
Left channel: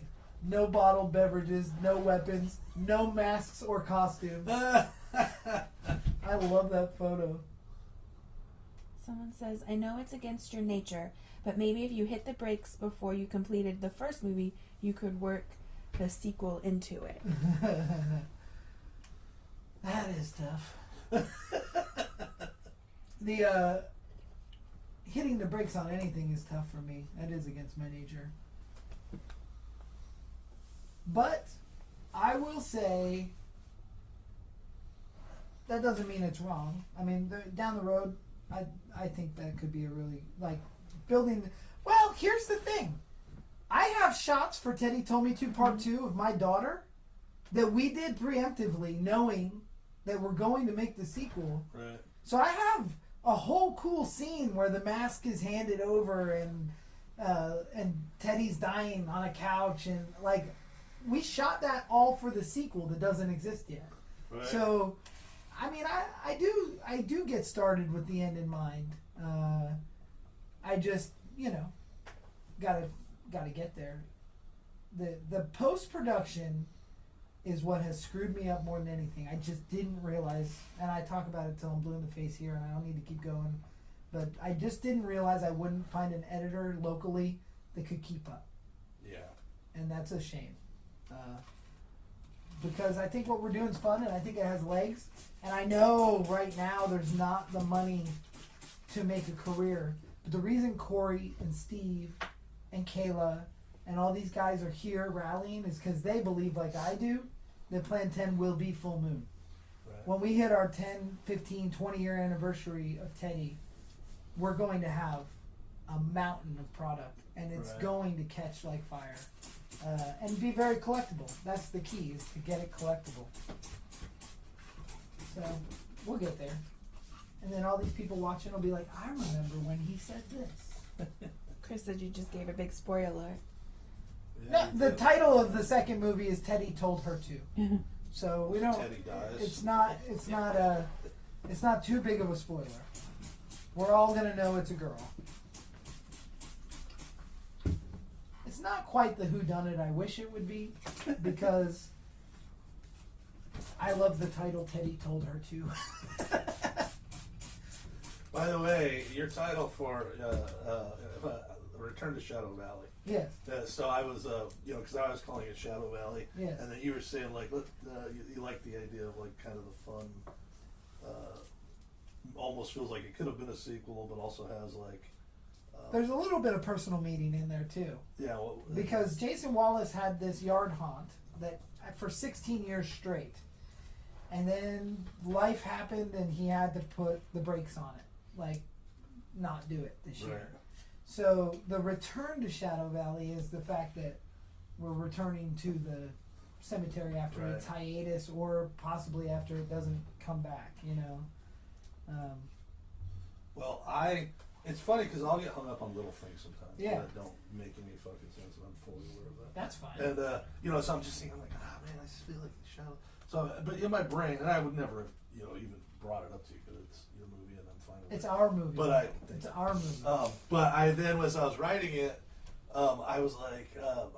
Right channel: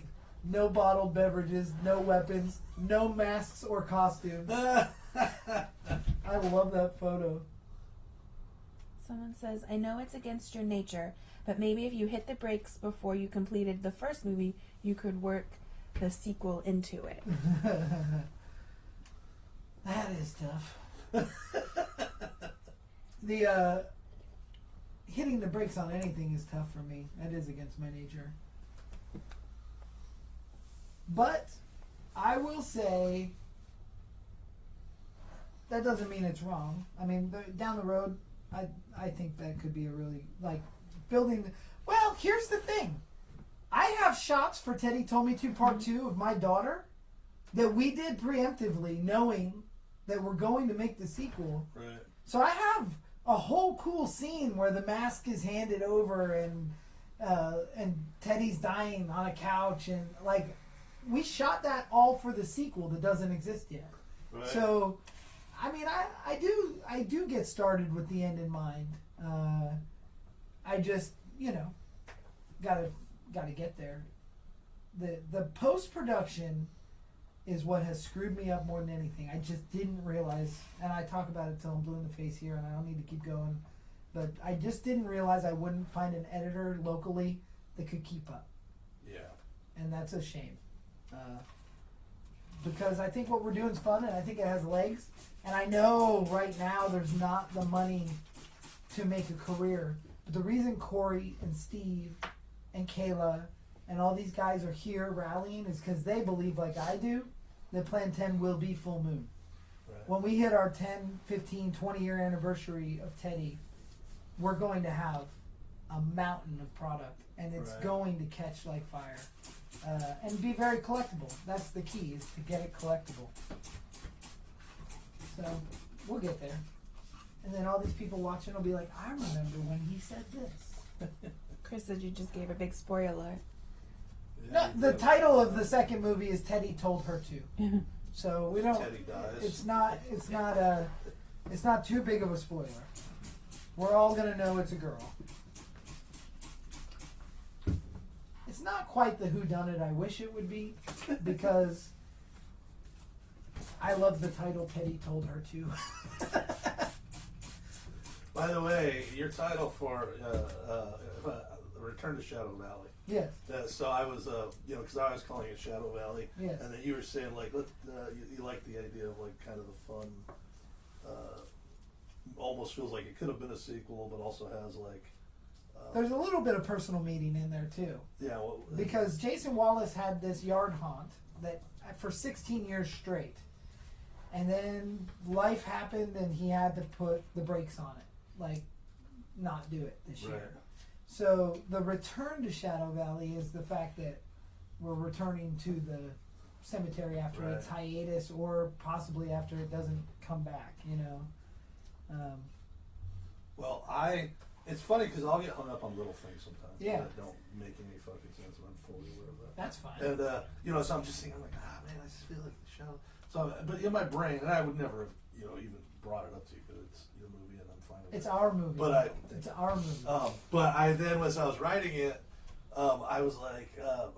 no bottled beverages, no weapons, no masks or costumes. I love that photo. Someone says, I know it's against your nature, but maybe if you hit the brakes before you completed the first movie, you could work the sequel into it. That is tough. The hitting the brakes on anything is tough for me. That is against my nature. But I will say that doesn't mean it's wrong. I mean, down the road, I think that could be a really, like, building. Well, here's the thing. I have shots for Teddy Told Me To Part 2 of my daughter that we did preemptively, knowing that we're going to make the sequel. Right. So I have a whole cool scene where the mask is handed over and Teddy's dying on a couch, and like we shot that all for the sequel that doesn't exist yet. Right. So, I mean, I do get started with the end in mind. I just, you know, gotta get there. The post-production is what has screwed me up more than anything. I just didn't realize, and I talk about it till I'm blue in the face here, and I don't need to keep going, but I just didn't realize I wouldn't find an editor locally that could keep up. Yeah. And that's a shame. Because I think what we're doing is fun, and I think it has legs, and I know right now there's not the money to make a career. But the reason Corey and Steve and Kayla and all these guys are here rallying is because they believe, like I do, that Plan 10 will be full moon. Right. When we hit our 10, 15, 20 year anniversary of Teddy, we're going to have a mountain of product, and it's Right. going to catch like fire. And be very collectible. That's the key, is to get it collectible. So, we'll get there. And then all these people watching will be like, I remember when he said this. Chris said you just gave a big spoiler. No, the title of the second movie is Teddy Told Her To. So we don't. Teddy dies. It's not too big of a spoiler. We're all gonna know it's a girl. It's not quite the whodunit I wish it would be, because I love the title Teddy Told Her To. By the way, your title for Return to Shadow Valley. Yes. So I was, because I was calling it Shadow Valley, Yes. and then you were saying like, you like the idea of like kind of the fun. Almost feels like it could have been a sequel, but also has like. There's a little bit of personal meaning in there too. Yeah. Well, Because Jason Wallace had this yard haunt that for 16 years straight. And then life happened and he had to put the brakes on it. Like, not do it this year. Right. So the return to Shadow Valley is the fact that we're returning to the cemetery after Right. its hiatus, or possibly after it doesn't come back, you know. Well, it's funny because I'll get hung up on little things sometimes Yeah. that don't make any fucking sense, and I'm fully aware of that. That's fine. And so I'm just thinking, I'm like, man, I just feel like the Shadow. So, but in my brain, and I would never have, even brought it up to you because it's your movie and I'm fine with It's it. our movie. But it's our movie. But then as I was writing it, I was like,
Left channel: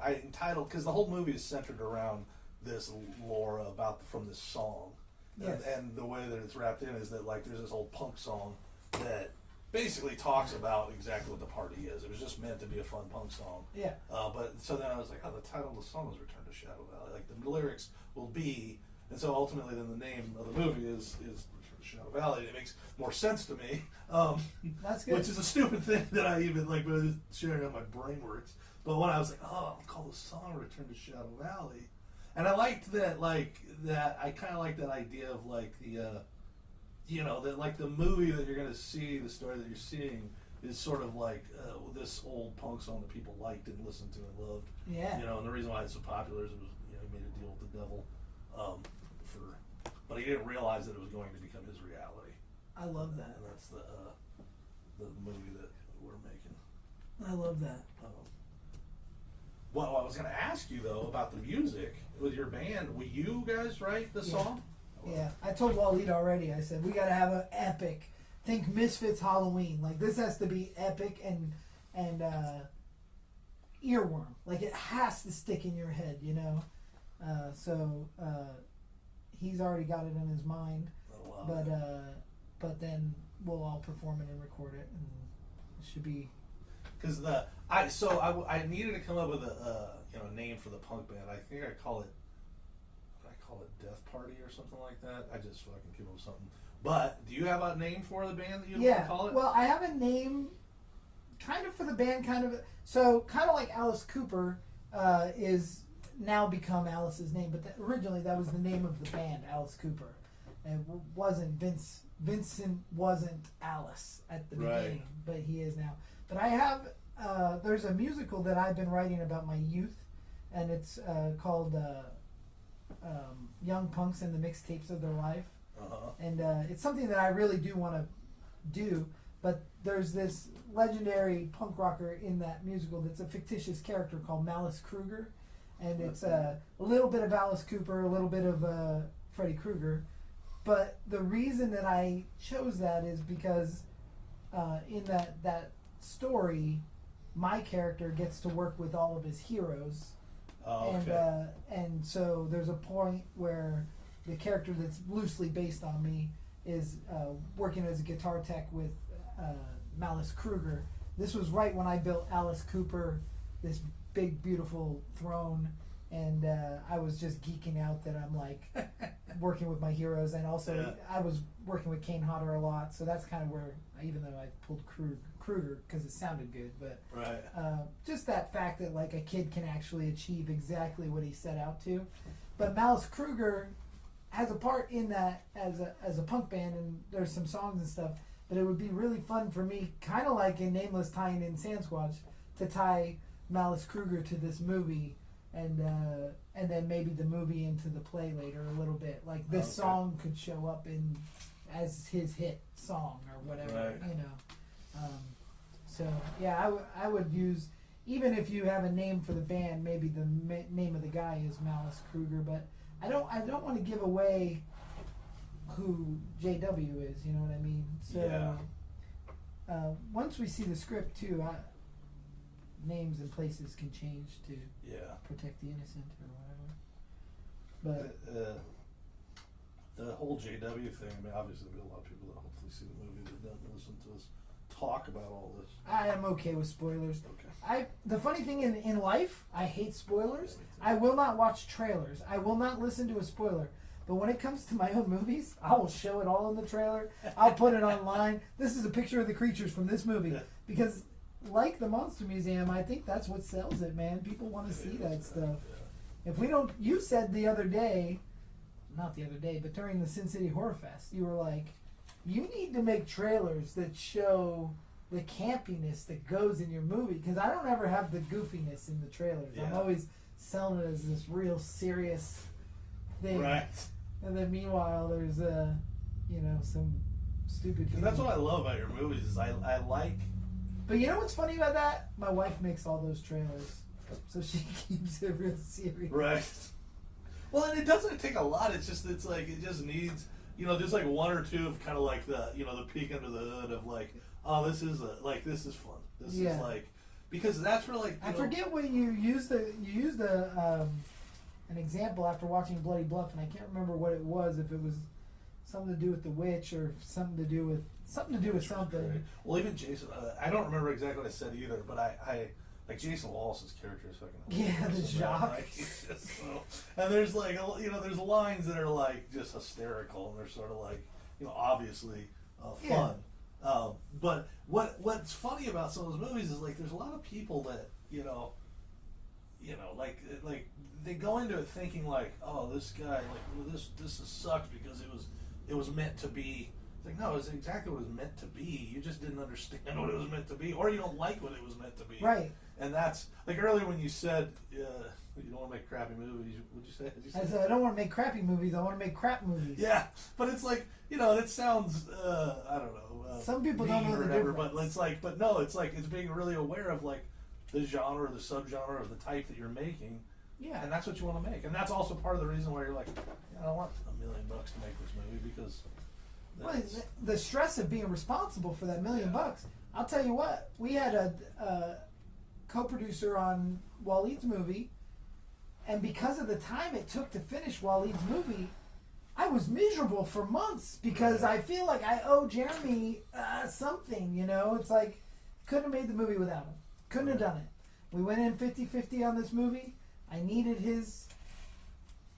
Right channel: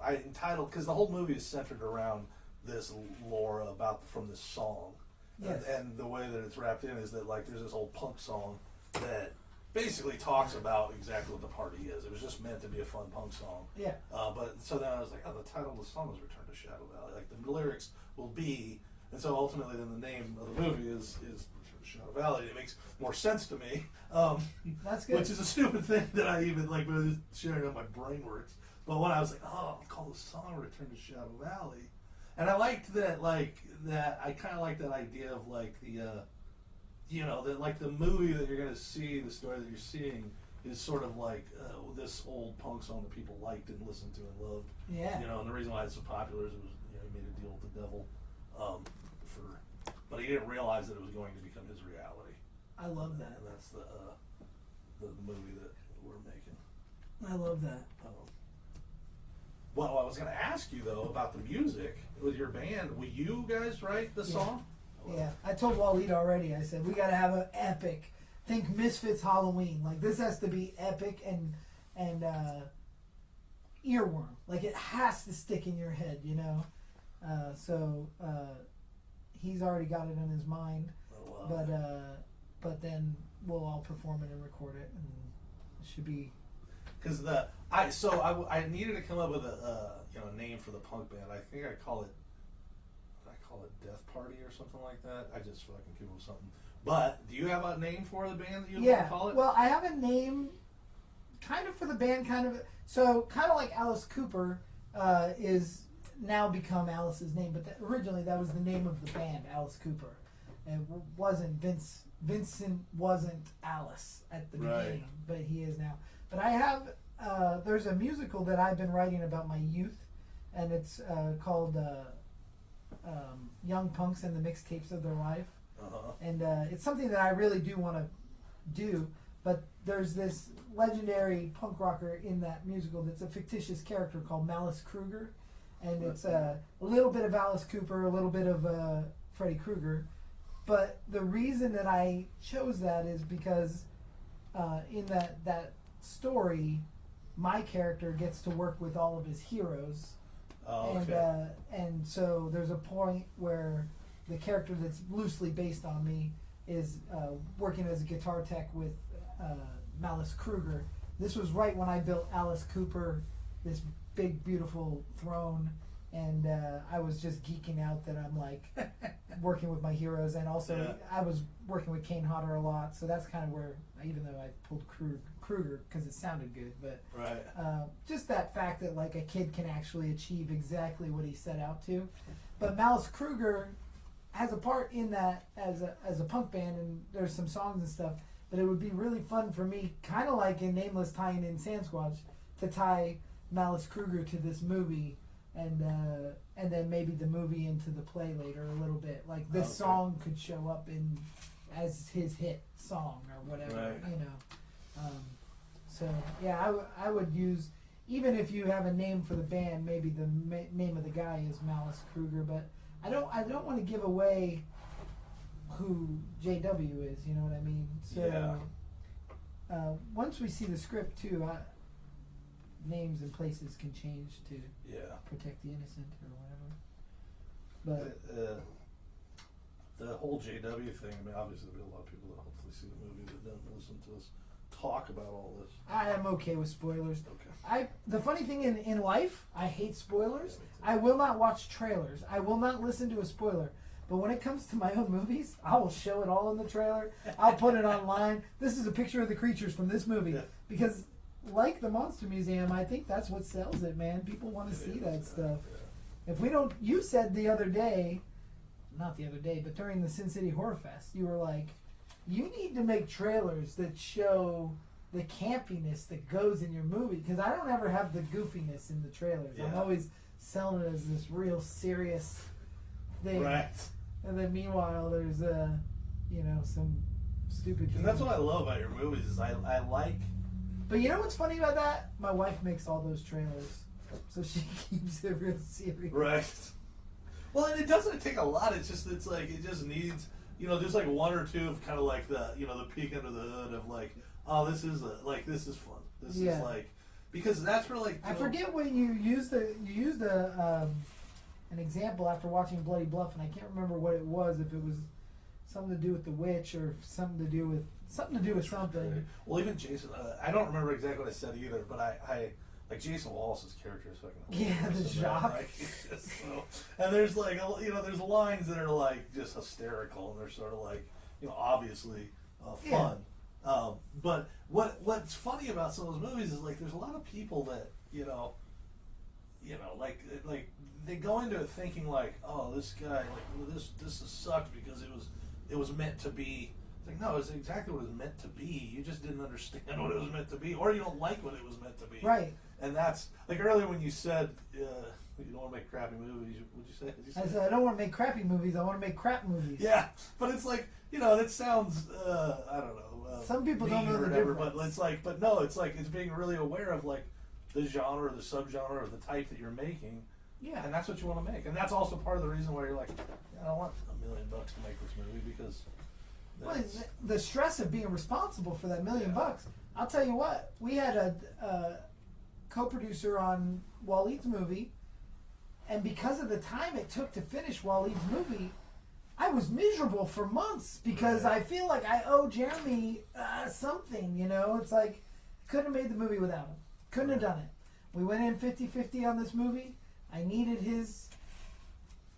I entitled, because the whole movie is centered around this lore from this song. Yes. And the way that it's wrapped in is that like there's this old punk song that basically talks about exactly what the party is. It was just meant to be a fun punk song. Yeah. But so then I was like, the title of the song is Return to Shadow Valley. Like the lyrics will be, and so ultimately then the name of the movie is Return to Shadow Valley. It makes more sense to me. That's good. Which is a stupid thing that I even like was sharing how my brain works. But when I was like, I'll call the song Return to Shadow Valley. And I liked that, I kind of like that idea of like that like the movie that you're going to see, the story that you're seeing is sort of like this old punk song that people liked and listened to and loved. Yeah. And the reason why it's so popular is it was, he made a deal with the devil, but he didn't realize that it was going to become his reality. I love that. And that's the movie that we're making. I love that. Well, I was going to ask you though about the music with your band. Will you guys write the song? Yeah, I told Waleed already. I said we gotta have an epic. Think Misfits Halloween. Like this has to be epic and earworm. Like it has to stick in your head, So he's already got it in his mind. But then we'll all perform it and record it, and it should be. Because I needed to come up with a name for the punk band. I think I call it Death Party or something like that. I just fucking came up with something. But do you have a name for the band that you want to call it? Well, I have a name, kind of for the band, kind of like Alice Cooper is now become Alice's name, but originally that was the name of the band, Alice Cooper. It wasn't Vincent wasn't Alice at the beginning, but he is now. But I have, there's a musical that I've been writing about my youth, and it's called Young Punks and the Mixtapes of Their Life. And it's something that I really do want to do, but there's this legendary punk rocker in that musical that's a fictitious character called Malice Kruger, and it's a little bit of Alice Cooper, a little bit of Freddy Krueger. But the reason that I chose that is because in that story, my character gets to work with all of his heroes. And so there's a point where the character that's loosely based on me is working as a guitar tech with Malice Kruger. This was right when I built Alice Cooper, this big beautiful throne, and I was just geeking out that I'm like working with my heroes, and also I was working with Kane Hodder a lot, so that's kind of where, even though I pulled Kruger because it sounded good, but just that fact that like a kid can actually achieve exactly what he set out to. But Malice Kruger has a part in that as a punk band, and there's some songs and stuff. But it would be really fun for me, kind of like in Nameless tying in Sasquatch, to tie Malice Kruger to this movie, and then maybe the movie into the play later a little bit. Like this song could show up in as his hit song or whatever, you know. So yeah, I would use, even if you have a name for the band, maybe the name of the guy is Malice Kruger, but I don't want to give away who JW is, you know what I mean? So once we see the script too, names and places can change to protect the innocent or whatever. But the whole JW thing, I mean, obviously there'll be a lot of people that hopefully see the movie that don't listen to us talk about all this. I am okay with spoilers. Okay. The funny thing in life, I hate spoilers. I will not watch trailers. I will not listen to a spoiler. But when it comes to my own movies, I will show it all in the trailer. I'll put it online. This is a picture of the creatures from this movie. Because like the Monster Museum, I think that's what sells it, man. People want to see that stuff. If we don't, you said the other day, not the other day, but during the Sin City Horror Fest, you were like, you need to make trailers that show the campiness that goes in your movie. Because I don't ever have the goofiness in the trailers. I'm always selling it as this real serious thing. Right. And then meanwhile, there's some stupid. And that's what I love about your movies. Is I like. But you know what's funny about that? My wife makes all those trailers, so she keeps it real serious. Right. Well, and it doesn't take a lot. It just needs, there's like one or two of kind of like the peek under the hood of like, oh, this is fun. This is like, because that's where like. I forget when you used an example after watching Bloody Bluff, and I can't remember what it was. If it was something to do with the witch or something to do with something. Right. Well, even Jason, I don't remember exactly what I said either, but I like Jason Wallace's character is fucking the shock. And there's like there's lines that are like just hysterical, and they're sort of like obviously fun. But what's funny about some of those movies is like there's a lot of people that like they go into it thinking like, oh, this guy, like this sucks because it was meant to be. It's like, no, it's exactly what it was meant to be. You just didn't understand what it was meant to be, or you don't like what it was meant to be. Right. And that's like earlier when you said you don't want to make crappy movies. What'd you say? I said I don't want to make crappy movies. I want to make crap movies. Yeah, but it's like it sounds I don't know. Some people don't know the difference. But it's like, it's being really aware of like the genre, the subgenre, or the type that you're making. Yeah. And that's what you want to make, and that's also part of the reason why you're like, I want $1 million to make this movie because. The stress of being responsible for that $1 million. I'll tell you what. We had a co-producer on Waleed's movie, and because of the time it took to finish Waleed's movie, I was miserable for months because I feel like I owe Jeremy something. It's like couldn't have made the movie without him. Couldn't have done it. We went in 50-50 on this movie. I needed his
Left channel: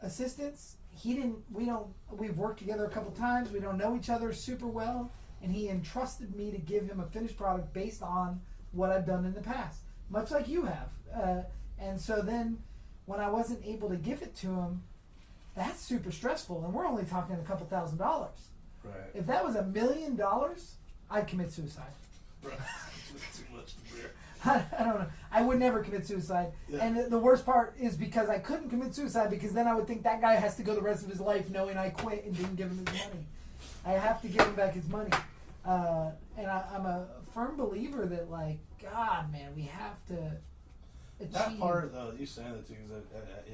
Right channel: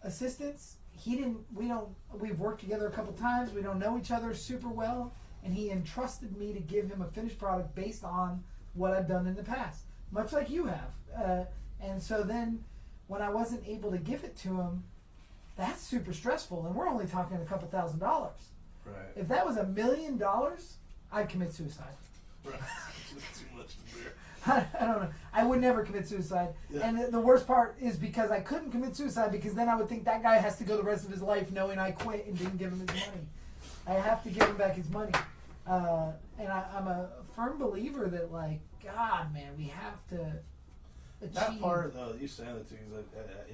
assistance. We've worked together a couple times. We don't know each other super well. And he entrusted me to give him a finished product based on what I've done in the past. Much like you have. And so then when I wasn't able to give it to him, that's super stressful, and we're only talking a couple $1,000s. Right. If that was $1 million, I'd commit suicide. Right. Too much to bear. I don't know. I would never commit suicide. Yeah. And the worst part is because I couldn't commit suicide, because then I would think that guy has to go the rest of his life knowing I quit and didn't give him his money. I have to give him back his money. And I'm a firm believer that, like, God, man, we have to achieve. That part, though, you saying that too,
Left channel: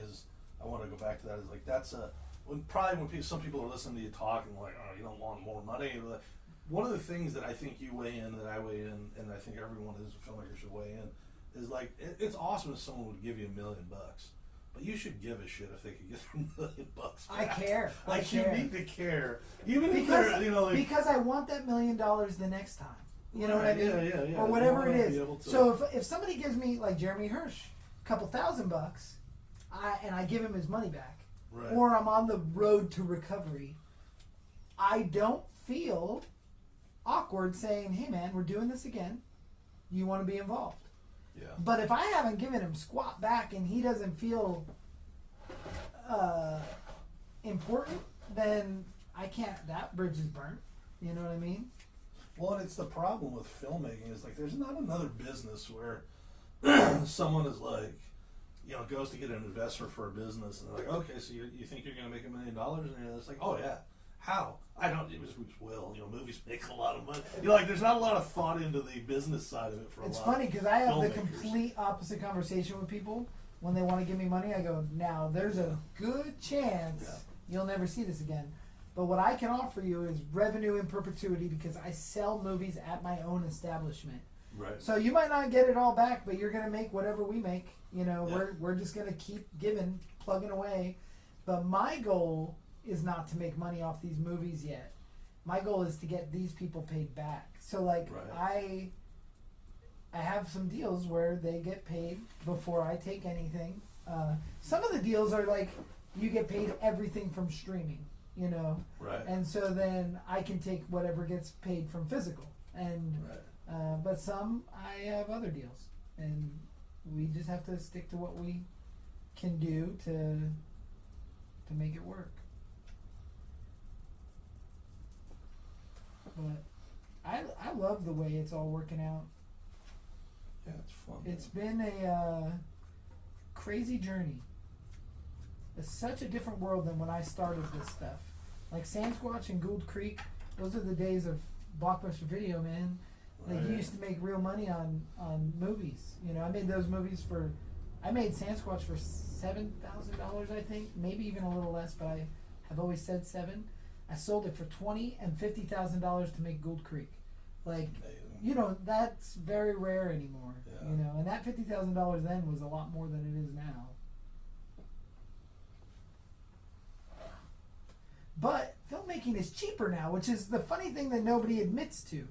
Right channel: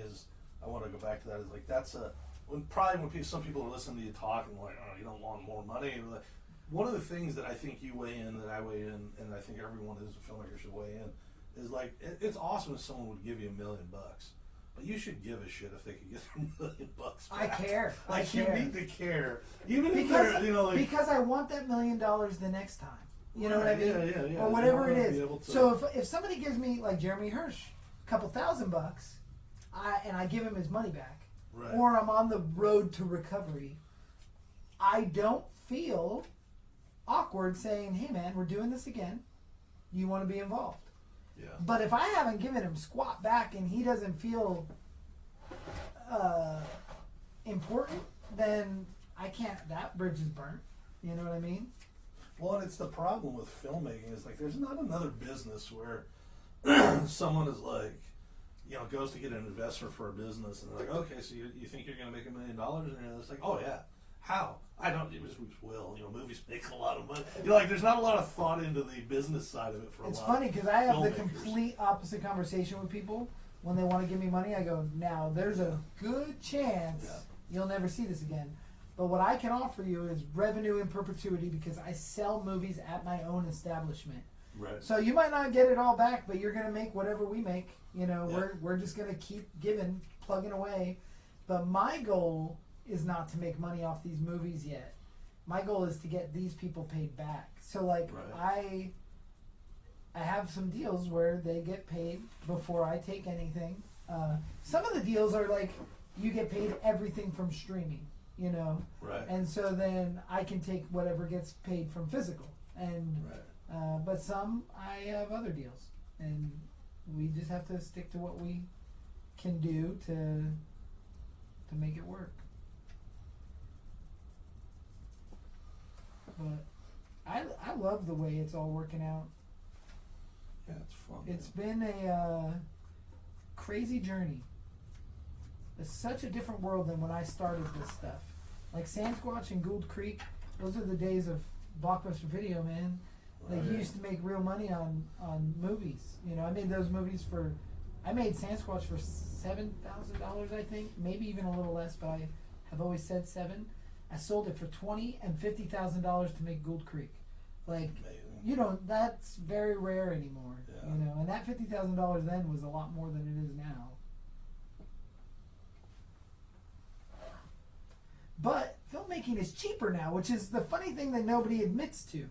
is I want to go back to that. Is like that's when some people are listening to you talk and like, oh, you don't want more money. And like, one of the things that I think you weigh in, that I weigh in, and I think everyone who's a filmmaker should weigh in, is like it's awesome if someone would give you $1 million, but you should give a shit if they could get $1 million back. I care. Like I care. you need to care, even if Because, they're, you know, like, because I want that $1 million the next time. You know what I mean? Yeah. Or whatever it is. So if somebody gives me, like Jeremy Hirsch, a couple $1,000, and I give him his money back, right. or I'm on the road to recovery, I don't feel awkward saying, "Hey man, we're doing this again. You want to be involved?" Yeah. But if I haven't given him squat back and he doesn't feel important, then I can't. That bridge is burnt. You know what I mean? Well, and it's the problem with filmmaking is like there's not another business where someone is like, you know, goes to get an investor for a business and they're like, okay, so you think you're going to make $1 million? And it's like, oh yeah, how? I don't. It was will. You know, movies make a lot of money. You know, like there's not a lot of thought into the business side of it for It's a lot. funny because I have the filmmakers. complete opposite conversation with people when they want to give me money. I go, now there's a good chance you'll never see this again. But what I can offer you is revenue in perpetuity because I sell movies at my own establishment. Right. So you might not get it all back, but you're gonna make whatever we make. You know, Yeah. we're just gonna keep giving, plugging away. But my goal is not to make money off these movies yet. My goal is to get these people paid back. So like Right. I have some deals where they get paid before I take anything. Some of the deals are like you get paid everything from streaming, you know, Right. and so then I can take whatever gets paid from physical. And Right. but some I have other deals, and we just have to stick to what we can do to make it work. But I love the way it's all working out. Yeah, it's fun. It's been a crazy journey. It's such a different world than when I started this stuff. Like Sasquatch and Gould Creek, those are the days of Blockbuster Video, man. Like you Right. used to make real money on movies. You know, I made those movies I made Sasquatch for $7,000, I think, maybe even a little less, but I have always said $7,000. I sold it for $20,000 and $50,000 to make Gould Creek. Like, Amazing. you know, that's very rare anymore. Yeah. You know, and that $50,000 then was a lot more than it is now. But filmmaking is cheaper now, which is the funny thing that nobody admits to.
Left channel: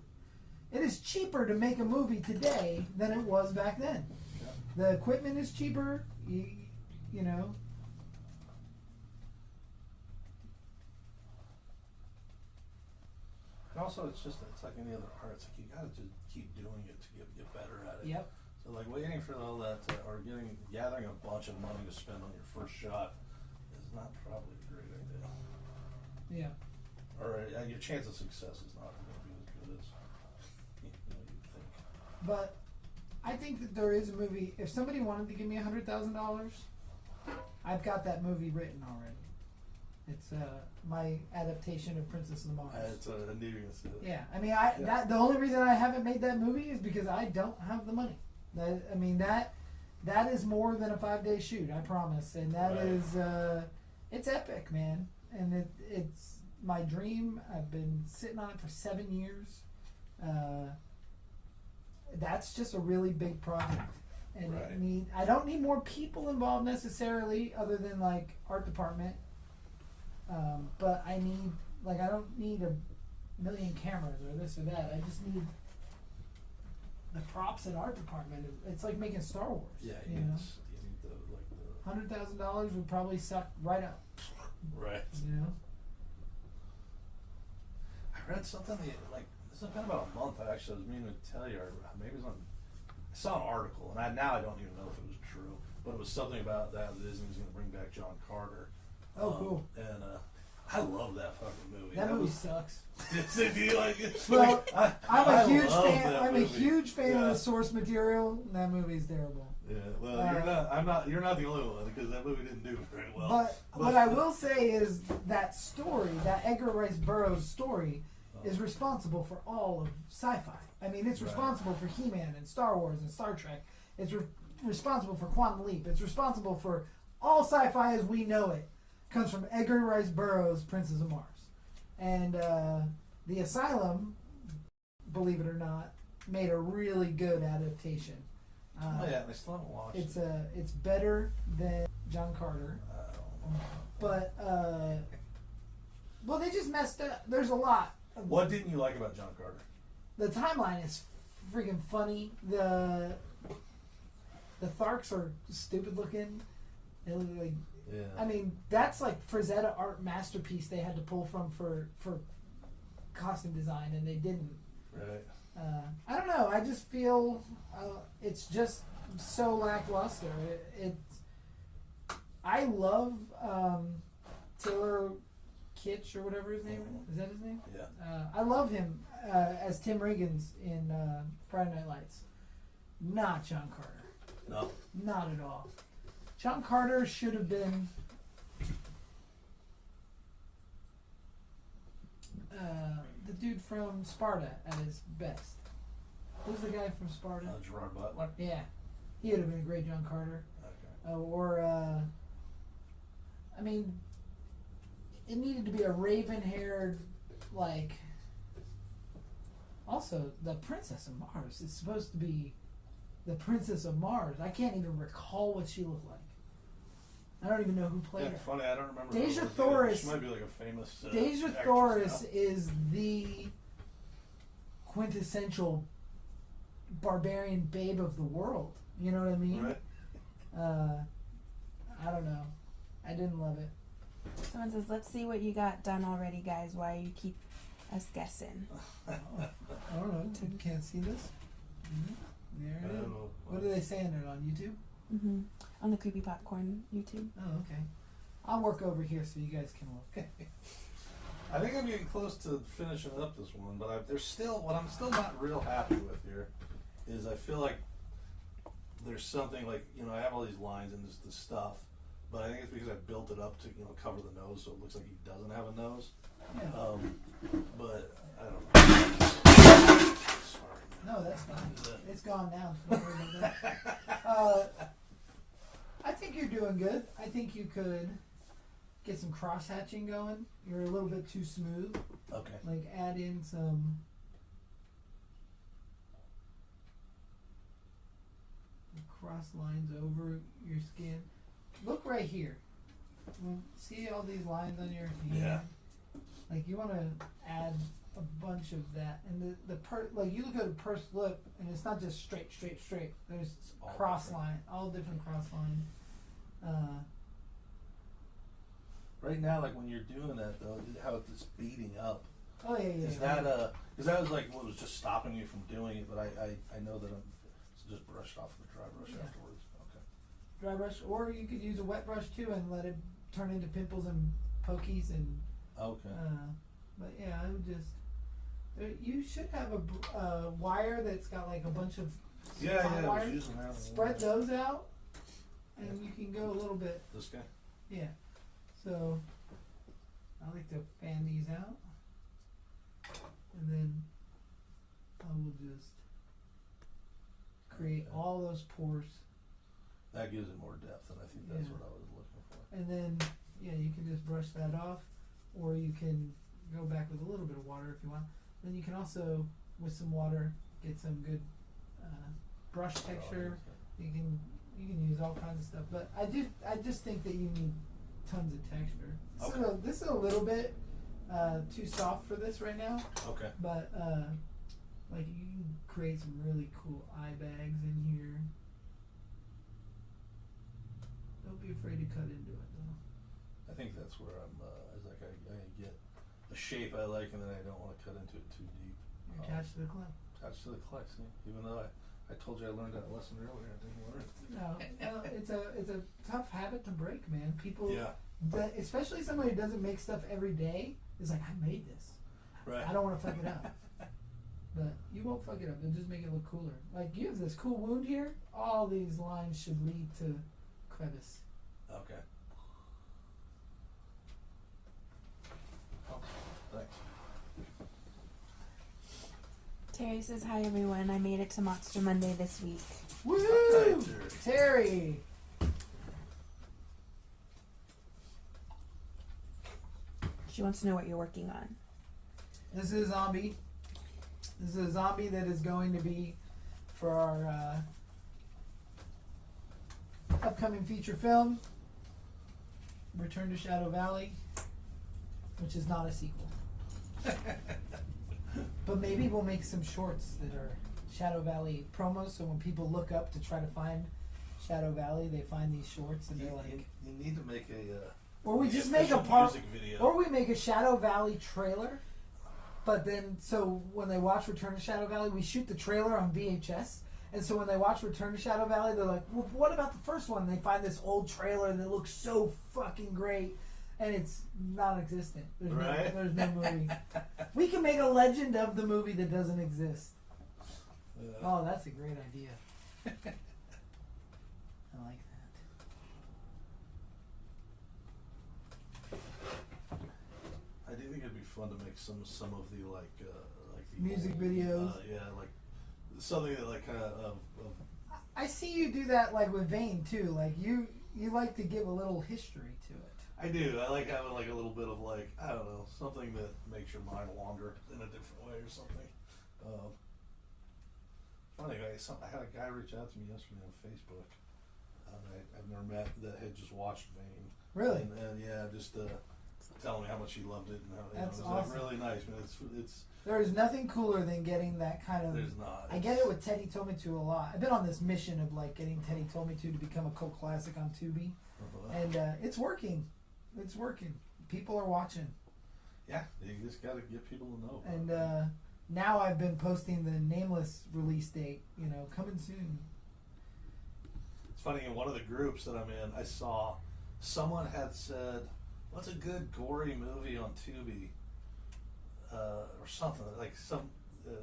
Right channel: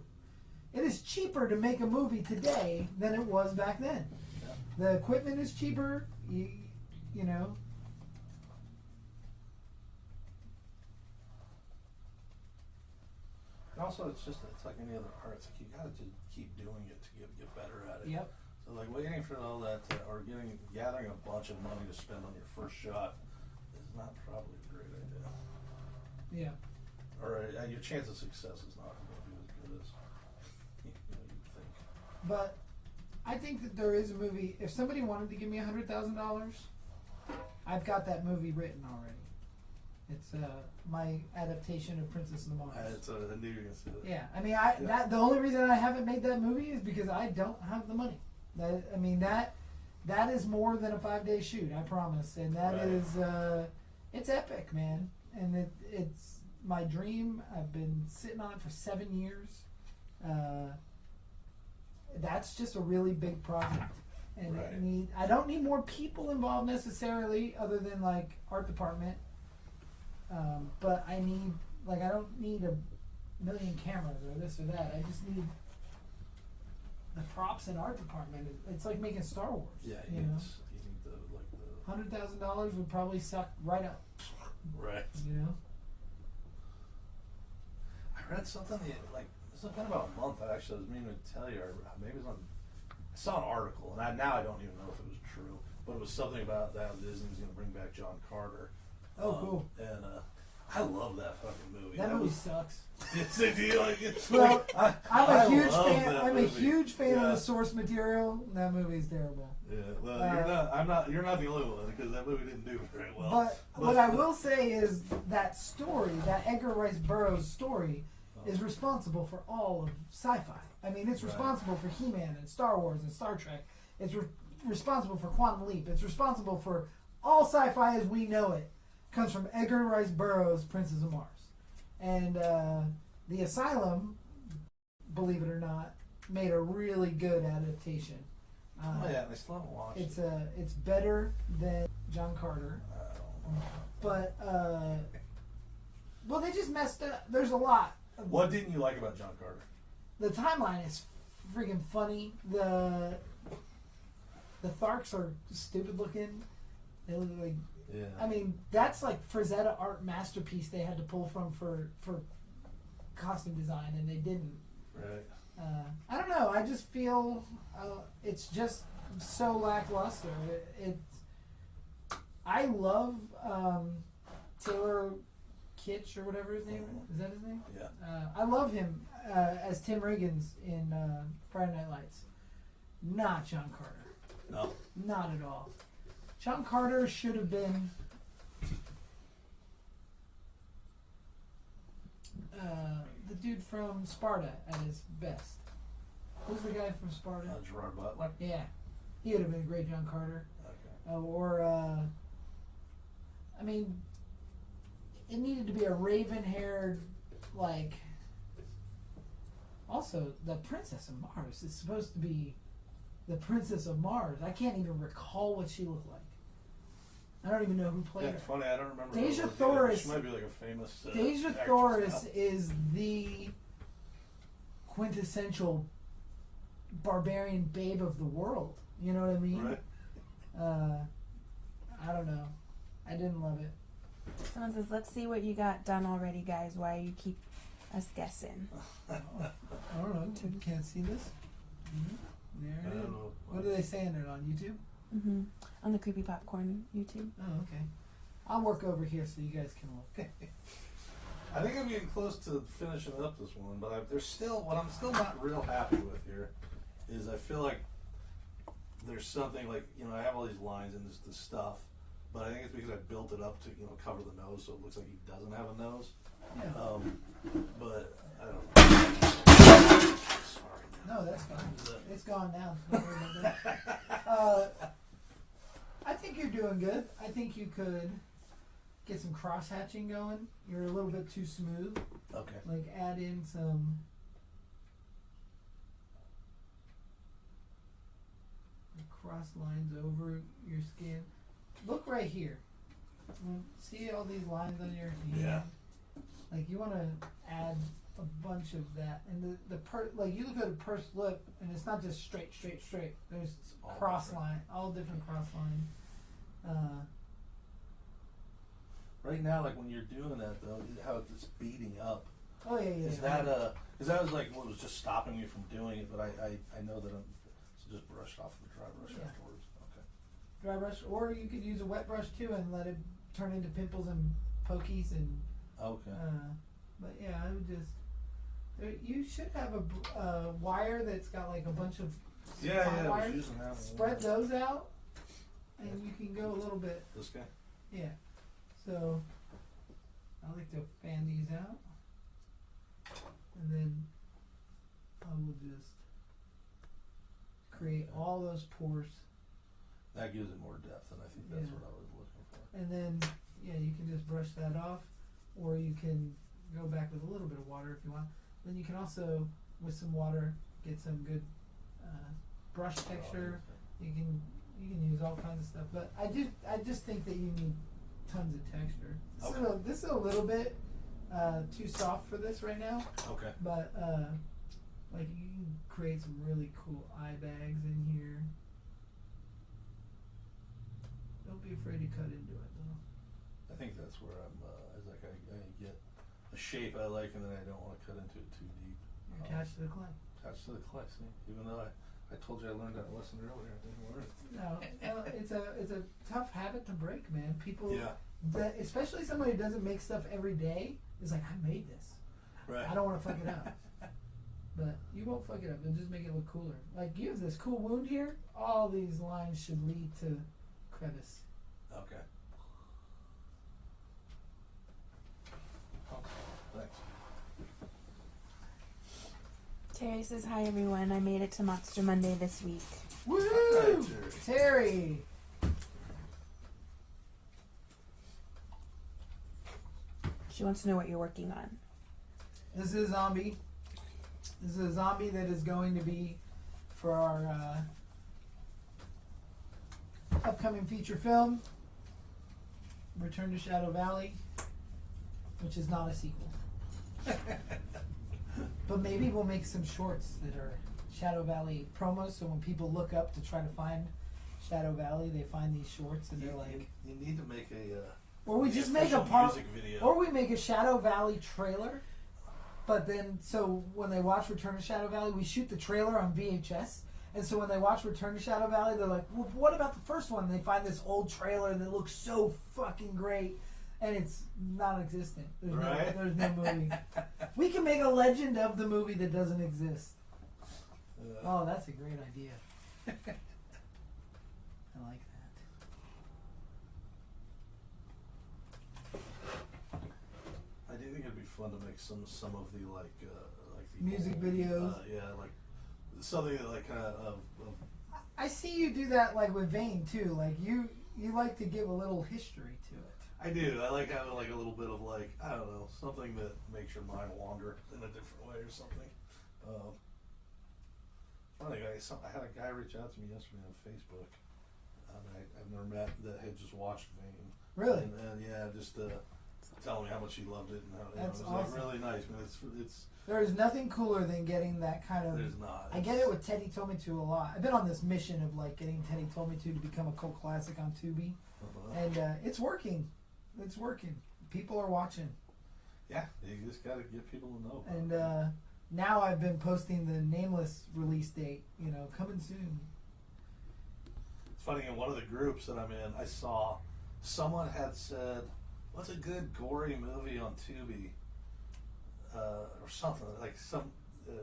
It is cheaper to make a movie today than it was back then. Yeah. The equipment is cheaper, you know. And also, it's like any other art. It's like you gotta just keep doing it to get better at it. Yep. So like waiting for all that or gathering a bunch of money to spend on your first shot is not probably a great idea. Yeah. Or your chance of success is not going to be as good as you'd think. But I think that there is a movie. If somebody wanted to give me $100,000, I've got that movie written already. It's my adaptation of Princess of Mars. It's a new instead. Yeah, I mean, the only reason I haven't made that movie is because I don't have the money. That is more than a 5-day shoot, I promise, and that Right. is it's epic, man, and it's my dream. I've been sitting on it for 7 years. That's just a really big project, and Right. I don't need more people involved necessarily, other than like art department. But I don't need 1 million cameras or this or that. I just need the props and art department. It's like making Star Wars. Yeah, you you know, need the $100,000 would probably suck right up. right. You know. I read something this has been about a month. I was meaning to tell you, or maybe it was I saw an article, and now I don't even know if it was true. but it was something about that Disney was going to bring back John Carter. Oh, cool. And I love that fucking movie. That movie sucks. Do you like it? Well, I'm a huge love fan. that I'm a movie. huge fan Yeah. of the source material. That movie's terrible. Yeah, well, you're not. I'm not. You're not the only one because that movie didn't do very well. But what I will say is that story, that Edgar Rice Burroughs story, is responsible for all of sci-fi. I mean, it's responsible for He-Man and Star Wars and Star Trek. It's responsible for Quantum Leap. It's responsible for all sci-fi as we know it. Comes from Edgar Rice Burroughs' Princess of Mars. And The Asylum, believe it or not, made a really good adaptation. yeah, I still haven't watched. It's better than John Carter, but well, they just messed up. There's a lot. What didn't you like about John Carter? The timeline is freaking funny. The Tharks are stupid looking. They look like. Yeah. I mean, that's like Frazetta art masterpiece they had to pull from for costume design, and they didn't. Right. I don't know. I just feel it's just so lackluster. I love Taylor Kitsch or whatever his name is. Is that his name? Yeah. I love him as Tim Riggins in Friday Night Lights. Not John Carter. No. Not at all. John Carter should have been the dude from Sparta at his best. Who's the guy from Sparta? Gerard Butler. Yeah, he would have been a great John Carter. Okay. I mean, it needed to be a raven-haired, like. Also, the Princess of Mars is supposed to be the Princess of Mars. I can't even recall what she looked like. I don't even know who played her. Funny, I don't remember. Deja who Thoris. She might be like a famous. Deja actress Thoris now. is the quintessential barbarian babe of the world. You know what I mean? Right. I don't know. I didn't love it. Someone says, let's see what you got done already, guys, while you keep us guessing. I don't know. You can't see this? There it is. What are they saying it on YouTube? Mm-hmm. On the Creepy Popcorn YouTube. Oh, okay. I'll work over here so you guys can look. I think I'm getting close to finishing up this one, but what I'm still not real happy with here is I feel like there's something like, I have all these lines and this stuff, but I think it's because I built it up to, cover the nose so it looks like he doesn't have a nose. Yeah. But I don't know. Sorry. No, that's fine. It's gone now. Don't worry about that. I think you're doing good. I think you could get some cross hatching going. You're a little bit too smooth. Okay. Like add in some cross lines over your skin. Look right here. See all these lines on your hand? Yeah. Like you want to add a bunch of that, and like you look at a pursed lip, and it's not just straight. There's All cross different. line, all different cross lines. Right now, like when you're doing that though, how it's beating up. Oh yeah. Is that because that was like what was just stopping me from doing it, but I know that I'm just brushed off with a dry brush Yeah. afterwards. Okay. dry brush, or you could use a wet brush too and let it turn into pimples and pokies and. Okay. But yeah, I would just. You should have a wire that's got like a bunch of. Yeah, I was wires. using that. Spread those out, and you can go a little bit. This guy. Yeah. So I like to fan these out, and then I will just create all those pores, That gives it more depth, and I think that's Yeah. what I was looking for. and then yeah, you can just brush that off, or you can go back with a little bit of water if you want. Then you can also, with some water, get some good brush texture. You can use all kinds of stuff, but I just think that you need tons of texture. This is a little bit too soft for this right now, Okay. but like you can create some really cool eye bags in here. Don't be afraid to cut into it though. I think that's where I'm. Is like I get a shape I like, and then I don't want to cut into it too deep. You're attached to the clay. Attached to the clay, see? Even though I told you I learned that lesson earlier. I didn't learn it. No, it's a tough habit to break, man. People, Yeah. especially somebody who doesn't make stuff every day, is like, I made this. Right. I don't want to fuck it up. But you won't fuck it up. You'll just make it look cooler. Like, you have this cool wound here. All these lines should lead to crevice. Okay. Thanks. Terry says, hi everyone, I made it to Monster Monday this week. Woo! Hi, Terry! She wants to know what you're working on. This is a zombie. This is a zombie that is going to be for our upcoming feature film, Return to Shadow Valley, which is not a sequel. But maybe we'll make some shorts that are Shadow Valley promos, so when people look up to try to find Shadow Valley, they find these shorts and they're like... You need to make a... or we the just make a official part... music video. Or we make a Shadow Valley trailer, but then, so when they watch Return to Shadow Valley, we shoot the trailer on VHS, and so when they watch Return to Shadow Valley, they're like, well, what about the first one? And they find this old trailer that looks so fucking great, and it's non-existent. There's, right? there's no movie. We can make a legend of the movie that doesn't exist. Oh, that's a great idea. I like that. I do think it'd be fun to make some of the like the Music old, videos. yeah, like something that like of I see you do that like with Vane too. Like you like to give a little history to it. I do. I like having like a little bit of like, I don't know, something that makes your mind wander in a different way or something. Funny, I had a guy reach out to me yesterday on Facebook. I've never met, that had just watched Vane. Really? And yeah, just telling me how much he loved it. And That's it was awesome. like really nice. I mean, it's There is nothing cooler than getting that kind of. there's not. I get it with Teddy Told Me To a lot. I've been on this mission of like getting Teddy Told Me To become a cult classic on Tubi, and it's working. It's working. People are watching. Yeah, you just gotta get people to know. And now I've been posting the nameless release date. You know, coming soon. It's funny, in one of the groups that I'm in, I saw someone had said, "What's a good gory movie on Tubi?" Or something like some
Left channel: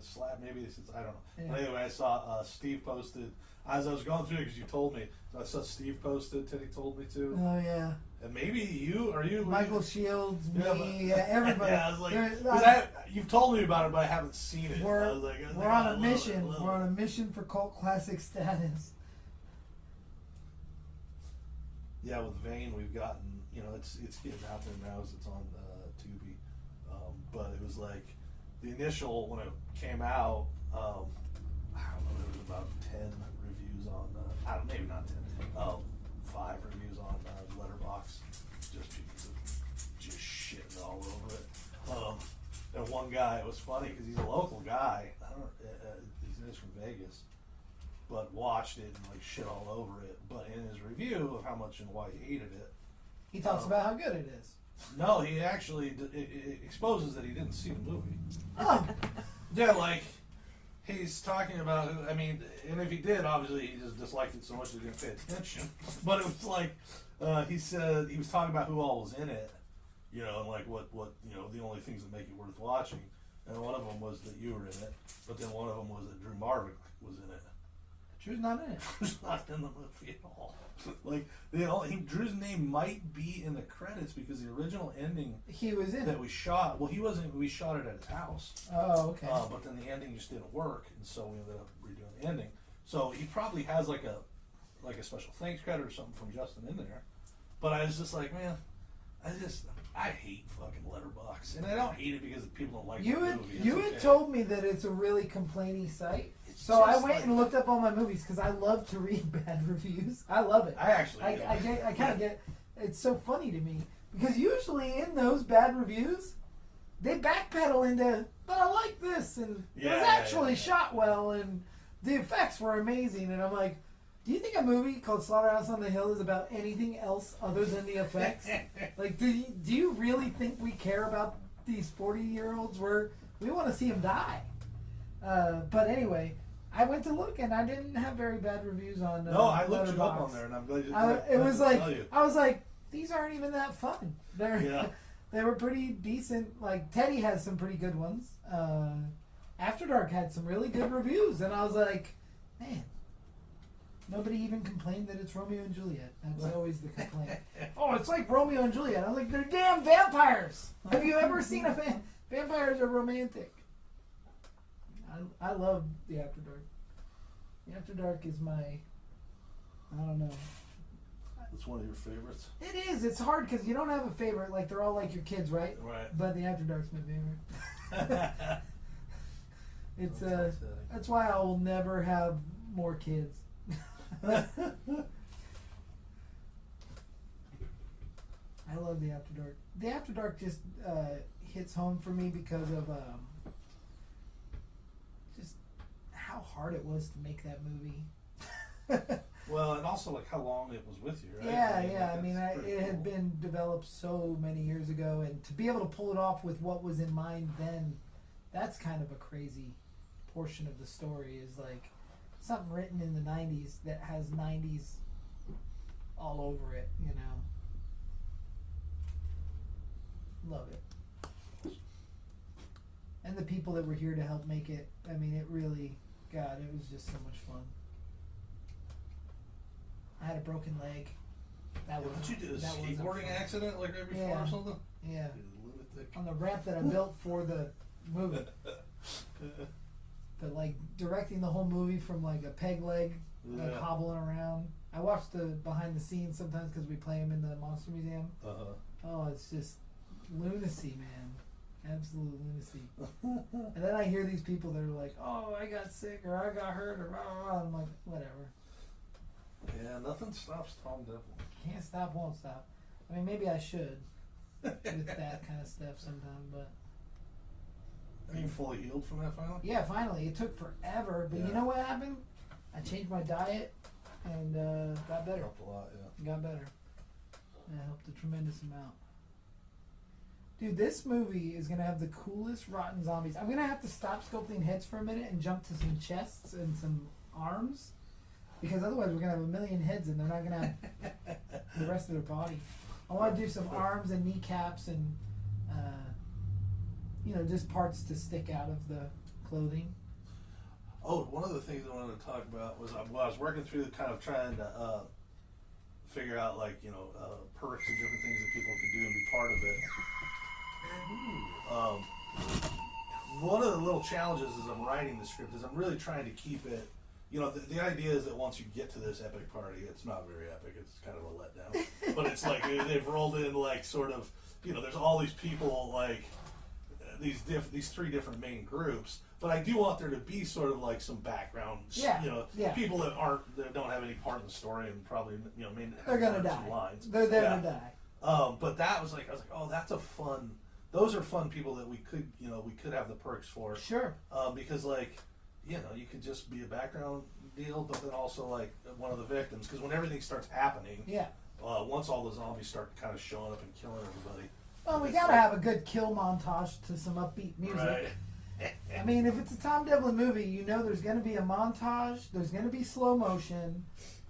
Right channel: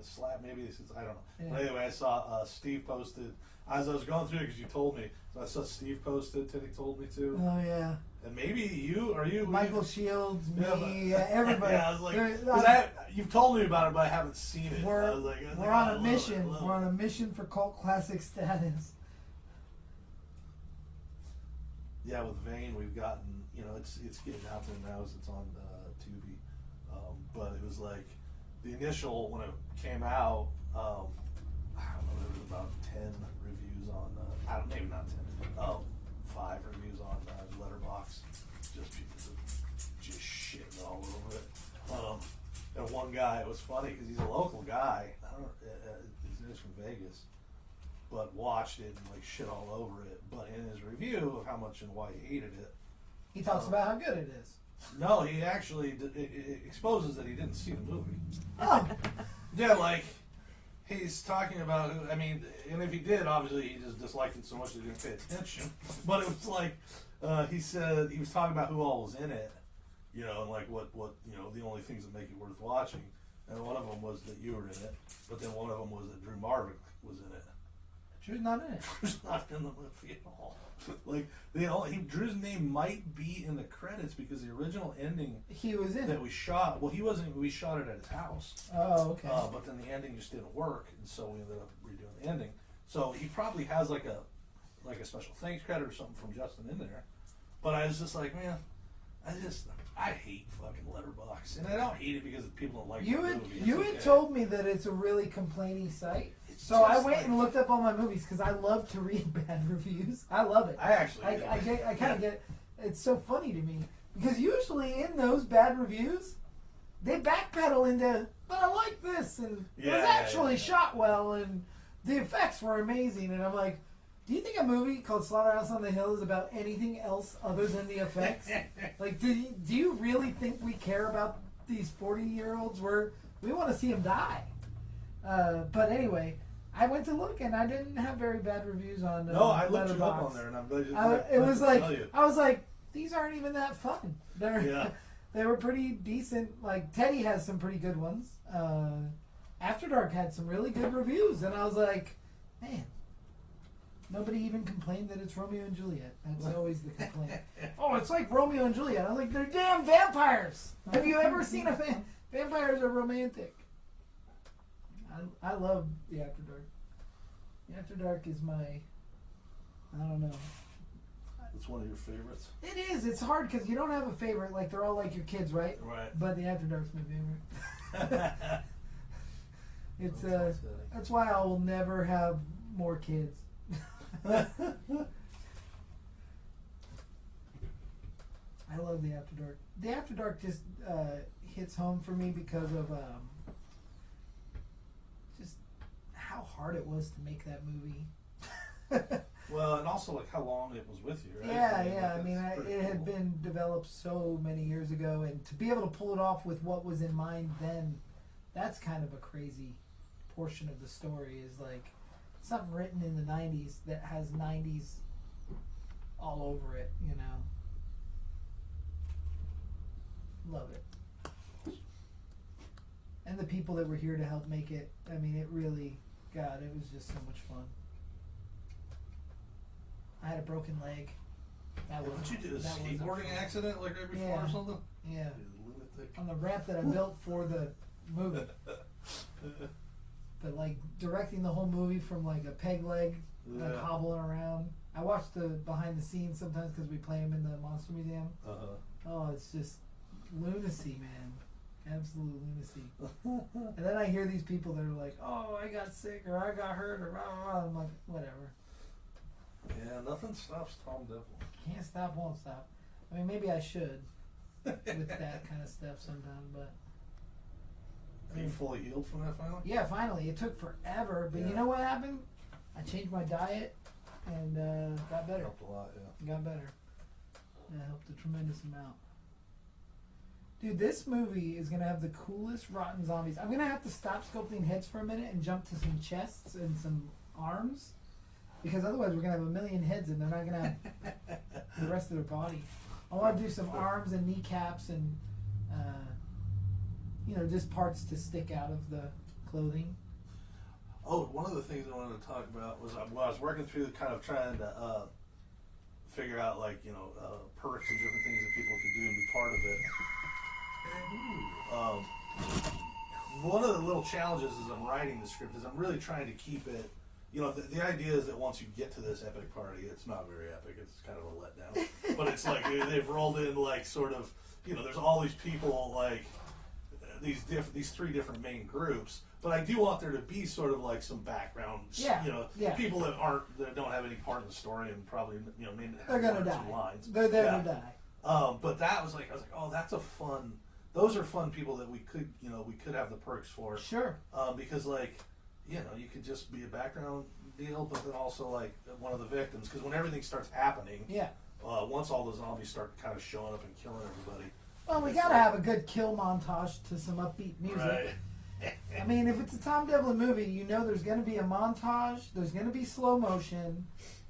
slap. Maybe this is, I don't know. Yeah. But anyway, I saw Steve posted as I was going through because you told me. I saw Steve posted. Teddy Told Me To, Oh yeah. and maybe you Michael Shields, Yeah, me, everybody. Yeah, I was like, There's- 'cause you've told me about it, but I haven't seen it. We're, I was like, we're I on a love mission. it, I love We're it. on a mission for cult classic status. Yeah, with Vane, we've gotten, it's getting out there now as it's on Tubi. But it was like, the initial, when it came out, I don't know, there was about 10 reviews on, maybe not 10, 5 reviews on Letterboxd. Just people just shit all over it. And one guy, it was funny, because he's a local guy, he's from Vegas, but watched it and like shit all over it. But in his review of how much and why he hated it, He talks about how good it is. no, he actually it exposes that he didn't see the movie. Oh, Yeah, like he's talking about. I mean, and if he did, obviously he just disliked it so much that he didn't pay attention. But it was like he said he was talking about who all was in it, and like what the only things that make it worth watching. And one of them was that you were in it, but then one of them was that Drew Marvick was in it. Drew's not in it. Drew's not in the movie at all. Like Drew's name might be in the credits because the original ending He was in that it. we shot. Well, he wasn't. We shot it at his house. Oh, okay. But then the ending just didn't work, and so we ended up redoing the ending. So he probably has like a special thanks credit or something from Justin in there. But I was just like, man, I hate fucking Letterboxd, and I don't hate it because people don't like You the had movie. It's you had okay. told me that it's a really complaining site. It's So I just went like- and looked up all my movies because I love to read bad reviews. I love it. I actually. I kind of get. It's so funny to me because usually in those bad reviews, they backpedal into, but I like this and it was actually shot well and the effects were amazing. And I'm like, do you think a movie called Slaughterhouse on the Hill is about anything else other than the effects? Like, do you really think we care about these 40-year-olds? We want to see them die. But anyway, I went to look and I didn't have very bad reviews on. No, I looked you up Letterboxd. on there, and I'm glad you. It was like tell you. I was like, these aren't even that fun. They're Yeah. they were pretty decent. Like Teddy has some pretty good ones. After Dark had some really good reviews, and I was like, man, nobody even complained that it's Romeo and Juliet. That's always the complaint. Oh, it's like Romeo and Juliet. I'm like, they're damn vampires. Have you ever seen a vampires are romantic? I love the After Dark. The After Dark is my, I don't know. It's one of your favorites. It is. It's hard because you don't have a favorite. Like they're all like your kids, right? Right. But the After Dark's my favorite. It's that's why I will never have more kids. I love the After Dark. The After Dark just hits home for me because of just how hard it was to make that movie. Well, and also like how long it was with you, right? Yeah. I mean, that's it pretty had cool. been developed so many years ago, and to be able to pull it off with what was in mind then, that's kind of a crazy portion of the story. Is like something written in the '90s that has '90s all over it. You know, love it. And the people that were here to help make it. I mean, it really, God, it was just so much fun. I had a broken leg. That was Did you do a that wasn't skateboarding fun. accident like right before Yeah. or something? Yeah, You lunatic. on the ramp that I built for the movie. But like directing the whole movie from like a peg leg, like Yeah. hobbling around. I watch the behind the scenes sometimes because we play them in the Monster Museum. Oh, it's just lunacy, man. Absolute lunacy. And then I hear these people that are like, "Oh, I got sick or I got hurt or blah, blah, blah." I'm like, whatever. Yeah, nothing stops Tom Devil. Can't stop, won't stop. I mean, maybe I should with that kind of stuff sometime, but Are you fully healed from that finally? yeah, finally. It took forever, but you Yeah. know what happened? I changed my diet and got better. Helped a lot, yeah. Got better. Yeah, it helped a tremendous amount. Dude, this movie is gonna have the coolest rotten zombies. I'm gonna have to stop sculpting heads for a minute and jump to some chests and some arms, because otherwise we're gonna have a million heads and they're not gonna have the rest of their body. I want to do some arms and kneecaps and just parts to stick out of the clothing. Oh, one of the things I wanted to talk about was when I was working through the kind of trying to figure out like perks and different things that people can do and be part of it. One of the little challenges as I'm writing the script is I'm really trying to keep it. The idea is that once you get to this epic party, it's not very epic. It's kind of a letdown. But it's like they've rolled in like sort of there's all these people like these three different main groups. But I do want there to be sort of like some background. Yeah. People that don't have any part in the story and probably maybe They're have gonna one or die. two lines. They're there Yeah. to die. But that was like I was like, oh, that's a fun. Those are fun people that we could have the perks for. Sure. Because you could just be a background deal, but then also like one of the victims. Because when everything starts happening, Yeah. Once all the zombies start kind of showing up and killing everybody. Well, we it's gotta like- have a good kill montage to some upbeat music. Right. I mean, if it's a Tom Devlin movie, there's gonna be a montage. There's gonna be slow motion.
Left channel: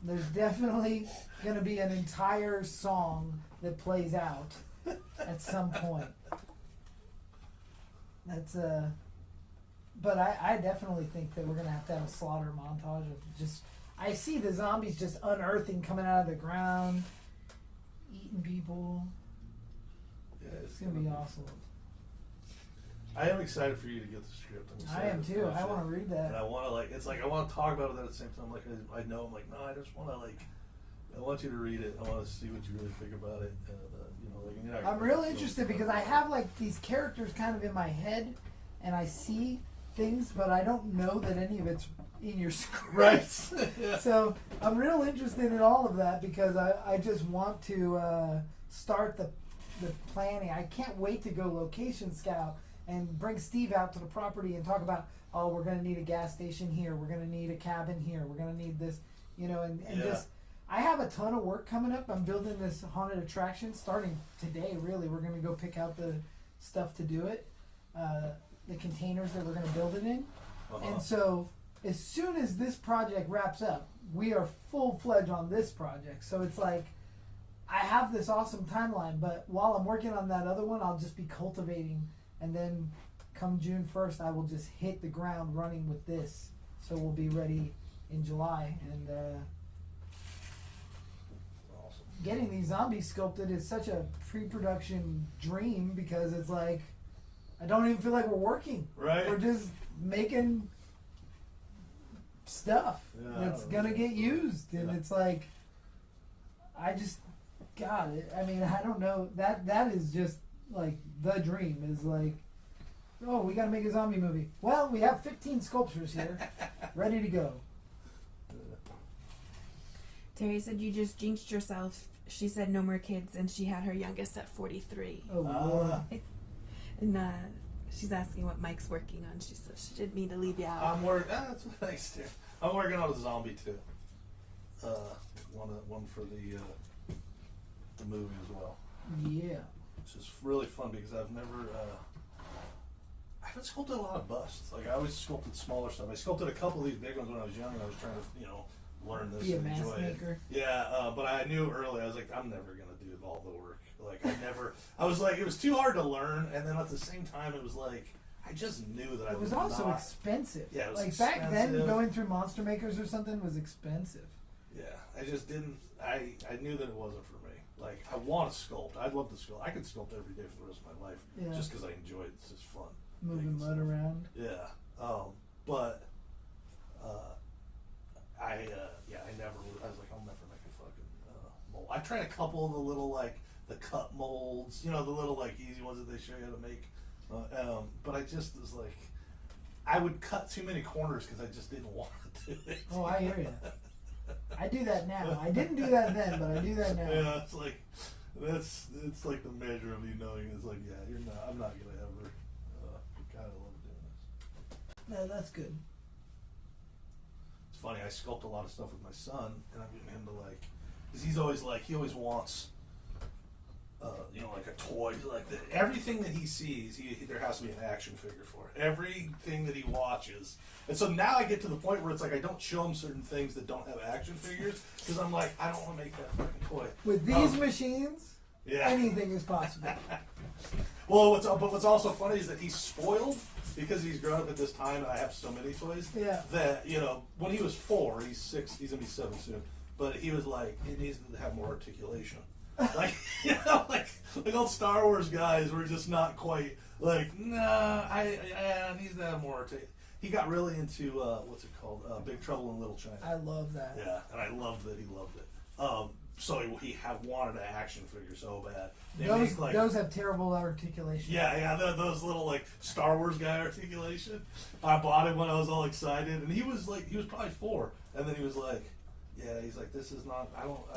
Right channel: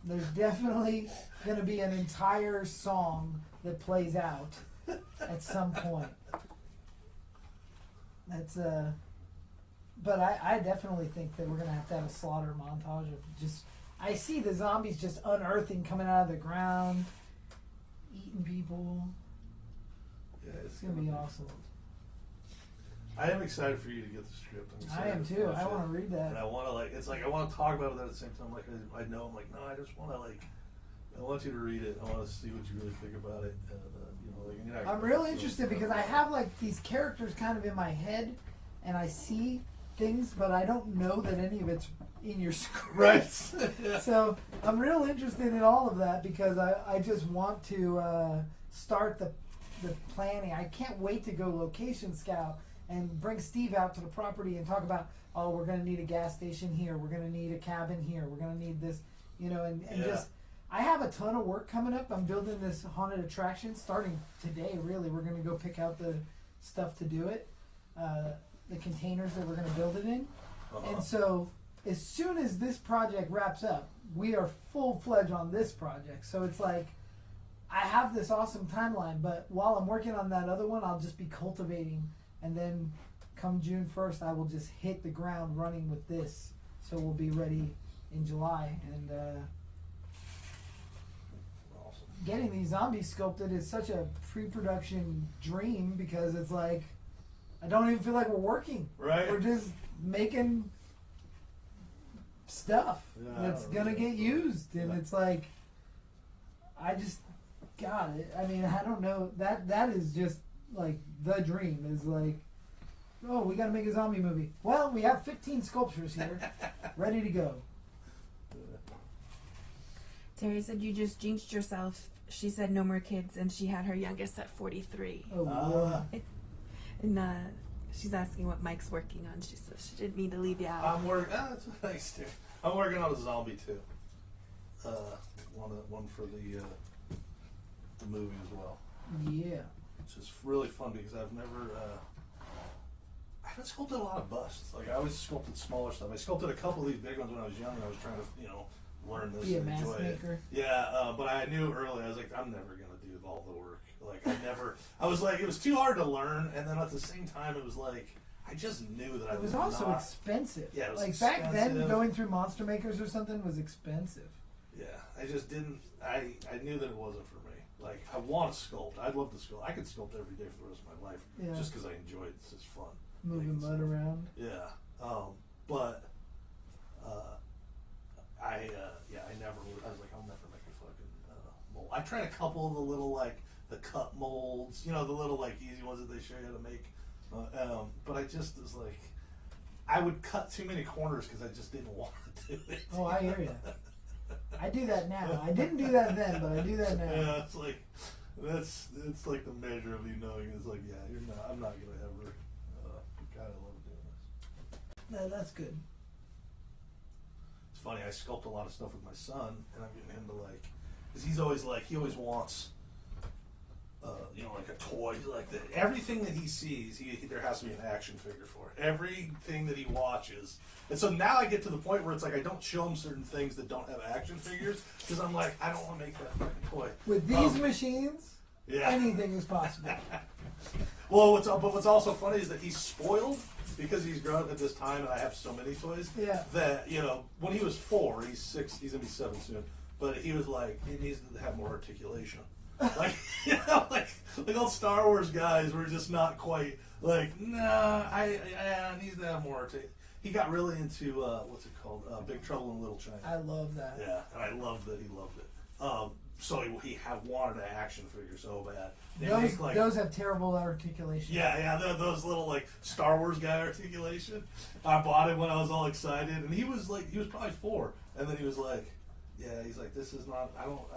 There's definitely gonna be an entire song that plays out at some point. That's but I definitely think that we're gonna have to have a slaughter montage of just. I see the zombies just unearthing, coming out of the ground, eating people. Yeah, It's gonna be awesome. I am excited for you to get the script. I'm I excited am to too. finish I it. want to read And that. I want to I want to talk about it at the same time. Like I know, I'm like, no, I just want to I want you to read it. I want to see what you really think about it. And you're not I'm real interested because I have like these characters kind of in my head, and I see things, but I don't know that any of it's in your script. right. Yeah. So I'm real interested in all of that because I just want to start the planning. I can't wait to go location scout and bring Steve out to the property and talk about, oh, we're going to need a gas station here, we're going to need a cabin here, we're going to need this, and Yeah. just, I have a ton of work coming up. I'm building this haunted attraction starting today, really. We're going to go pick out the stuff to do it, the containers that we're going to build it in. Uh-huh. And so as soon as this project wraps up, we are full-fledged on this project. So it's like, I have this awesome timeline, but while I'm working on that other one, I'll just be cultivating, and then come June 1st, I will just hit the ground running with this. So we'll be ready in July, and Awesome. getting these zombies sculpted is such a pre-production dream, because it's like, I don't even feel like we're working. Right. We're just making stuff Yeah, that's gonna get used, and it's like, I just, God, I mean, I don't know, that is just like the dream, is like, oh, we gotta make a zombie movie. Well, we have 15 sculptures here, ready to go. Terry said you just jinxed yourself. She said no more kids, and she had her youngest at 43. Oh, boy. And she's asking what Mike's working on. She said she didn't mean to leave you out. I'm working. That's nice too. I'm working on a zombie too. One for the movie as well. Yeah. Which is really fun because I've never. I haven't sculpted a lot of busts. Like I always sculpted smaller stuff. I sculpted a couple of these big ones when I was young. I was trying to learn this Be a and mask enjoy maker. it. Yeah, but I knew early. I was like, I'm never gonna do all the work. Like I was like, it was too hard to learn, and then at the same time, it was like I just knew that I It was also not. expensive. Yeah, it was like back then, expensive. going through Monster Makers or something was expensive. Yeah, I just didn't. I knew that it wasn't for me. Like I want to sculpt. I'd love to sculpt. I could sculpt every day for the rest of my life, Yeah. just because I enjoy it. It's just fun. Moving making mud stuff. around. Yeah. But I never. I was like, I'll never make a fucking mold. I tried a couple of the little like the cut molds, the little like easy ones that they show you how to make. But I just was like, I would cut too many corners because I just didn't want to do it. Oh, I hear you. I do that now. I didn't do that then, but I do that now. Yeah, it's like it's like the measure of you knowing. It's like, yeah, I'm not gonna ever. God, I love doing this. No, that's good. It's funny. I sculpt a lot of stuff with my son, and I'm getting into like, because he always wants, like a toy, like everything that he sees, there has to be an action figure for it. Everything that he watches, and so now I get to the point where it's like I don't show him certain things that don't have action figures because I'm like, I don't want to make that fucking toy. With these machines, Yeah. anything is possible. Well, what's also funny is that he's spoiled because he's grown up at this time, and I have so many toys. Yeah. That when he was 4, he's 6, he's gonna be 7 soon. But he was like, he needs to have more articulation. Like like old Star Wars guys were just not quite like, nah. I needs to have more articulation. He got really into what's it called? Big Trouble in Little China. I love that. Yeah, and I loved that he loved it. So he wanted an action figure so bad. Those have terrible articulation. Yeah, those little like Star Wars guy articulation. I bought it when I was all excited, and he was probably 4, and then he was like, he's like, this is not,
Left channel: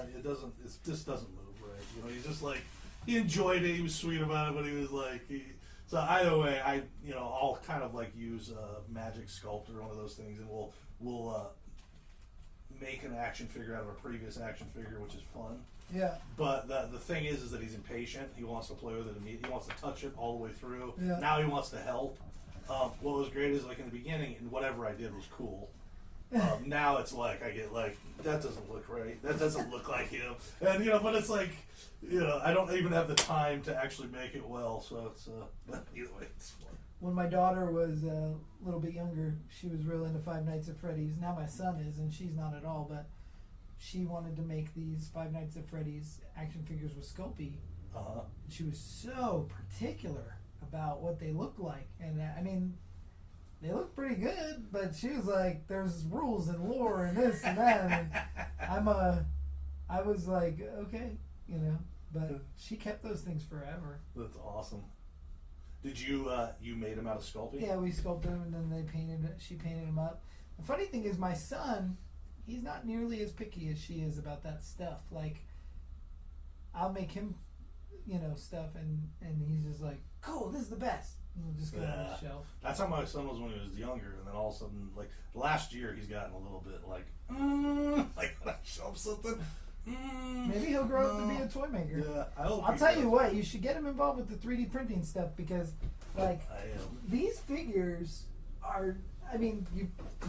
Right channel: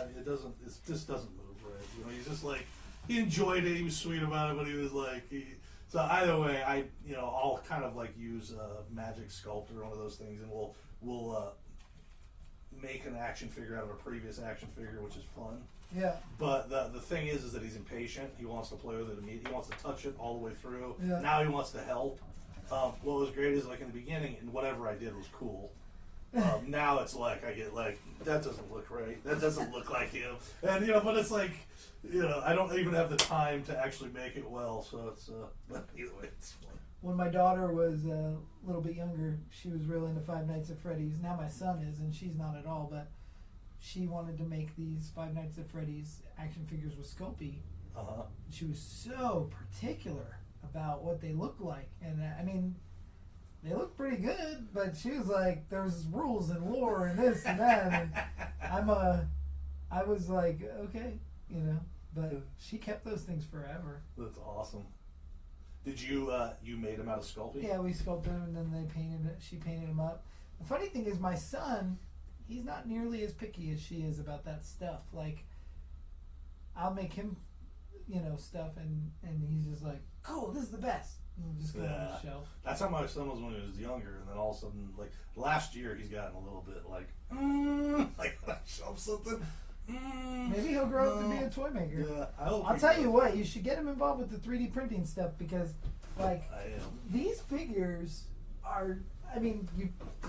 this doesn't move right. He's just like, he enjoyed it, he was sweet about it, but he was like, so either way, I'll kind of like use a Magic Sculptor, one of those things, and we'll make an action figure out of a previous action figure, which is fun. Yeah. But the thing is that he's impatient. He wants to play with it immediately. He wants to touch it all the way through. Yeah. Now he wants to help. What was great is like in the beginning, and whatever I did was cool. Now it's like I get like, that doesn't look right. That doesn't look like him. And but it's like, I don't even have the time to actually make it well. So it's but either way, it's fun. When my daughter was a little bit younger, she was real into Five Nights at Freddy's. Now my son is, and she's not at all, but she wanted to make these Five Nights at Freddy's action figures with Sculpey. She was so particular about what they looked like, and I mean, they look pretty good, but she was like, there's rules and lore and this and that, and I was like, okay, but she kept those things forever. That's awesome. Did you made them out of Sculpting? Yeah, we sculpted them and then they painted it. She painted them up. The funny thing is, my son, he's not nearly as picky as she is about that stuff. Like, I'll make him, stuff, and he's just like, cool, this is the best. And we'll just go on the shelf. That's how my son was when he was younger, and then all of a sudden, like last year, he's gotten a little bit like like when I show him something. Maybe he'll grow up to be a toy maker. Yeah, I'll tell you what, you should get him involved with the 3D printing stuff because, like, these figures are, I mean,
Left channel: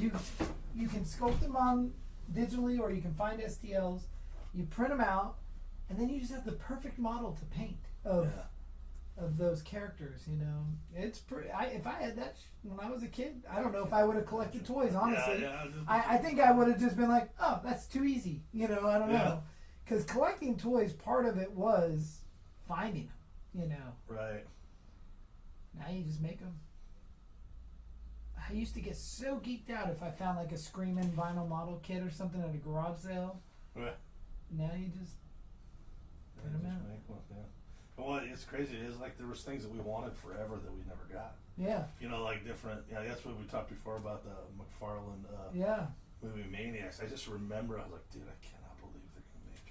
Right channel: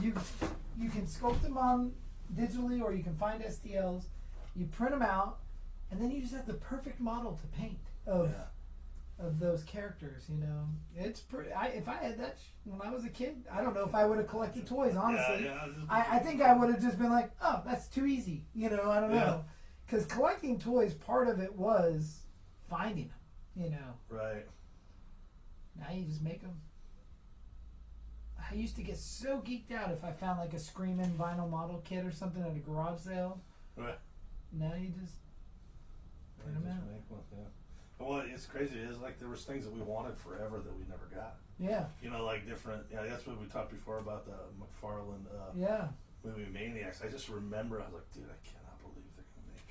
you can sculpt them on digitally, or you can find STLs. You print them out, and then you just have the perfect model to paint of those characters. You know, it's pretty. If I had that when I was a kid, I don't know if I would have collected toys. Honestly, I think I would have just been like, oh, that's too easy. You know, I don't know, because collecting toys, part of it was finding them. You know, right. Now you just make them. I used to get so geeked out if I found like a Screamin' vinyl model kit or something at a garage sale. Right. Now you just print them out. But what it's crazy is like there was things that we wanted forever that we never got. Yeah. You know, like different. Yeah, that's what we talked before about the McFarlane movie Maniacs. I just remember I was like, dude, I cannot believe they're gonna make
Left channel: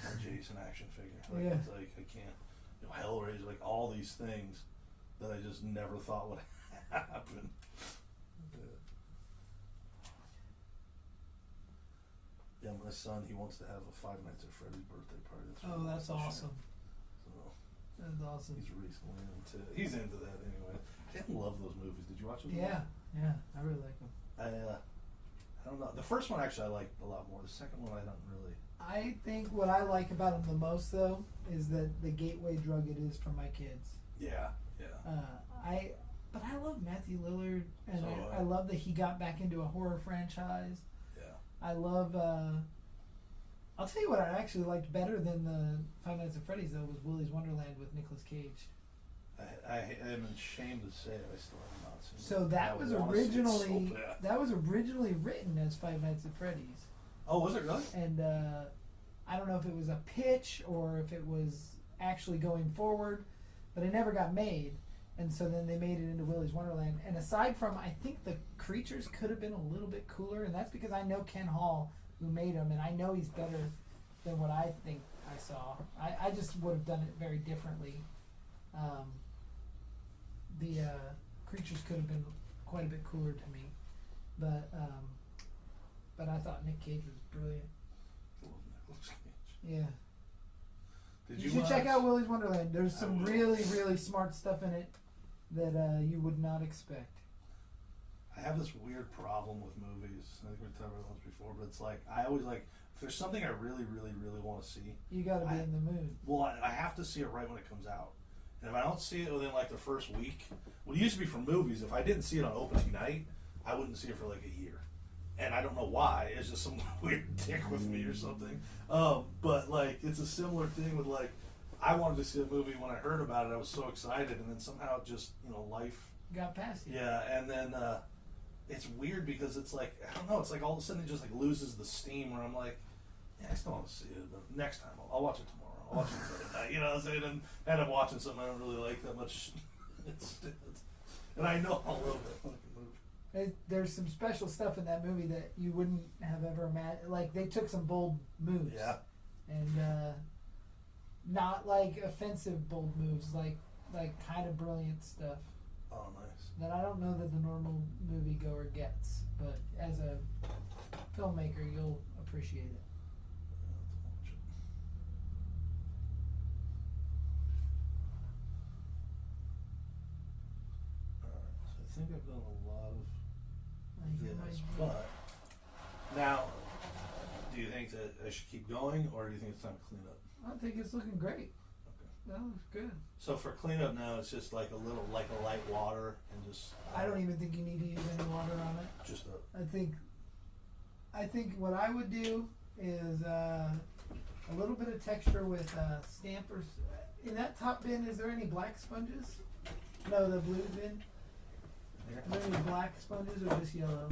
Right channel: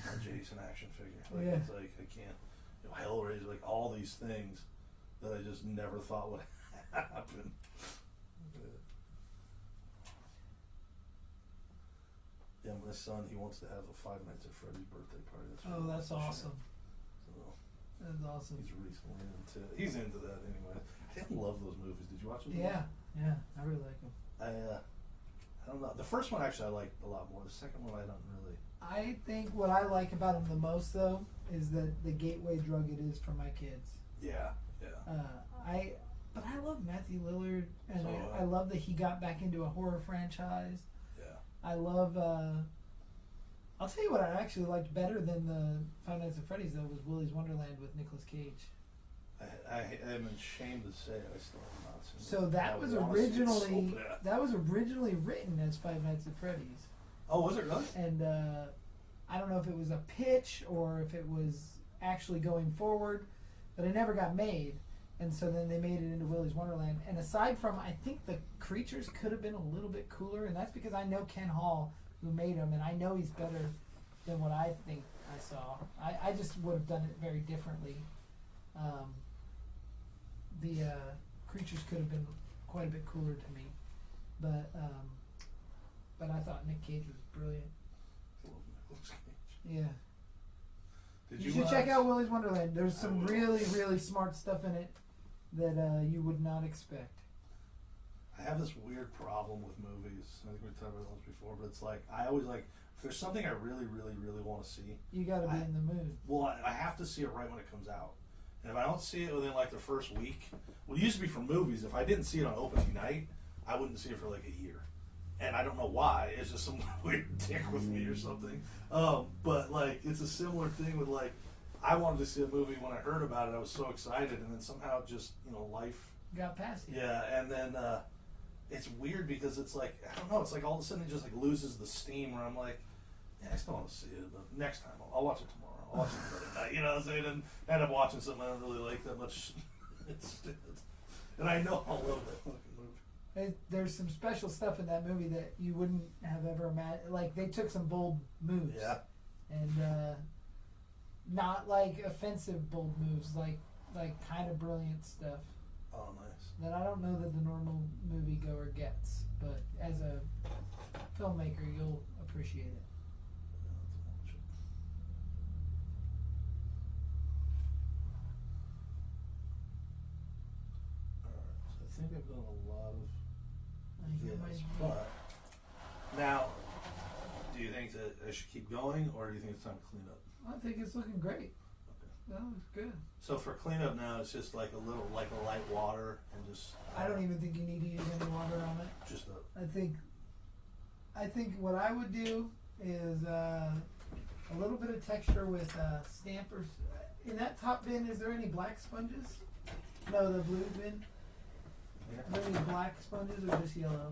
a Jason action figure. Like, it's like I can't. You know, Hellraiser, like all these things that I just never thought would happen. Yeah, my son, he wants to have a Five Nights at Freddy's birthday party. That's awesome. So, that's awesome. He's recently into. He's into that anyway. I didn't love those movies. Did you watch them? Yeah, I really like them. I don't know. The first one actually I liked a lot more. The second one I don't really. I think what I like about them the most though is that the gateway drug it is for my kids. Yeah. But I love Matthew Lillard, and I love that he got back into a horror franchise. I love, I'll tell you what I actually liked better than the Five Nights at Freddy's though was Willy's Wonderland with Nicolas Cage. I am ashamed to say I still have not seen it. So that was originally written as Five Nights at Freddy's. Oh, was it really? And I don't know if it was a pitch or if it was actually going forward, but it never got made. And so then they made it into Willy's Wonderland. And aside from, I think the creatures could have been a little bit cooler, and that's because I know Ken Hall, who made them, and I know he's better than what I think I saw. I just would have done it very differently. The creatures could have been quite a bit cooler to me, but I thought Nick Cage was brilliant. Yeah. You should check out Willy's Wonderland. There's some really, really smart stuff in it that you would not expect. I have this weird problem with movies. I think we talked about this before, but it's like I always like if there's something I really, really, really want to see. You got to be in the mood. Well, I have to see it right when it comes out, and if I don't see it within like the first week, well, it used to be for movies. If I didn't see it on opening night, I wouldn't see it for like a year, and I don't know why. It's just some weird tick with me or something. But like it's a similar thing with like. I wanted to see a movie when I heard about it. I was so excited, and then somehow just life got past you. Yeah, and then it's weird because it's like I don't know. It's like all of a sudden it just like loses the steam. Where I'm like, yeah, I still want to see it, but next time I'll watch it tomorrow. I'll watch it tonight. You know what I'm saying? And end up watching something I don't really like that much. And I know I'll love that fucking movie. There's some special stuff in that movie that you wouldn't have ever imagined. Like they took some bold moves. Yeah. And. Not like offensive bold moves, like kind of brilliant stuff. Oh, nice. That I don't know that the normal moviegoer gets, but as a filmmaker, you'll appreciate it. Alright, so I think I've done a lot of this, But but now, do you think that I should keep going, or do you think it's time to clean up? I think it's looking great. Okay. That looks good. So for cleanup now, it's just like a light water and just. I don't even think you need to use any water on it. Just a. I think what I would do is a little bit of texture with stampers. In that top bin, is there any black sponges? No, the blue bin. Are there any black sponges or just yellow?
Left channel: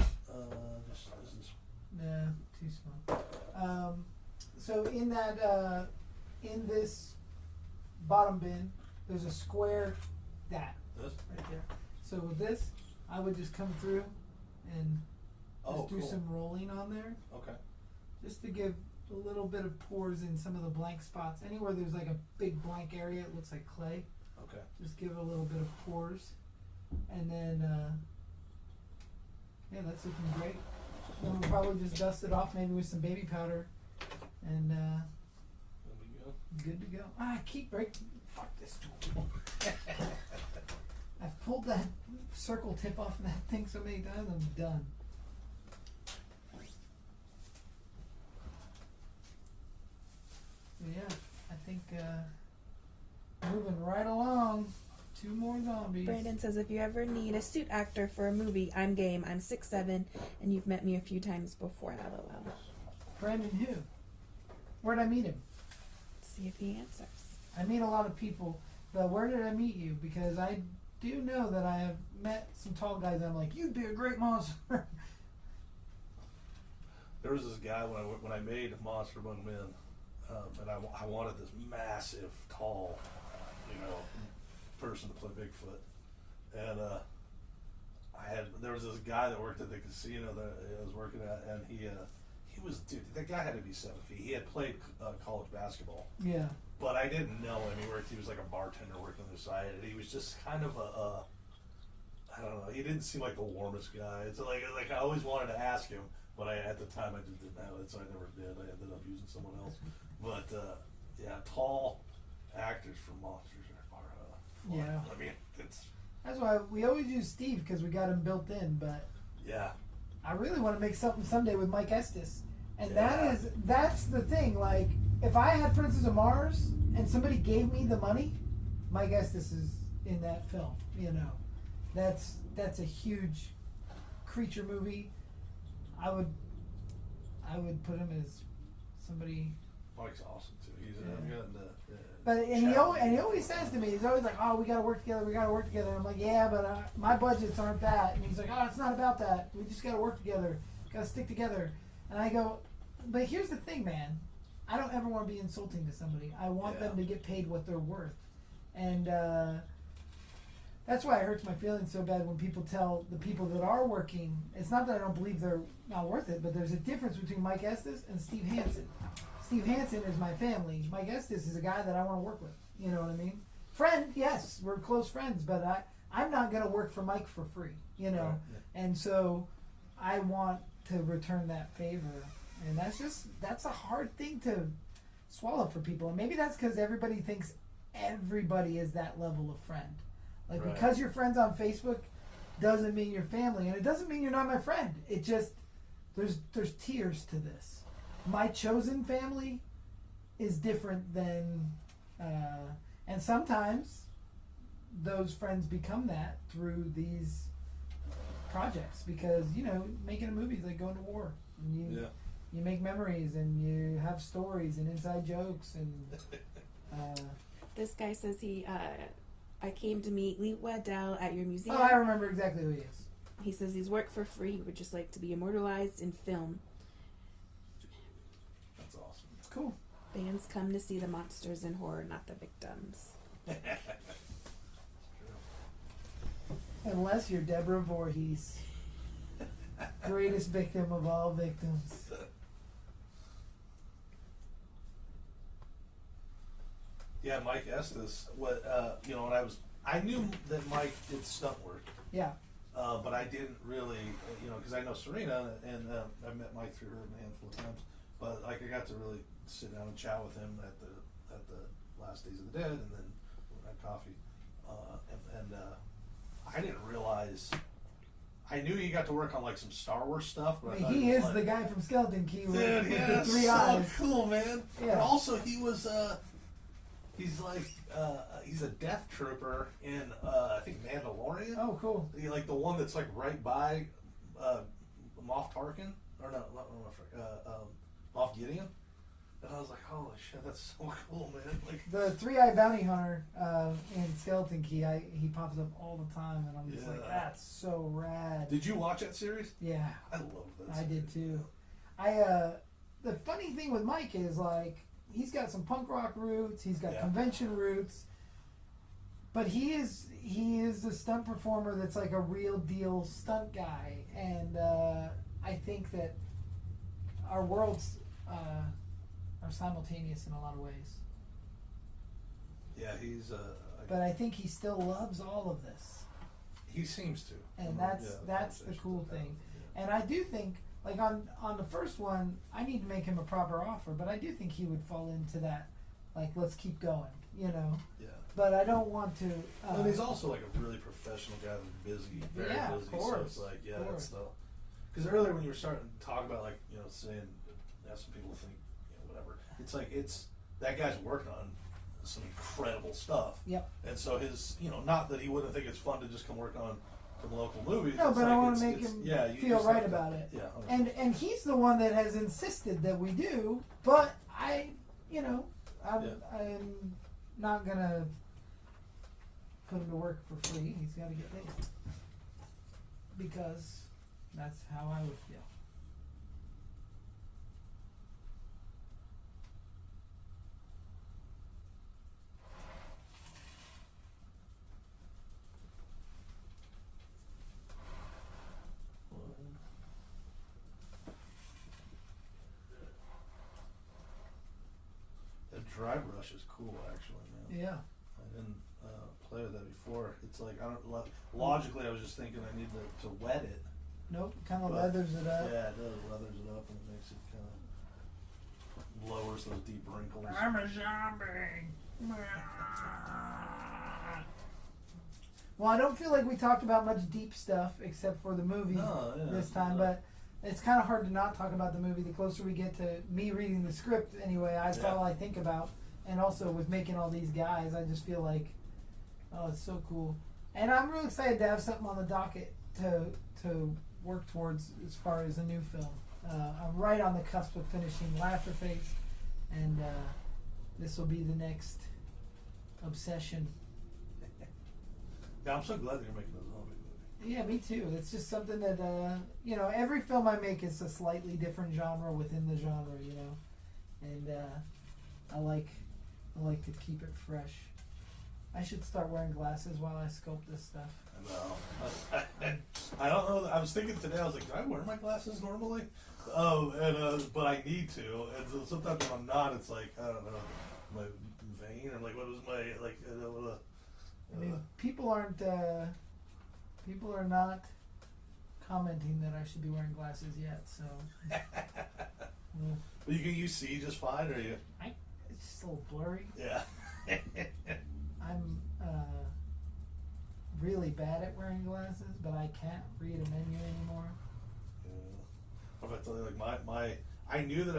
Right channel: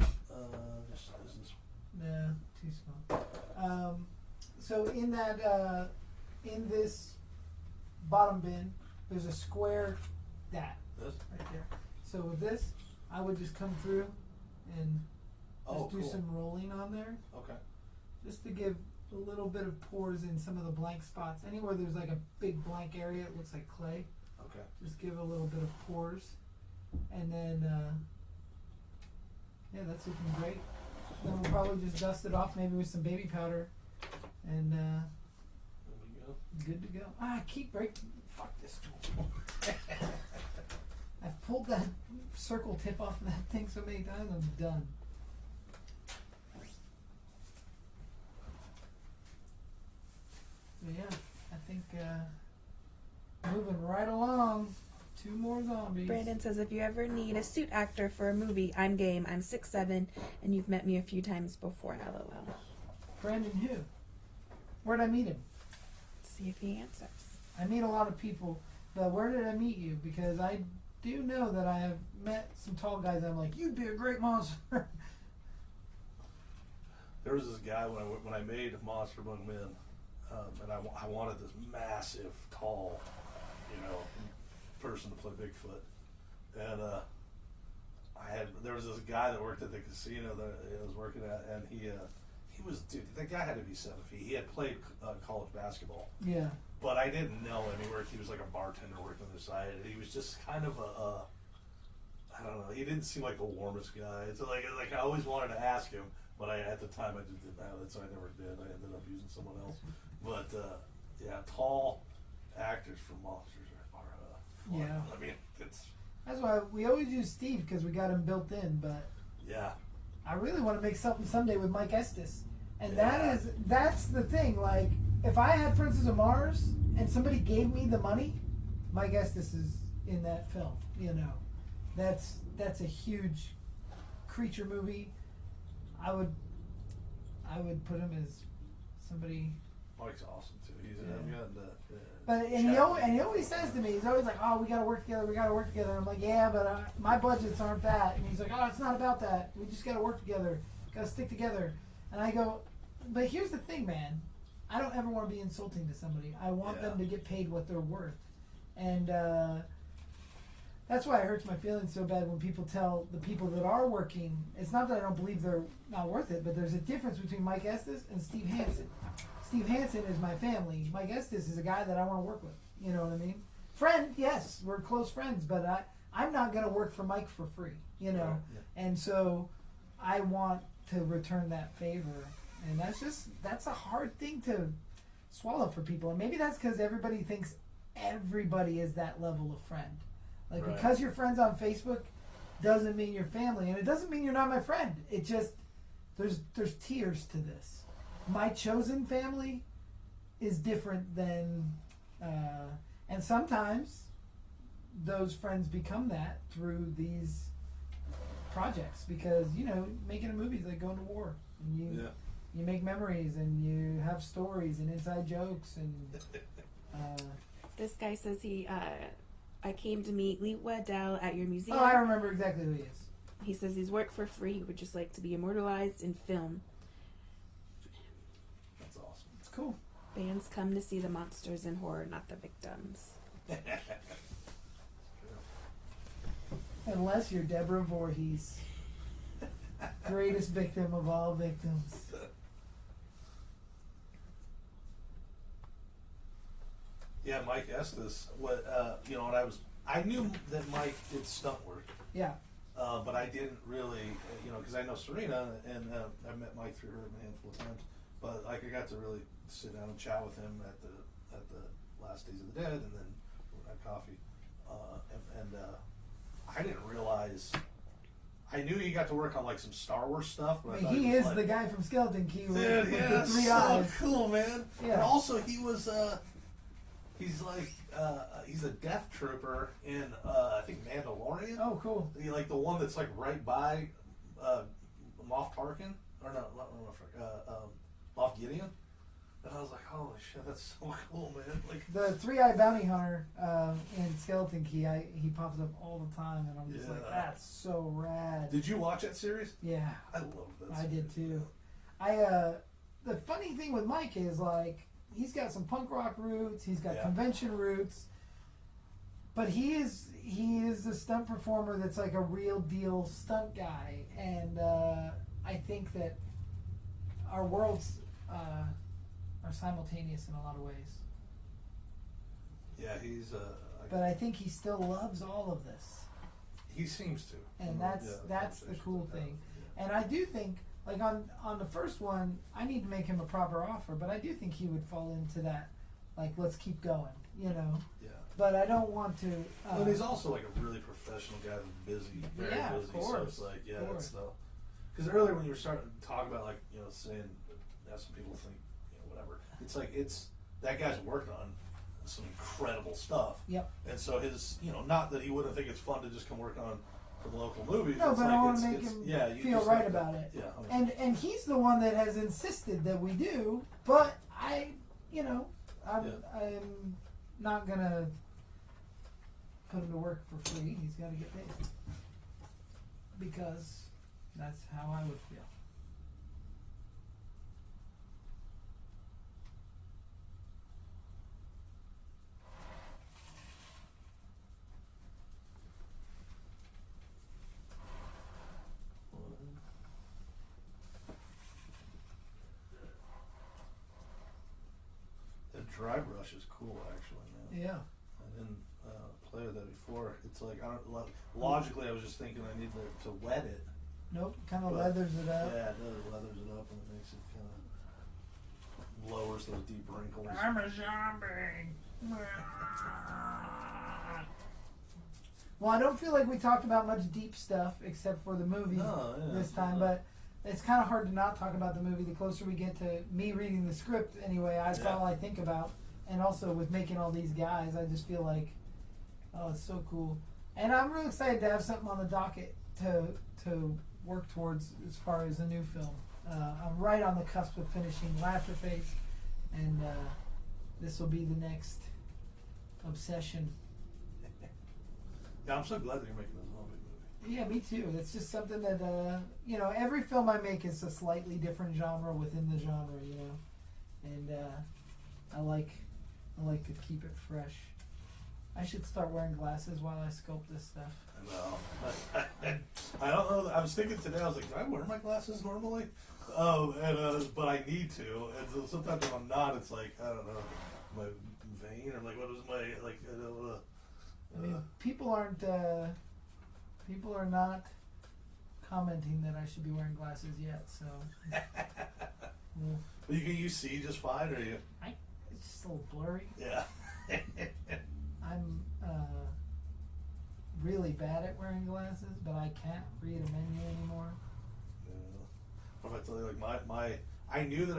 Just this. Nah, too small. So in that. In this bottom bin, there's a square This? right there. So with this, I would just come through and just do some rolling on there. Okay. Just to give a little bit of pores in some of the blank spots. Anywhere there's like a big blank area, it looks like clay. Okay. Just give a little bit of pores. And then, yeah, that's looking great. And we'll probably just dust it off maybe with some baby powder. And, good to go. I keep breaking. Fuck this tool. I've pulled that circle tip off of that thing so many times, I'm done. But yeah, I think moving right along. 2 more zombies. Brandon says, if you ever need a suit actor for a movie, I'm game. I'm 6'7", and you've met me a few times before. LOL. Brandon who? Where'd I meet him? See if he answers. I meet a lot of people, but where did I meet you? Because I do know that I have met some tall guys that I'm like, you'd be a great monster. There was this guy when I made Monster Among Men, and I wanted this massive, tall, person to play Bigfoot, and there was this guy that worked at the casino that I was working at, and he was, dude, that guy had to be 7 feet. He had played college basketball. Yeah. But I didn't know him. He was like a bartender working on the side, and he was just kind of I don't know. He didn't seem like the warmest guy. It's like I always wanted to ask him, but at the time I just didn't have it, so I never did. I ended up using someone else. But yeah, tall actors for monsters are fun. Yeah. I mean, That's why we always use Steve, because we got him built in, but yeah. I really want to make something someday with Mike Estes. And Yeah. that's the thing. Like, if I had Princess of Mars and somebody gave me the money, Mike Estes is in that film. That's a huge creature movie. I would put him as somebody. Mike's awesome too. He's But he always says to me, he's always like, oh, we gotta work together. I'm like, yeah, but my budgets aren't that. And he's like, oh, it's not about that. We just gotta work together. Gotta stick together. And I go, but here's the thing, man. I don't ever want to be insulting to somebody. I want them to get paid what they're worth. And that's why it hurts my feelings so bad when people tell the people that are working. It's not that I don't believe they're not worth it, but there's a difference between Mike Estes and Steve Hansen. Steve Hansen is my family. Mike Estes is a guy that I want to work with. You know what I mean? Friend, yes, we're close friends, but I'm not going to work for Mike for free, Yeah. And so I want to return that favor. And that's a hard thing to swallow for people. And maybe that's because everybody thinks everybody is that level of friend. Like, Right. because you're friends on Facebook doesn't mean you're family. And it doesn't mean you're not my friend. It just, there's tiers to this. My chosen family is different than, and sometimes those friends become that through these projects, because making a movie is like going to war. And you make memories and you have stories and inside jokes and. This guy says I came to meet Lee Waddell at your museum. Oh, I remember exactly who he is. He says he's worked for free. He would just like to be immortalized in film. That's awesome. It's cool. Fans come to see the monsters in horror, not the victims. Unless you're Deborah Voorhees, greatest victim of all victims. Yeah, Mike Estes. I knew that Mike did stunt work. Yeah. But I didn't really, because I know Serena, and I met Mike through her a handful of times. But I got to really sit down and chat with him at the last Days of the Dead, and then have coffee. I didn't realize. I knew he got to work on like some Star Wars stuff, but I mean, he is the guy from Sculpting. Dude, yeah, with that's 3 so eyes. cool, man. Yeah. And also, he was he's a death trooper in I think Mandalorian. Oh, cool. Like the one that's like right by Moff Tarkin, or no, Moff Gideon. And I was like, holy shit, that's so cool, man. Like The 3-Eye Bounty Hunter in Skeleton Key, he pops up all the time, and I'm just like, that's so rad. Did you watch that series? Yeah. I love that series. I did too. The funny thing with Mike is, like, he's got some punk rock roots, he's got convention roots, but he is a stunt performer that's like a real deal stunt guy, and I think that our worlds are simultaneous in a lot of ways. Yeah, he's But I think he still loves all of this. He seems to. And that's the cool thing. And I do think, like on the first one, I need to make him a proper offer, but I do think he would fall into that, like, let's keep going, Yeah. but I don't want to. And he's also like a really professional guy that's busy, very Yeah, busy. of course. So it's like, yeah, Of that's course. because earlier when you were starting to talk about like, you know, saying, some people think, you know, whatever. It's like that guy's working on some incredible stuff. Yep. And so his, you know, not that he wouldn't think it's fun to just come work on some local movies. No, it's but like, I want to it's- make him yeah, you feel just right have to- about it. Yeah. And he's the one that has insisted that we do, but I am not gonna put him to work for free. He's got to get paid because that's how I would feel. The dry brush is cool, actually. Man. Yeah. I didn't play with that before. It's like, I don't logically, I was just thinking I need to wet it. Nope. Kind of But, leathers it up. Yeah, it does. Leathers it up and it makes it kind of lowers those deep wrinkles. I'm a zombie. Well, I don't feel like we talked about much deep stuff except for the movie Oh, yeah. this time, but it's kind of hard to not talk about the movie. The closer we get to me reading the script, anyway, that's all I think about. And also with making all these guys, I just feel like, oh, it's so cool. And I'm real excited to have something on the docket to work towards as far as a new film. I'm right on the cusp of finishing Laughterface, and this will be the next obsession. Yeah, I'm so glad that you're making a zombie movie. Yeah, me too. It's just something that every film I make is a slightly different genre within the genre, and I like to keep it fresh. I should start wearing glasses while I sculpt this stuff. No, I don't know. I was thinking today. I was like, can I wear my glasses normally? But I need to. And so sometimes when I'm not, it's like, I don't know, my vein or like what is my like I don't know. I mean, people are not commenting that I should be wearing glasses yet, so. But you see just fine, or you? It's just a little blurry. Yeah. I'm really bad at wearing glasses, but I can't read a menu anymore. Yeah. If I tell you, like I knew that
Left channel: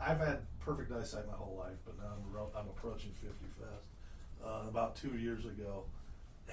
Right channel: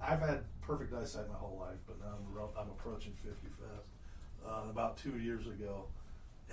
I've had perfect eyesight my whole life, but now I'm approaching 50 fast. About 2 years ago,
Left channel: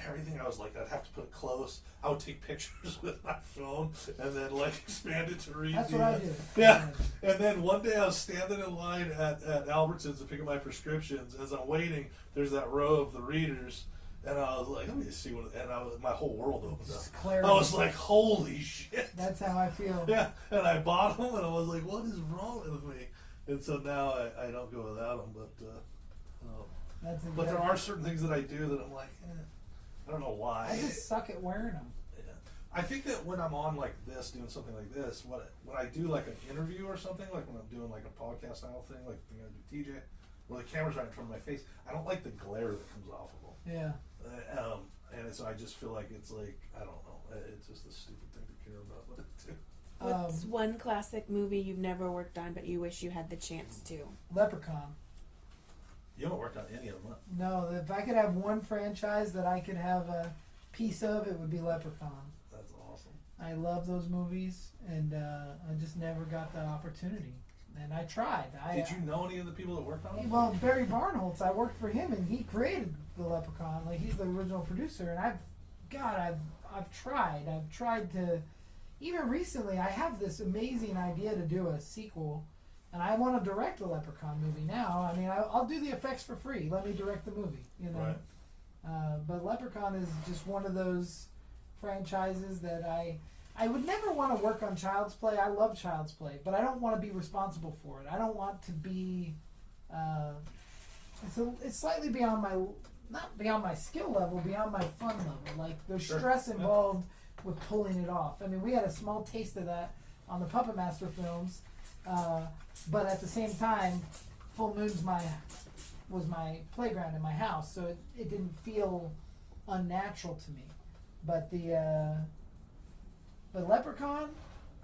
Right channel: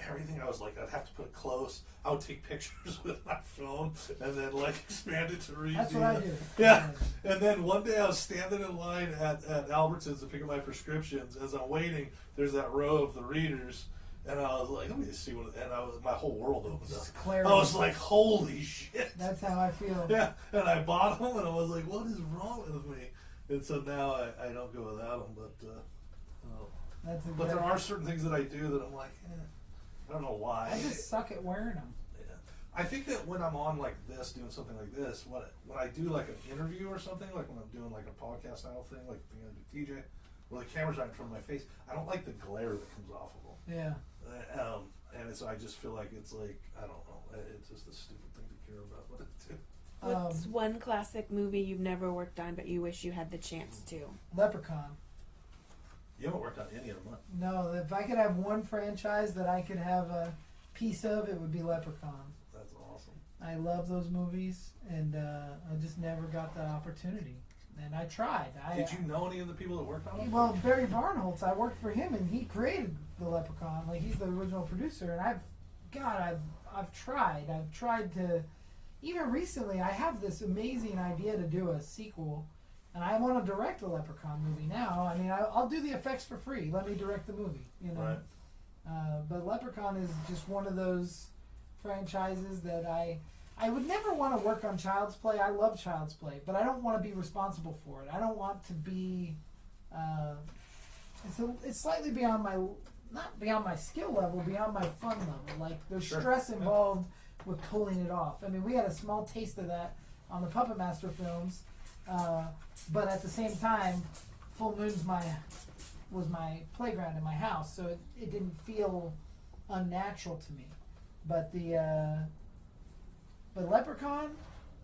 everything I was like, I'd have to put it close. I would take pictures with my phone and then like expand it to read. That's what I do. Yeah. And then one day I was standing in line at Albertsons to pick up my prescriptions. As I'm waiting, there's that row of the readers. And I was like, let me see what, and my whole world opened up. Clarity. I was like, holy shit. That's how I feel. Yeah, and I bought them, and I was like, what is wrong with me? And so now I don't go without them, but there are certain things that I do that I'm like, I don't know why. I just suck at wearing them. Yeah. I think that when I'm on like this, doing something like this, when I do like an interview or something, like when I'm doing like a podcast style thing, like the thing I do TJ, where the camera's right in front of my face, I don't like the glare that comes off of them. Yeah. And so I just feel like it's like, I don't know, it's just a stupid thing to care about. But What's one classic movie you've never worked on but you wish you had the chance to? Leprechaun. you haven't worked on any of them, huh? No, if I could have one franchise that I could have a piece of, it would be Leprechaun. That's awesome. I love those movies, and I just never got the opportunity. And I tried. Did you know any of the people that worked on it? Well, Barry Barnholtz, I worked for him, and he created the Leprechaun. Like, he's the original producer, and I've tried. I've tried to. Even recently, I have this amazing idea to do a sequel, and I want to direct a Leprechaun movie now. I mean, I'll do the effects for free. Let me direct the movie, Right. But Leprechaun is just one of those franchises that I would never want to work on Child's Play. I love Child's Play, but I don't want to be responsible for it. I don't want to be. It's slightly beyond my, not beyond my skill level, beyond my fun level. Like, there's stress involved with pulling it off. I mean, we had a small taste of that on the Puppet Master films, but at the same time, Full Moon's was my playground in my house, so it didn't feel unnatural to me. But the Leprechaun,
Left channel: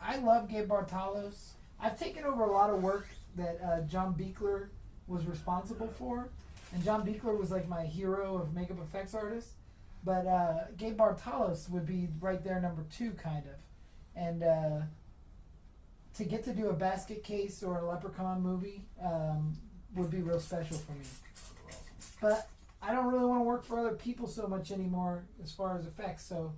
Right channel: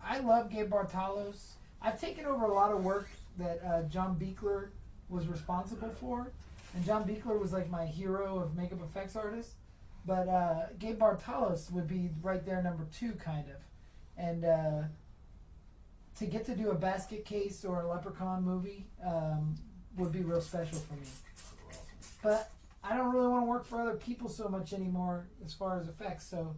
I love Gabe Bartalos. I've taken over a lot of work that John Beekler was responsible for, and John Buechler was like my hero of makeup effects artists. But Gabe Bartalos would be right there, number 2, kind of. And to get to do a basket case or a Leprechaun movie would be real special for me. But I don't really want to work for other people so much anymore as far as effects, so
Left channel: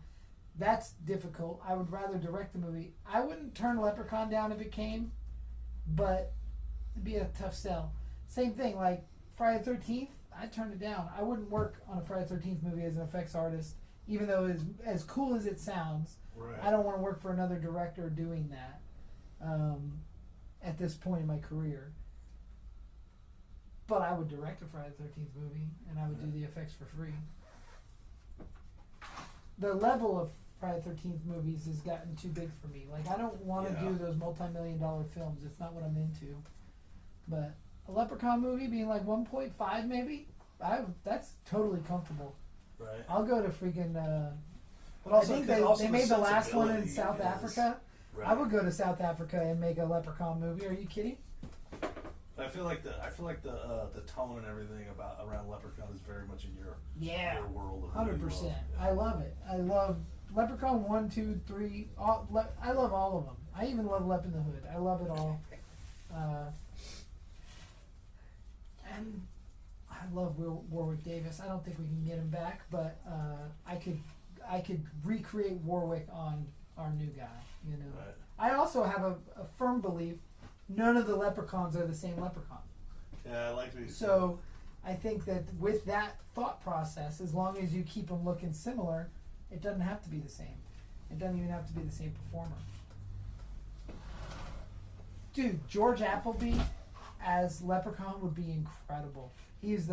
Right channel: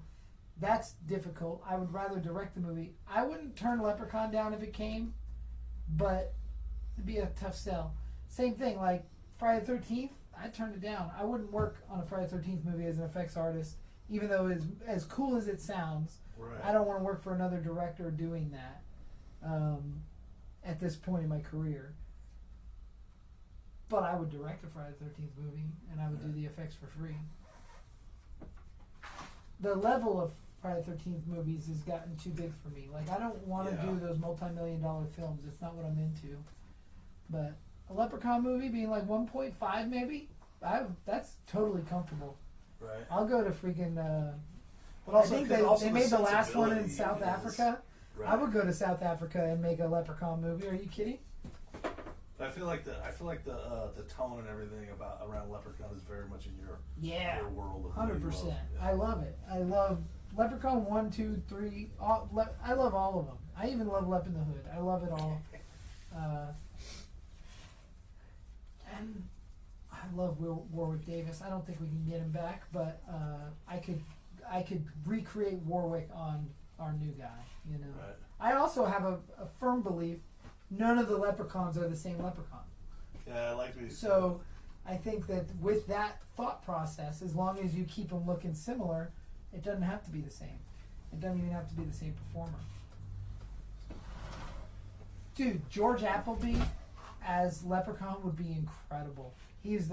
that's difficult. I would rather direct the movie. I wouldn't turn Leprechaun down if it came, but it'd be a tough sell. Same thing, like Friday the 13th, I turned it down. I wouldn't work on a Friday the 13th movie as an effects artist, even though it's as cool as it sounds. Right. I don't want to work for another director doing that at this point in my career. But I would direct a Friday the 13th movie, and I would do the effects for free. The level of Friday the 13th movies has gotten too big for me. Like, I don't want to do those multi-million-dollar films. It's not what I'm into. But a Leprechaun movie being like 1.5 maybe, that's totally comfortable. Right. I'll go to freaking... But also, I think also they the made the last one in sensibility South is- Africa. Right. I would go to South Africa and make a Leprechaun movie. Are you kidding? I feel like the tone and everything around Leprechaun is very much in your world. Of 100%. I love it. I love Leprechaun 1, 2, 3. I love all of them. I even love Lep in the Hood. I love it all. And I love Warwick Davis. I don't think we can get him back, but I could recreate Warwick on our new guy. You know. Right. I also have a firm belief none of the leprechauns are the same leprechaun. Yeah, I like these. So I think that with that thought process, as long as you keep them looking similar, it doesn't have to be the same. It doesn't even have to be the same performer. Dude, George Appleby as Leprechaun would be incredible. He's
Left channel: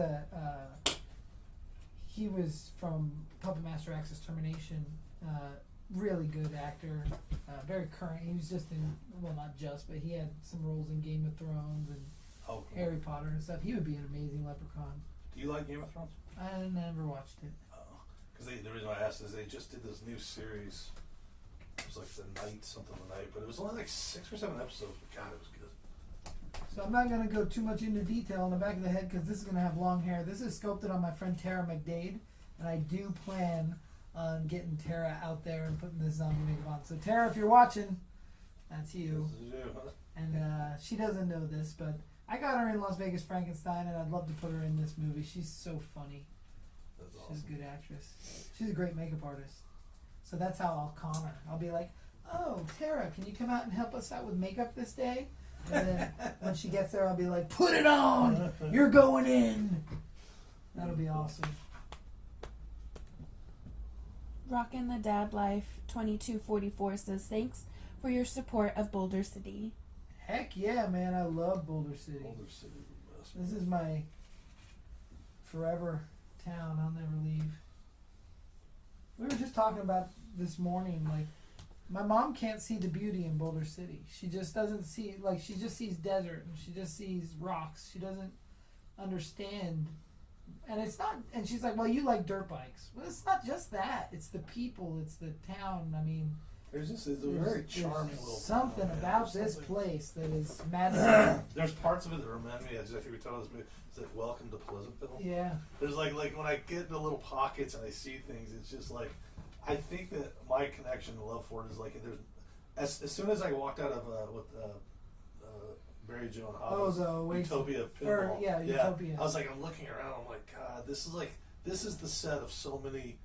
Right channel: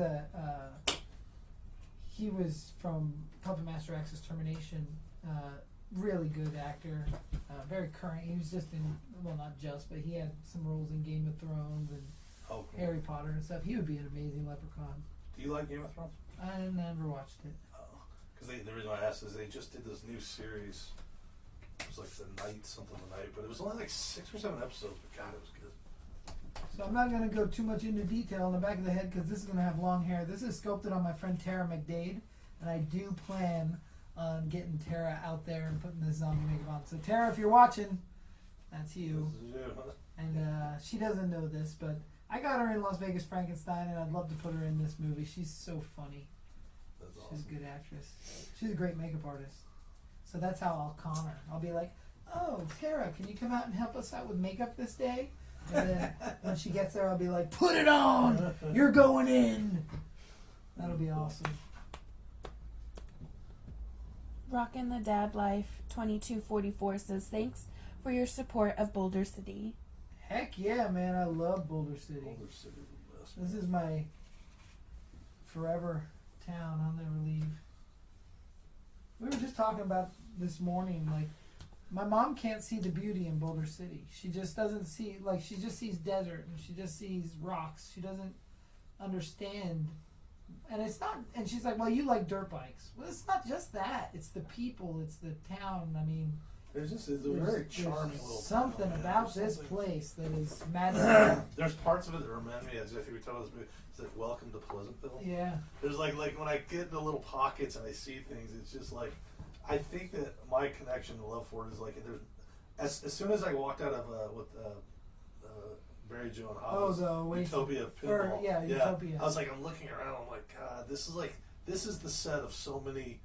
he was from Puppet Master X's Termination. Really good actor. Very current. He was just in, well, not just, but he had some roles in Game of Thrones and Harry Potter and stuff. He would be an amazing Leprechaun. Do you like Game of Thrones? I never watched it. Because the reason I asked is they just did this new series. It was like the night, but it was only like 6 or 7 episodes. But God, it was good. So I'm not going to go too much into detail in the back of the head because this is going to have long hair. This is sculpted on my friend Tara McDade, and I do plan on getting Tara out there and putting this zombie makeup on. So Tara, if you're watching, that's you. This is you, huh? And she doesn't know this, but I got her in Las Vegas Frankenstein, and I'd love to put her in this movie. She's so funny. That's awesome. She's a good actress. She's a great makeup artist. So that's how I'll con her. I'll be like, "Oh, Tara, can you come out and help us out with makeup this day?" And then when she gets there, I'll be like, "Put it on! You're going in!" That'll be awesome. Rockin' the Dad Life 2244 says, thanks for your support of Boulder City. Heck yeah, man. I love Boulder City. Boulder City is the best. This is my forever town. I'll never leave. We were just talking about this morning, like, my mom can't see the beauty in Boulder City. She just doesn't see, like, she just sees desert and she just sees rocks. She doesn't understand. And it's not, and she's like, well, you like dirt bikes. Well, it's not just that. It's the people, it's the town. I mean, It's a very charming little something town, about man. this place that is magical. There's parts of it that remind me, as I think we told this movie, it's like Welcome to Pleasantville. Yeah. There's like when I get into little pockets and I see things, it's just like, I think that my connection and love for it is like, there's, as soon as I walked out of Mary Jo and Hobbs, Utopia Pinball, Utopia. I was like, I'm looking around, I'm like, God, this is the set of so many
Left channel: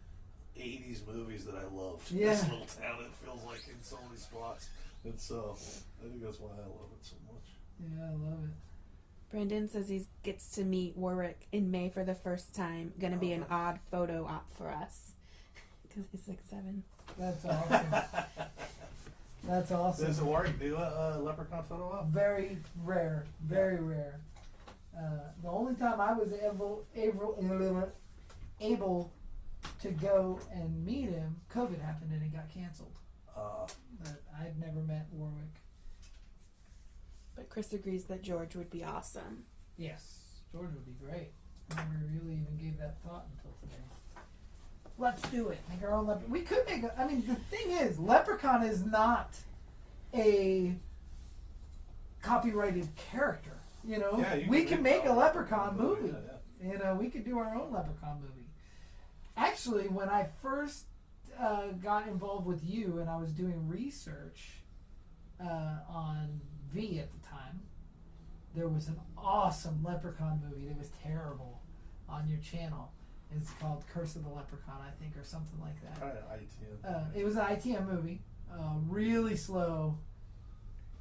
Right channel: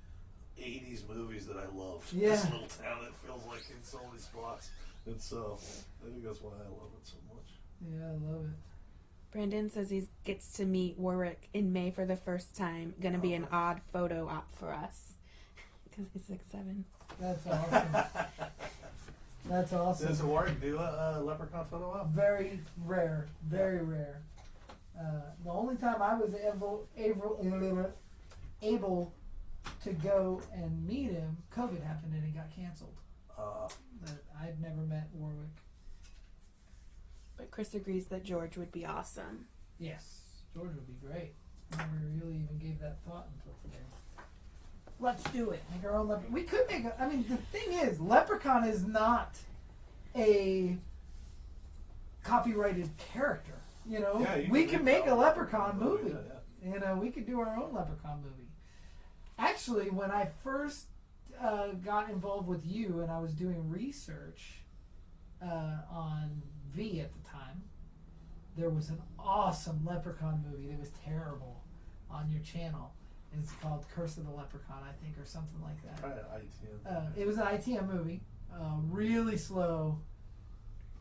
80s movies that I love. Yeah. This little town, it feels like in so many spots, and so I think that's why I love it so much. Yeah, I love it. Brandon says he gets to meet Warwick in May for the first time. Gonna be an odd photo op for us. Because he's 6'7". That's awesome. That's awesome. Does Warwick do a leprechaun photo op? Very rare. Very rare. The only time I was able to go and meet him, COVID happened and it got canceled. But I've never met Warwick. But Chris agrees that George would be awesome. Yes, George would be great. I never really even gave that thought until today. Let's do it. Make our own leprechaun. We could make I mean, the thing is, Leprechaun is not a copyrighted character. You know, Yeah, you we can can make make a our own Leprechaun movie, movie. You know, we could do our own Leprechaun movie. Actually, when I first got involved with you and I was doing research on V at the time, there was an awesome Leprechaun movie. It was terrible on your channel. It's called Curse of the Leprechaun, I think, or something like that. Probably an ITM. It was an ITM movie. Really slow.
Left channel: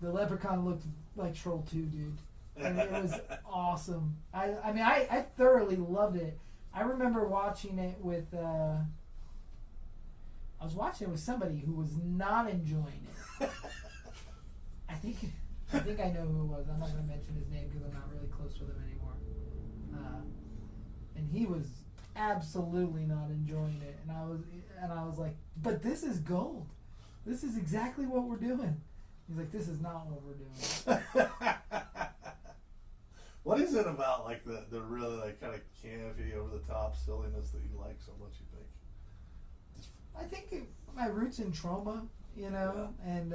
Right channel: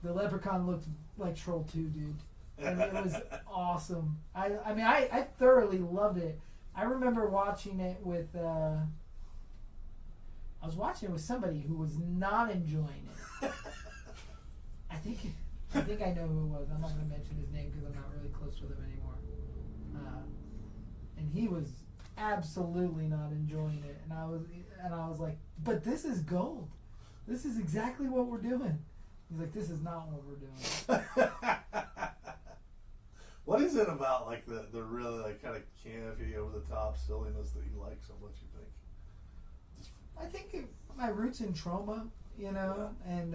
The Leprechaun looked like Troll 2, dude. And it was awesome. I mean, I thoroughly loved it. I remember watching it with, I was watching it with somebody who was not enjoying it. I think I know who it was. I'm not going to mention his name because I'm not really close with him anymore. And he was absolutely not enjoying it. And I was like, but this is gold. This is exactly what we're doing. He's like, this is not what we're doing. What is it about like the really like kind of campy, over the top silliness that you like so much? You think? I think my roots in trauma, you know, and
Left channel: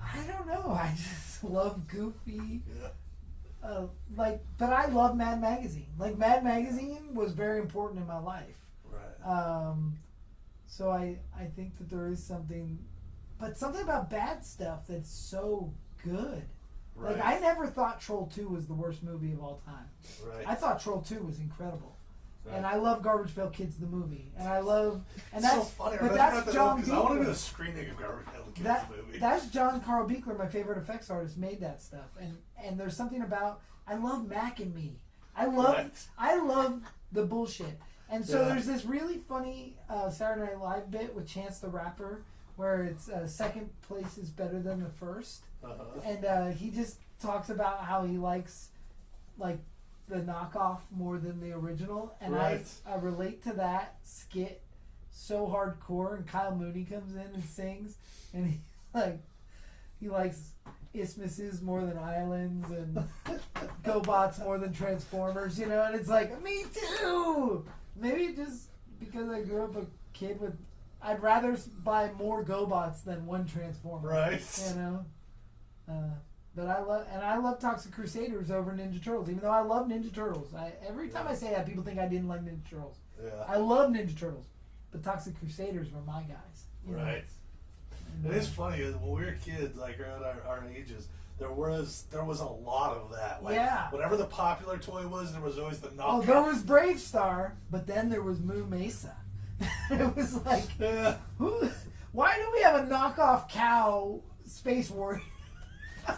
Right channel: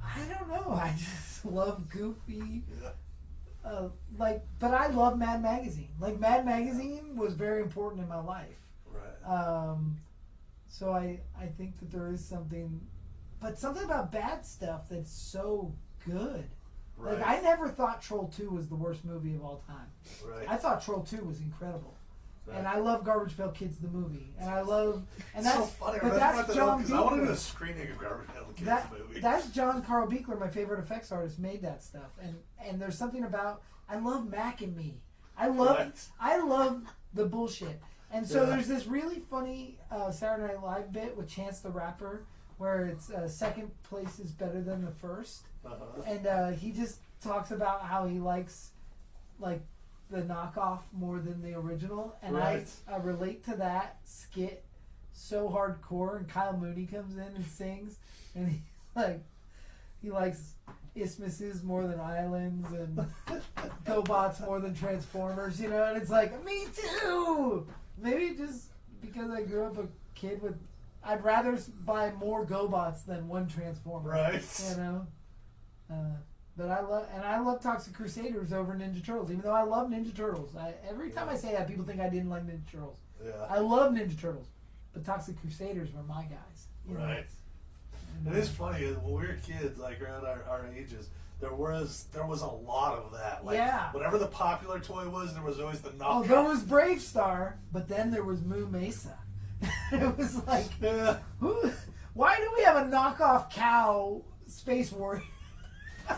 I don't know. I just love goofy. Yeah. But I love Mad Magazine. Like Mad Magazine was very important in my life. Right. So I think that there is something about bad stuff that's so good. Right. Like I never thought Troll 2 was the worst movie of all time. Right. I thought Troll 2 was incredible. Right. And I love Garbage Pail Kids the movie. And I love and It's that's so funny. but that's John I wanted Beekler. a screening of Garbage Pail Kids movie. That's John Carl Beekler, my favorite effects artist, made that stuff. And there's something about I love Mac and Me. I love the bullshit. And so there's this really funny Saturday Night Live bit with Chance the Rapper where it's second place is better than the first. Uh-huh. And he just talks about how he likes like the knockoff more than the original. And Right. I relate to that skit so hardcore. And Kyle Mooney comes in and sings. And he likes isthmuses more than islands and GoBots more than Transformers, you know? And it's like, me too! Maybe just because I grew up a kid with... I'd rather buy more GoBots than one Transformer. Right. You know? But I love Toxic Crusaders over Ninja Turtles, even though I love Ninja Turtles. Every time I say that, people think I didn't like Ninja Turtles. Yeah. I love Ninja Turtles, but Toxic Crusaders were my guys. You know? Right. It is funny when we were kids, like around our ages, there was a lot of that. Like, Yeah. whatever the popular toy was, there was always the knockoff. Oh, there was Brave Star, but then there was Moo Mesa. It was like, Yeah. why do we have a knockoff cow Space Warrior?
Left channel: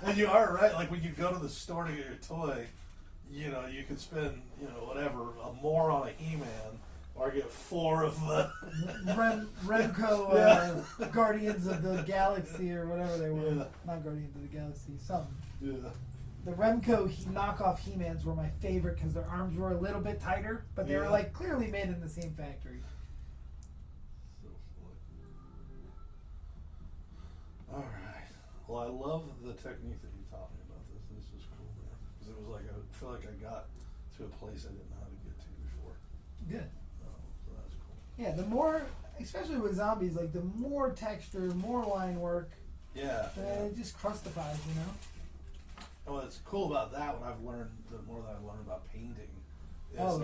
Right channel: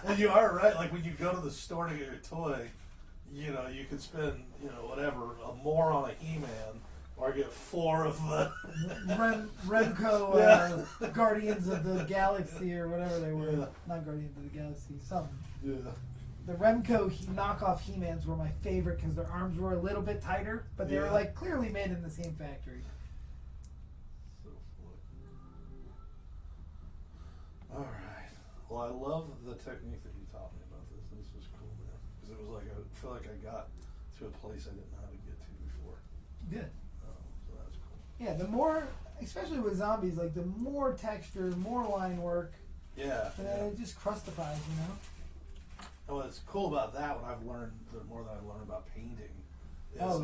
And you are right. Like when you go to the store to get your toy, you know, you could spend, you know, whatever, more on a He-Man, or get 4 of the Remco Guardians of the Galaxy or whatever they were. Yeah. Not Guardians of the Galaxy. Something. Yeah. The Remco knockoff He-Mans were my favorite because their arms were a little bit tighter, but they were like clearly made in the same factory. So funny. All right. Well, I love the technique that you taught me about this. This was cool, man. Because it was like I feel like I got to a place I didn't know how to get to before. Good. So that's cool. Yeah, the more, especially with zombies, like the more texture, more line work, Yeah. it just crustifies, you know? And what's cool about that, what I've learned, the more that I've learned about painting, is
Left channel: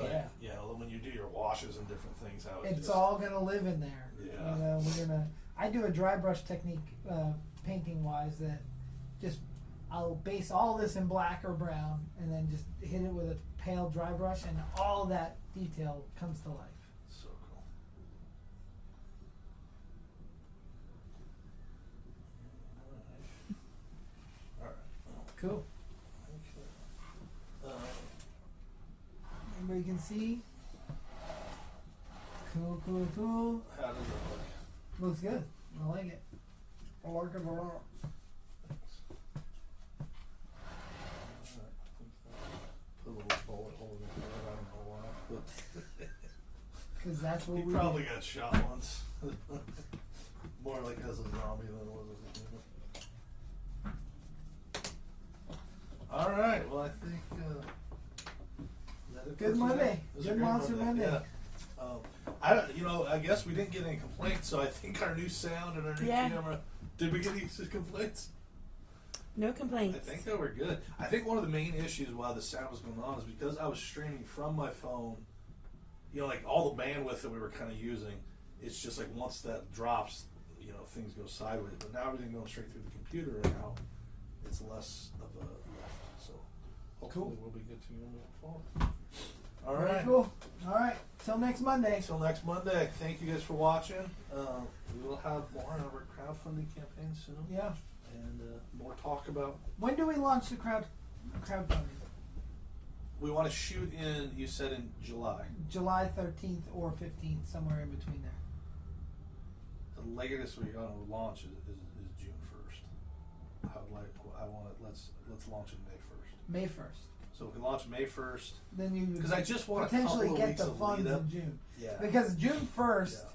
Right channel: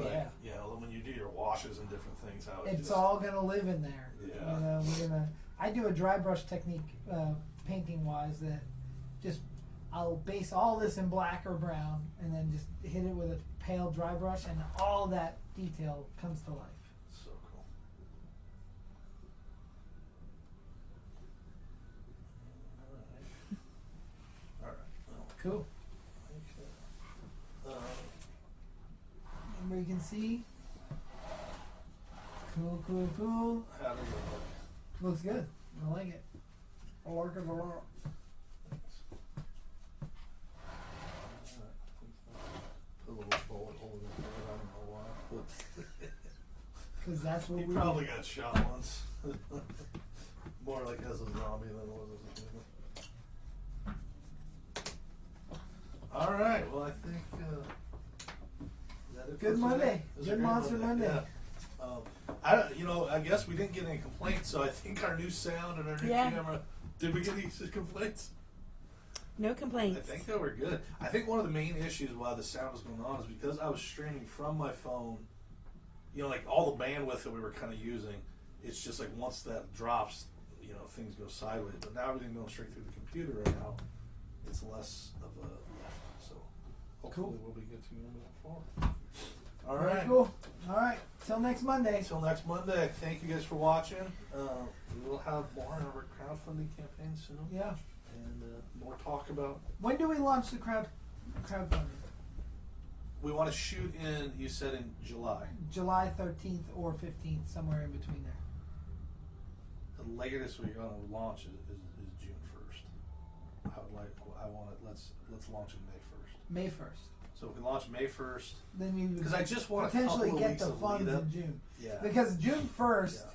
when you do your washes and different things, how It's all gonna live in there. Yeah. I do a dry brush technique, painting wise, that just I'll base all this in black or brown, and then just hit it with a pale dry brush, and all that detail comes to life. So cool. All right. Cool. Anybody can see? Cool, cool, cool. How does it look? Looks good. I like it. I like it a lot. Put a little bullet hole in his head, I don't know why. Because that's what He we probably got shot once. More like as a zombie than it was as a human. Alright, well I think is that it for Good today? Monday. This is a Good great Monster Monday. Yeah. I guess we didn't get any complaints, so I think our new sound and our new camera. Did we get any complaints? No I complaints. think they were good. I think one of the main issues why the sound was going on is because I was streaming from my phone. You know, like all the bandwidth that we were kind of using, it's just like once that drops, you know, things go sideways. But now everything goes straight through the computer, and now it's less of a left. So hopefully we'll be good to moving forward. All right. Cool. All right. Till next Monday. Until next Monday. Thank you guys for watching. We will have more on our crowdfunding campaign soon. Yeah. And more talk about. When do we launch the crowdfunding? We want to shoot in. You said in July. July 13th or 15th, somewhere in between there. The latest we're going to launch is June 1st. I want it. Let's launch it May 1st. May 1st. So if we launch May 1st, Then you because I just want potentially a couple get weeks the of funds lead up. in June. Yeah. Because June 1st, Yeah.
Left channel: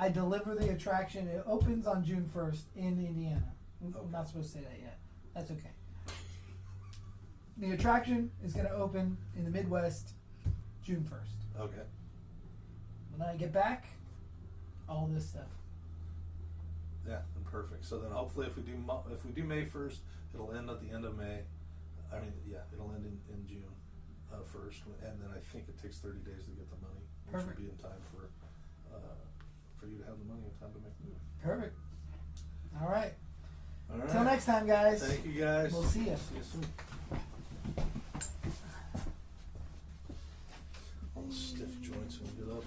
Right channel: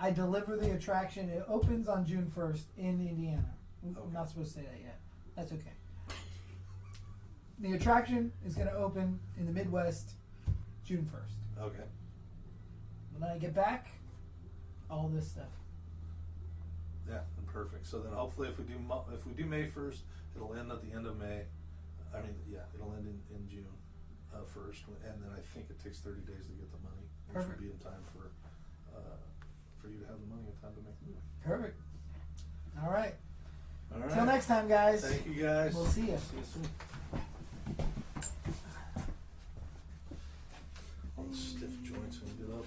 I deliver the attraction. It opens on June 1st in Indiana. I'm Okay. not supposed to say that yet. That's okay. The attraction is going to open in the Midwest June 1st. Okay. When I get back, all this stuff. Yeah. Then perfect. So then hopefully if we do May 1st, it'll end at the end of May. I mean, yeah, it'll end in June 1st, and then I think it takes 30 days to get the money, which Perfect. will be in time for you to have the money in time to make the movie. Perfect. All right. All right. Till next time, guys. Thank you guys. We'll see you. See you soon. All the stiff joints when we get up.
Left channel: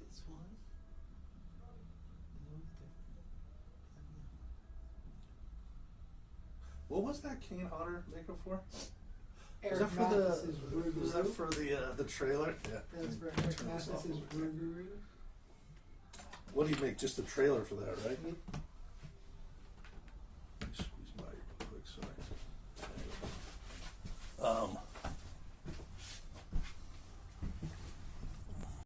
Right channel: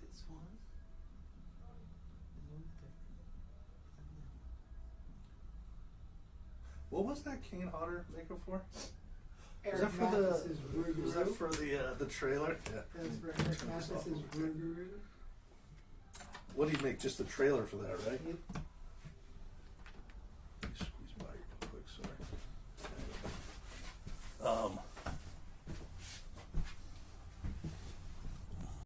This one. What was that Kane Hodder maker for? Eric that for Mathis' Was that for the trailer? Yeah. That's for Eric Mathis' Roo-Roo-Roo. What do you make? Just a trailer for that, right? Yep.